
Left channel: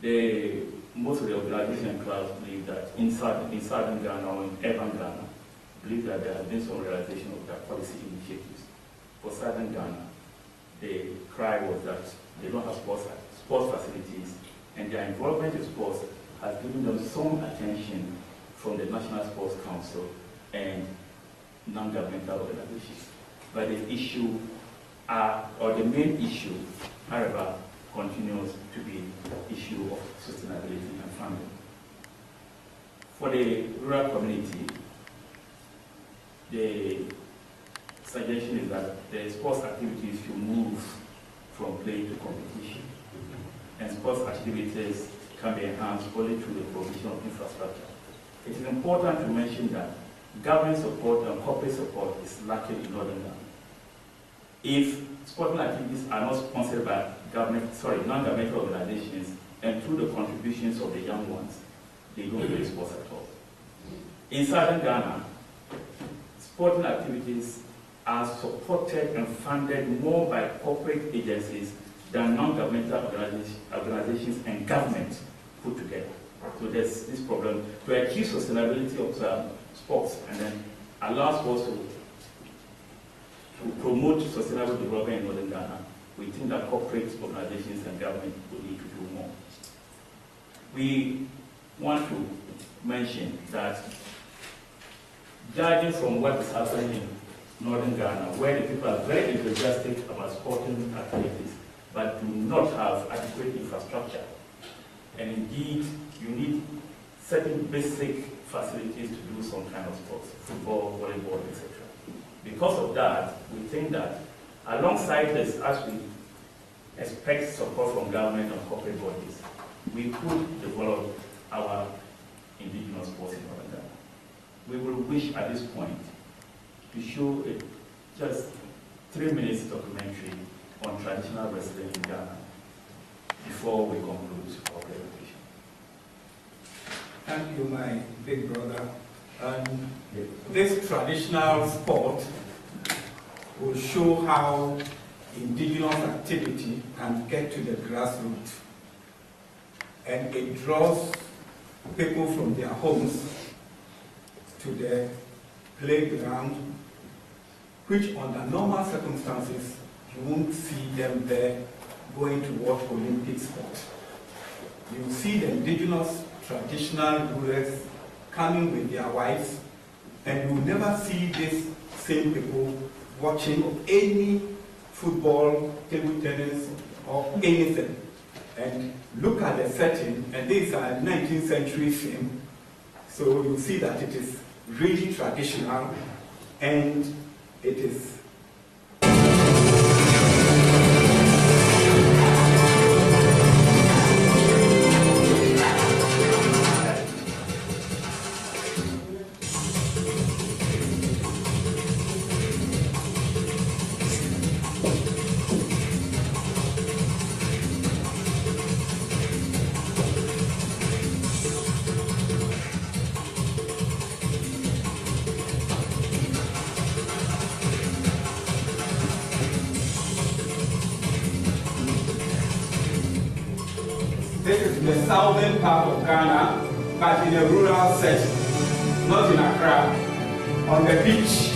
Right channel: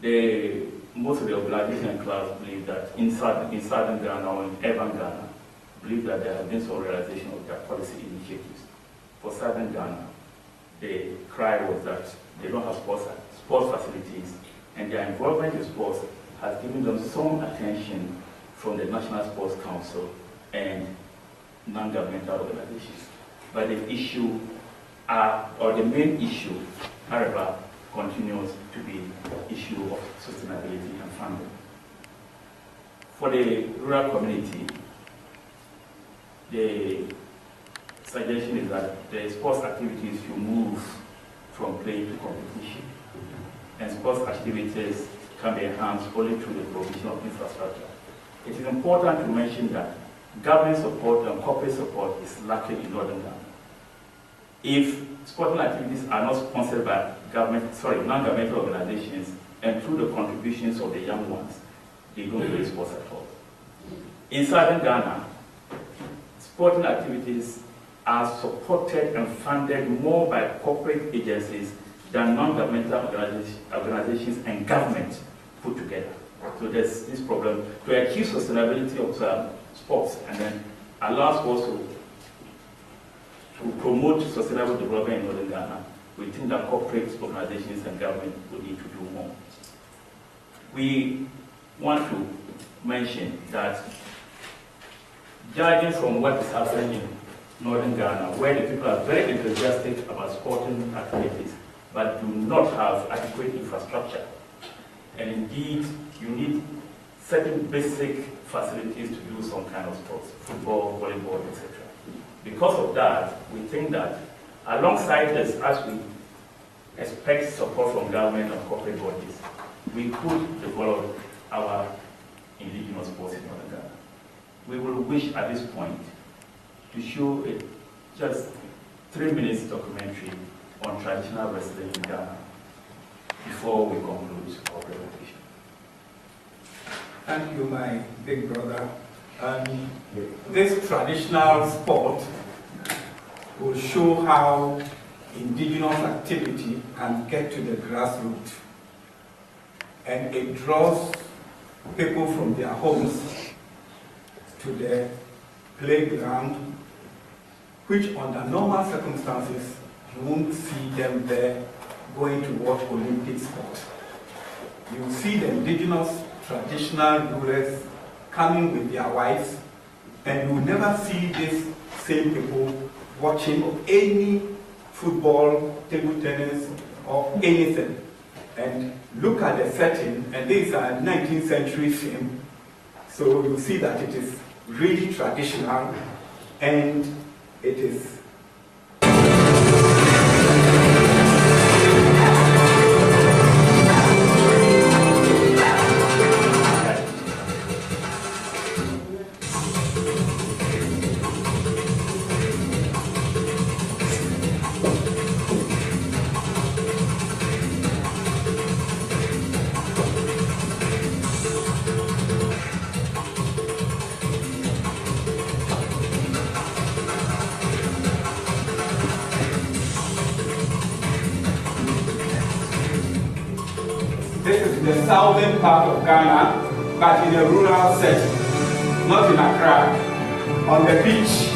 the most of the organization and clubs believe that in southern Ghana or in urban Ghana, believe that there has been some realization of their policy initiatives. For southern Ghana, the cry was that they don't have sports facilities, and their involvement in sports has given them some attention from the National Sports Council and non-governmental organizations. But the issue, or the main issue, however, continues to be the issue of sustainability and funding. For the rural community, the suggestion is that the sports activities should move from play to competition, and sports activities can be enhanced only through the provision of infrastructure. It is important to mention that government support and corporate support is lacking in Northern Ghana. If sporting activities are not sponsored by non-governmental organizations and through the contributions of the young ones, they don't play sports at all. In Southern Ghana, sporting activities are supported and funded more by corporate agencies than non-governmental organizations and government put together. So there's this problem to achieve sustainability of sports and then allow sports to promote sustainable development in Northern Ghana. We think that corporate organizations and government will need to do more. We want to mention that judging from what is happening in Northern Ghana, where the people are very enthusiastic about sporting activities, but do not have adequate infrastructure. And indeed, you need certain basic facilities to do some kind of sports, football, volleyball, etc. Because of that, we think that alongside this, as we expect support from government and corporate bodies, we could develop our indigenous sports in Northern Ghana. We will wish at this point to show a just 3 minutes documentary on traditional wrestling in Ghana before we conclude our presentation. Thank you, my big brother. This traditional sport will show how indigenous activity can get to the grassroots. And it draws people from their homes to the playground, which under normal circumstances, you won't see them there going to watch Olympic sport. You see the indigenous traditional rulers coming with their wives, and you will never see these same people watching any football, table tennis, or anything. And look at the setting, and this is a 19th century film, so you see that it is really traditional, and it is the southern part of Ghana, but in a rural setting, not in Accra, on the beach.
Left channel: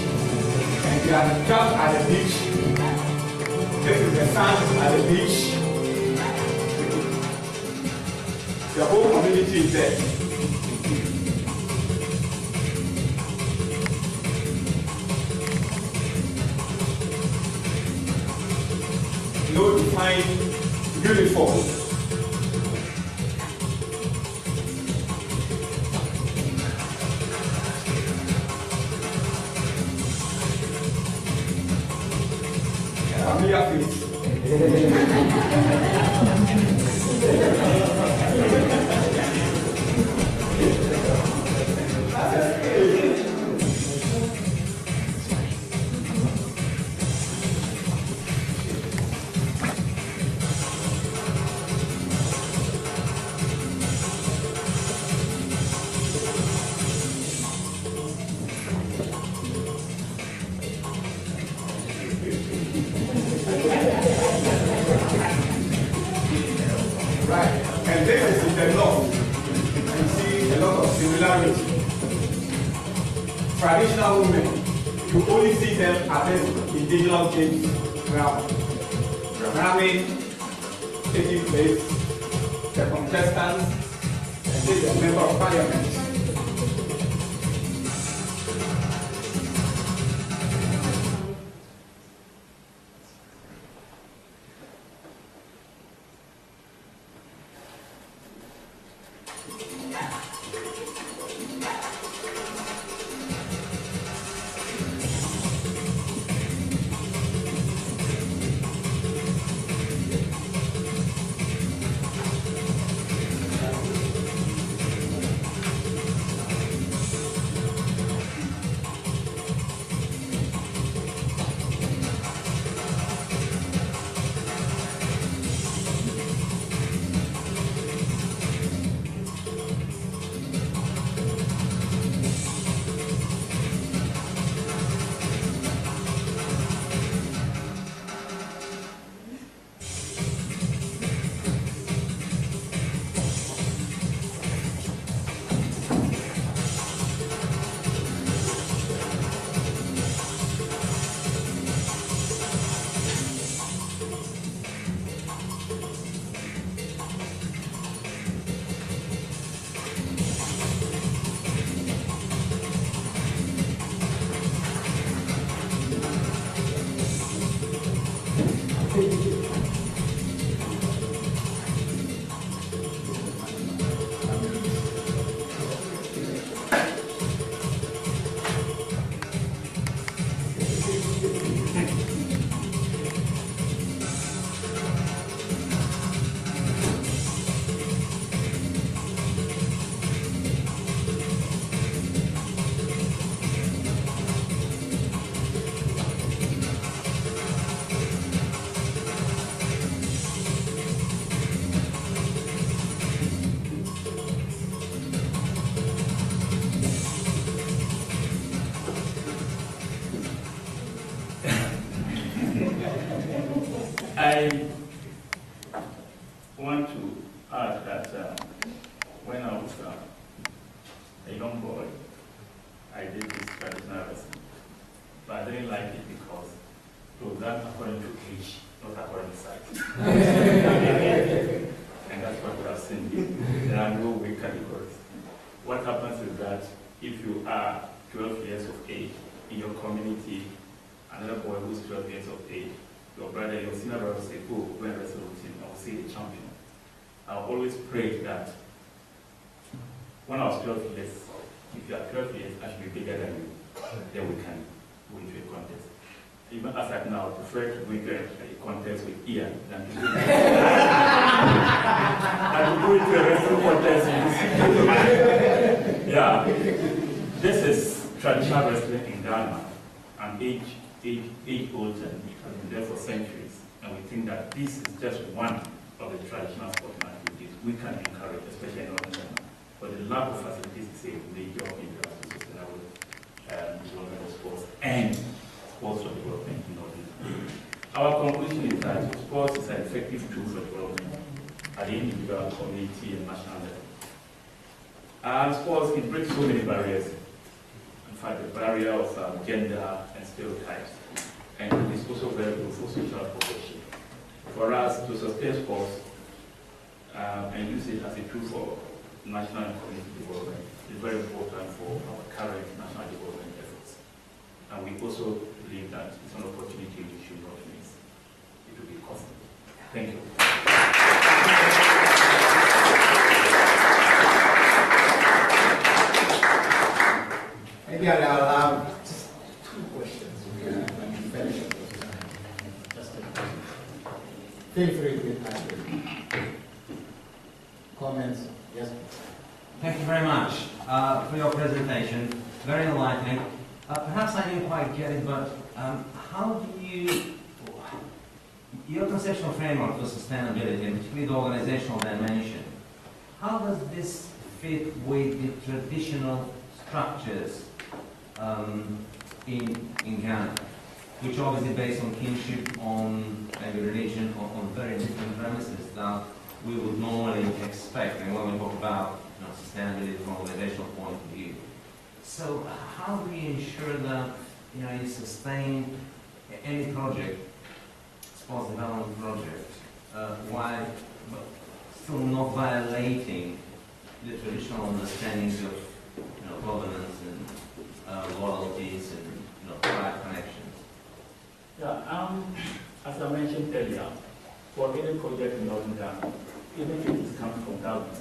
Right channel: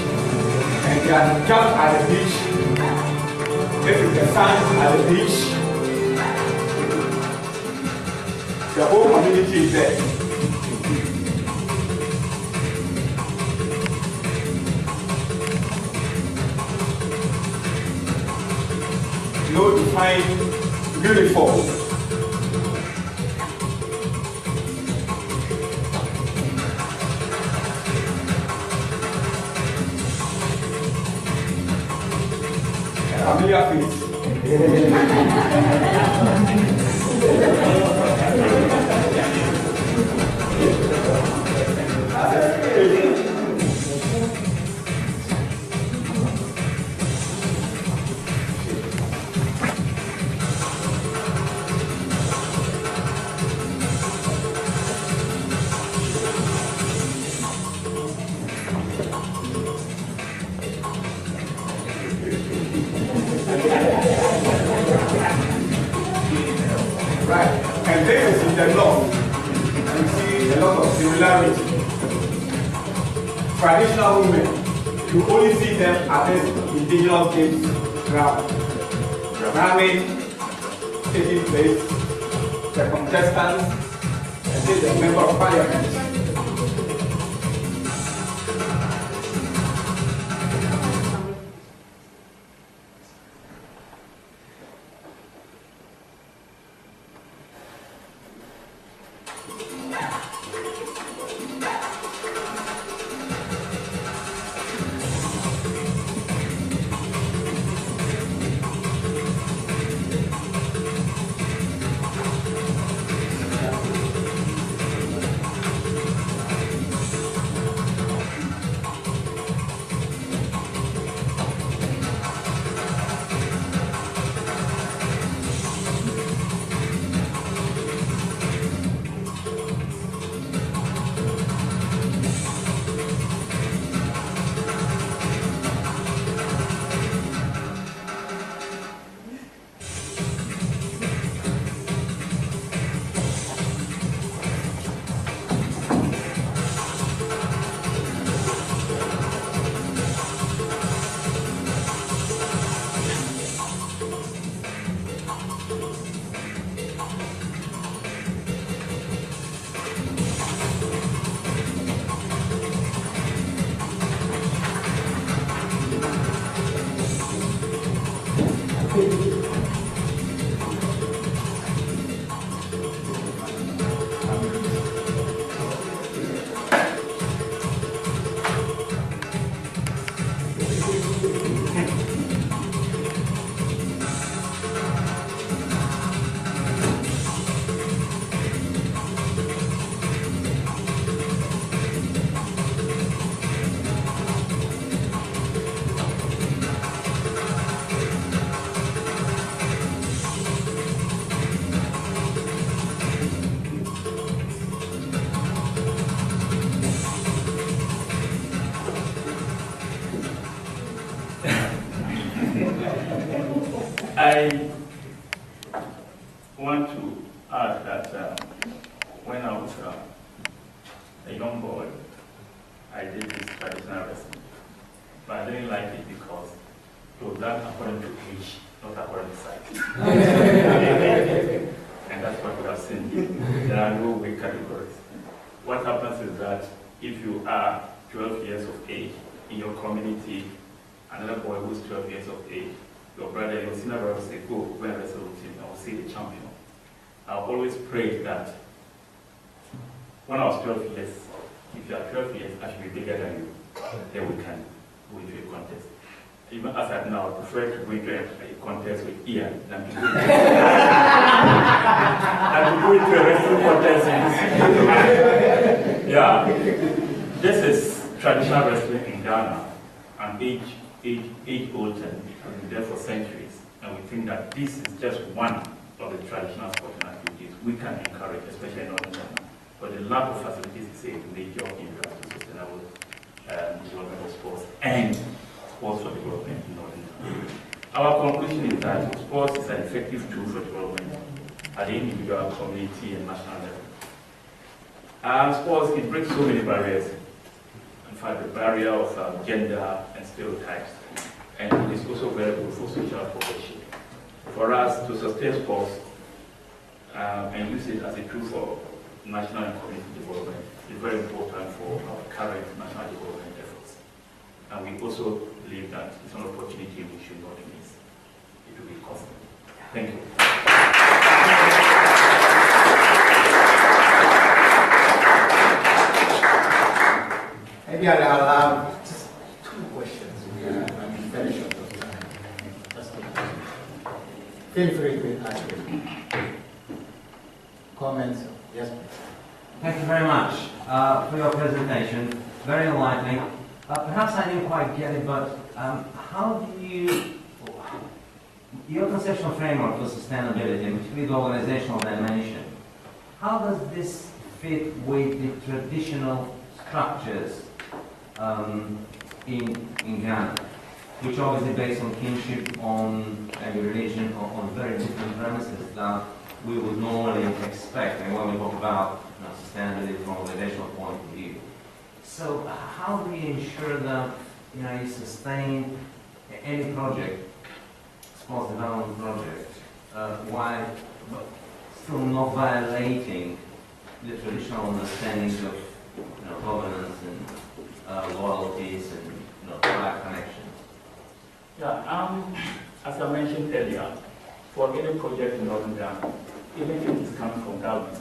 And they are just at the beach. This is the sand at the beach. The whole community is there. No defined uniform. Familiar face. Right, and this is in the north. popularity. Traditional women, you only see them at this indigenous games ground. Ramming, taking place, the contestants, and then the member of parliament. I want to add that when I was a young boy, I did this traditional wrestling. But I didn't like it because it was done according to age, not according to size. And that's what we have seen. There are no weight categories. What happens is that if you are 12 years of age in your community, another boy who's 12 years of age, your brother, your senior brother will say, go and wrestle with him, I will see the champion. I always prayed that when I was 12 years, if you are 12 years, I should be bigger than you. Then we can go into a contest. Even as I now, I prefer to go into a contest with Ian than to go into a wrestling contest. Yeah. This is traditional wrestling in Ghana, an age-old term. Has been there for centuries, and we think that this is just one of the traditional sporting activities we can encourage, especially in Northern Ghana. But the lack of facilities is a major hindrance to sustainable development of sports and sports for development in Northern Ghana. Our conclusion is that sports is an effective tool for development at the individual, community, and national level. And sports, it breaks so many barriers. In fact, the barrier of gender and stereotypes. And it is also very good for social progression. For us to sustain sports and use it as a tool for national and community development is very important for our current national development efforts. And we also believe that it's an opportunity we should not miss. It will be costly. Thank you. Maybe I'll allow just 2 questions. Finish up. Feel free to ask comments. Yes, please. Thank you very much for your presentation. Very enlightening. Perhaps I didn't quite get it, but how do your conceptual framework for sustainability, and particularly the organizational dimension, how does this fit with the traditional structures in Ghana, which obviously based on kinship, on maybe religion, on very different premises that we would normally expect. And when we talk about sustainability from an organizational point of view. So how do you ensure that you sustain any project, sports development project, while still not violating the traditional understandings of governance and loyalties and tribe connections? Yeah, as I mentioned earlier, for any project in Northern Ghana, even if it is coming from government,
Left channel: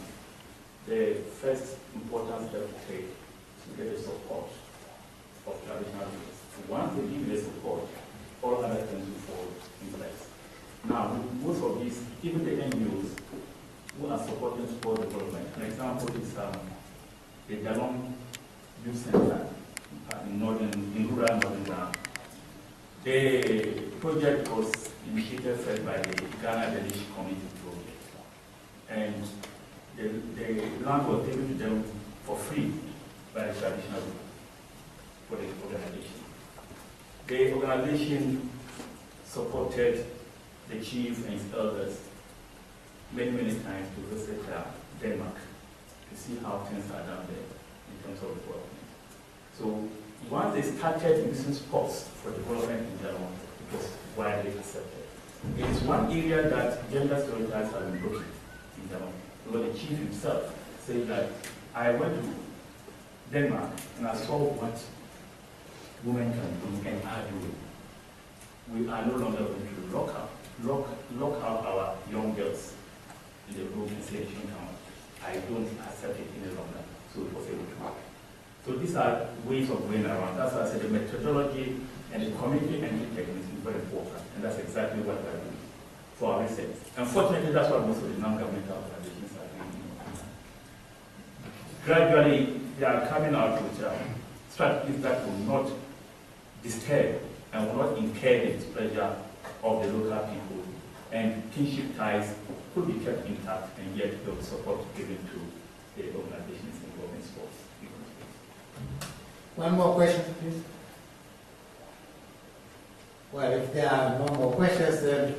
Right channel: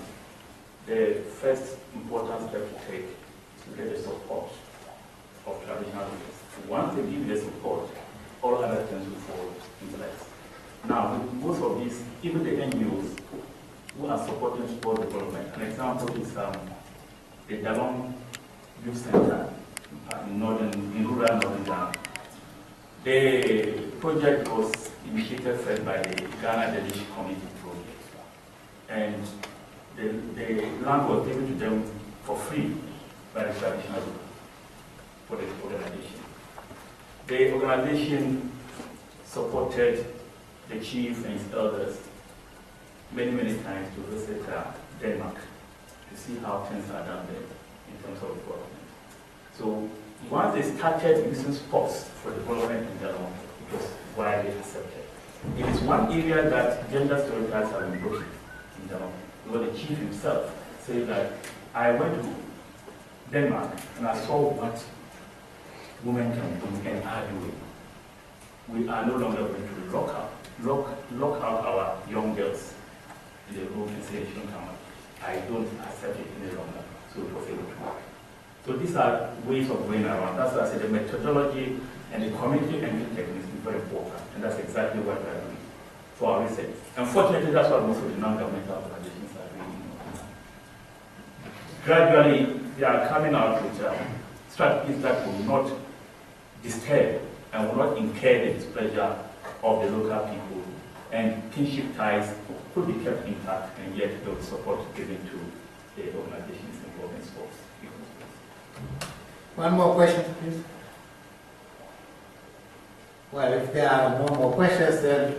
the first important step to take is to get the support of traditional leaders. Once they give the support, all other things will fall in place. Now, with most of these, even the NGOs who are supporting sport development, an example is the Dalong Youth Center in rural Northern Ghana. The project was initiated first by the Ghana Delegation Committee project, and the land was given to them for free by the traditional ruler for the organization. The organization supported the chief and his elders many times to visit Denmark to see how things are done there in terms of development. So once they started using sports for development in Denmark, it was widely accepted. It is one area that gender stereotypes have been broken in Denmark. Because the chief himself said that I went to Denmark and I saw what women can do and are doing. We are no longer going to lock out our young girls in the room and say they shouldn't come out. I don't accept it any longer. So it was able to work. So these are ways of going around. That's why I said the methodology and the community engine techniques is very important. And that's exactly what we are doing for our research. Unfortunately, that's what most of the non-governmental organizations are doing. Gradually, they are coming out with strategies that will not disturb and will not incur the displeasure of the local people. And kinship ties could be kept intact, and yet there will be support given to the organizations involved in sports. One more question, please. Well, if there are no more questions, then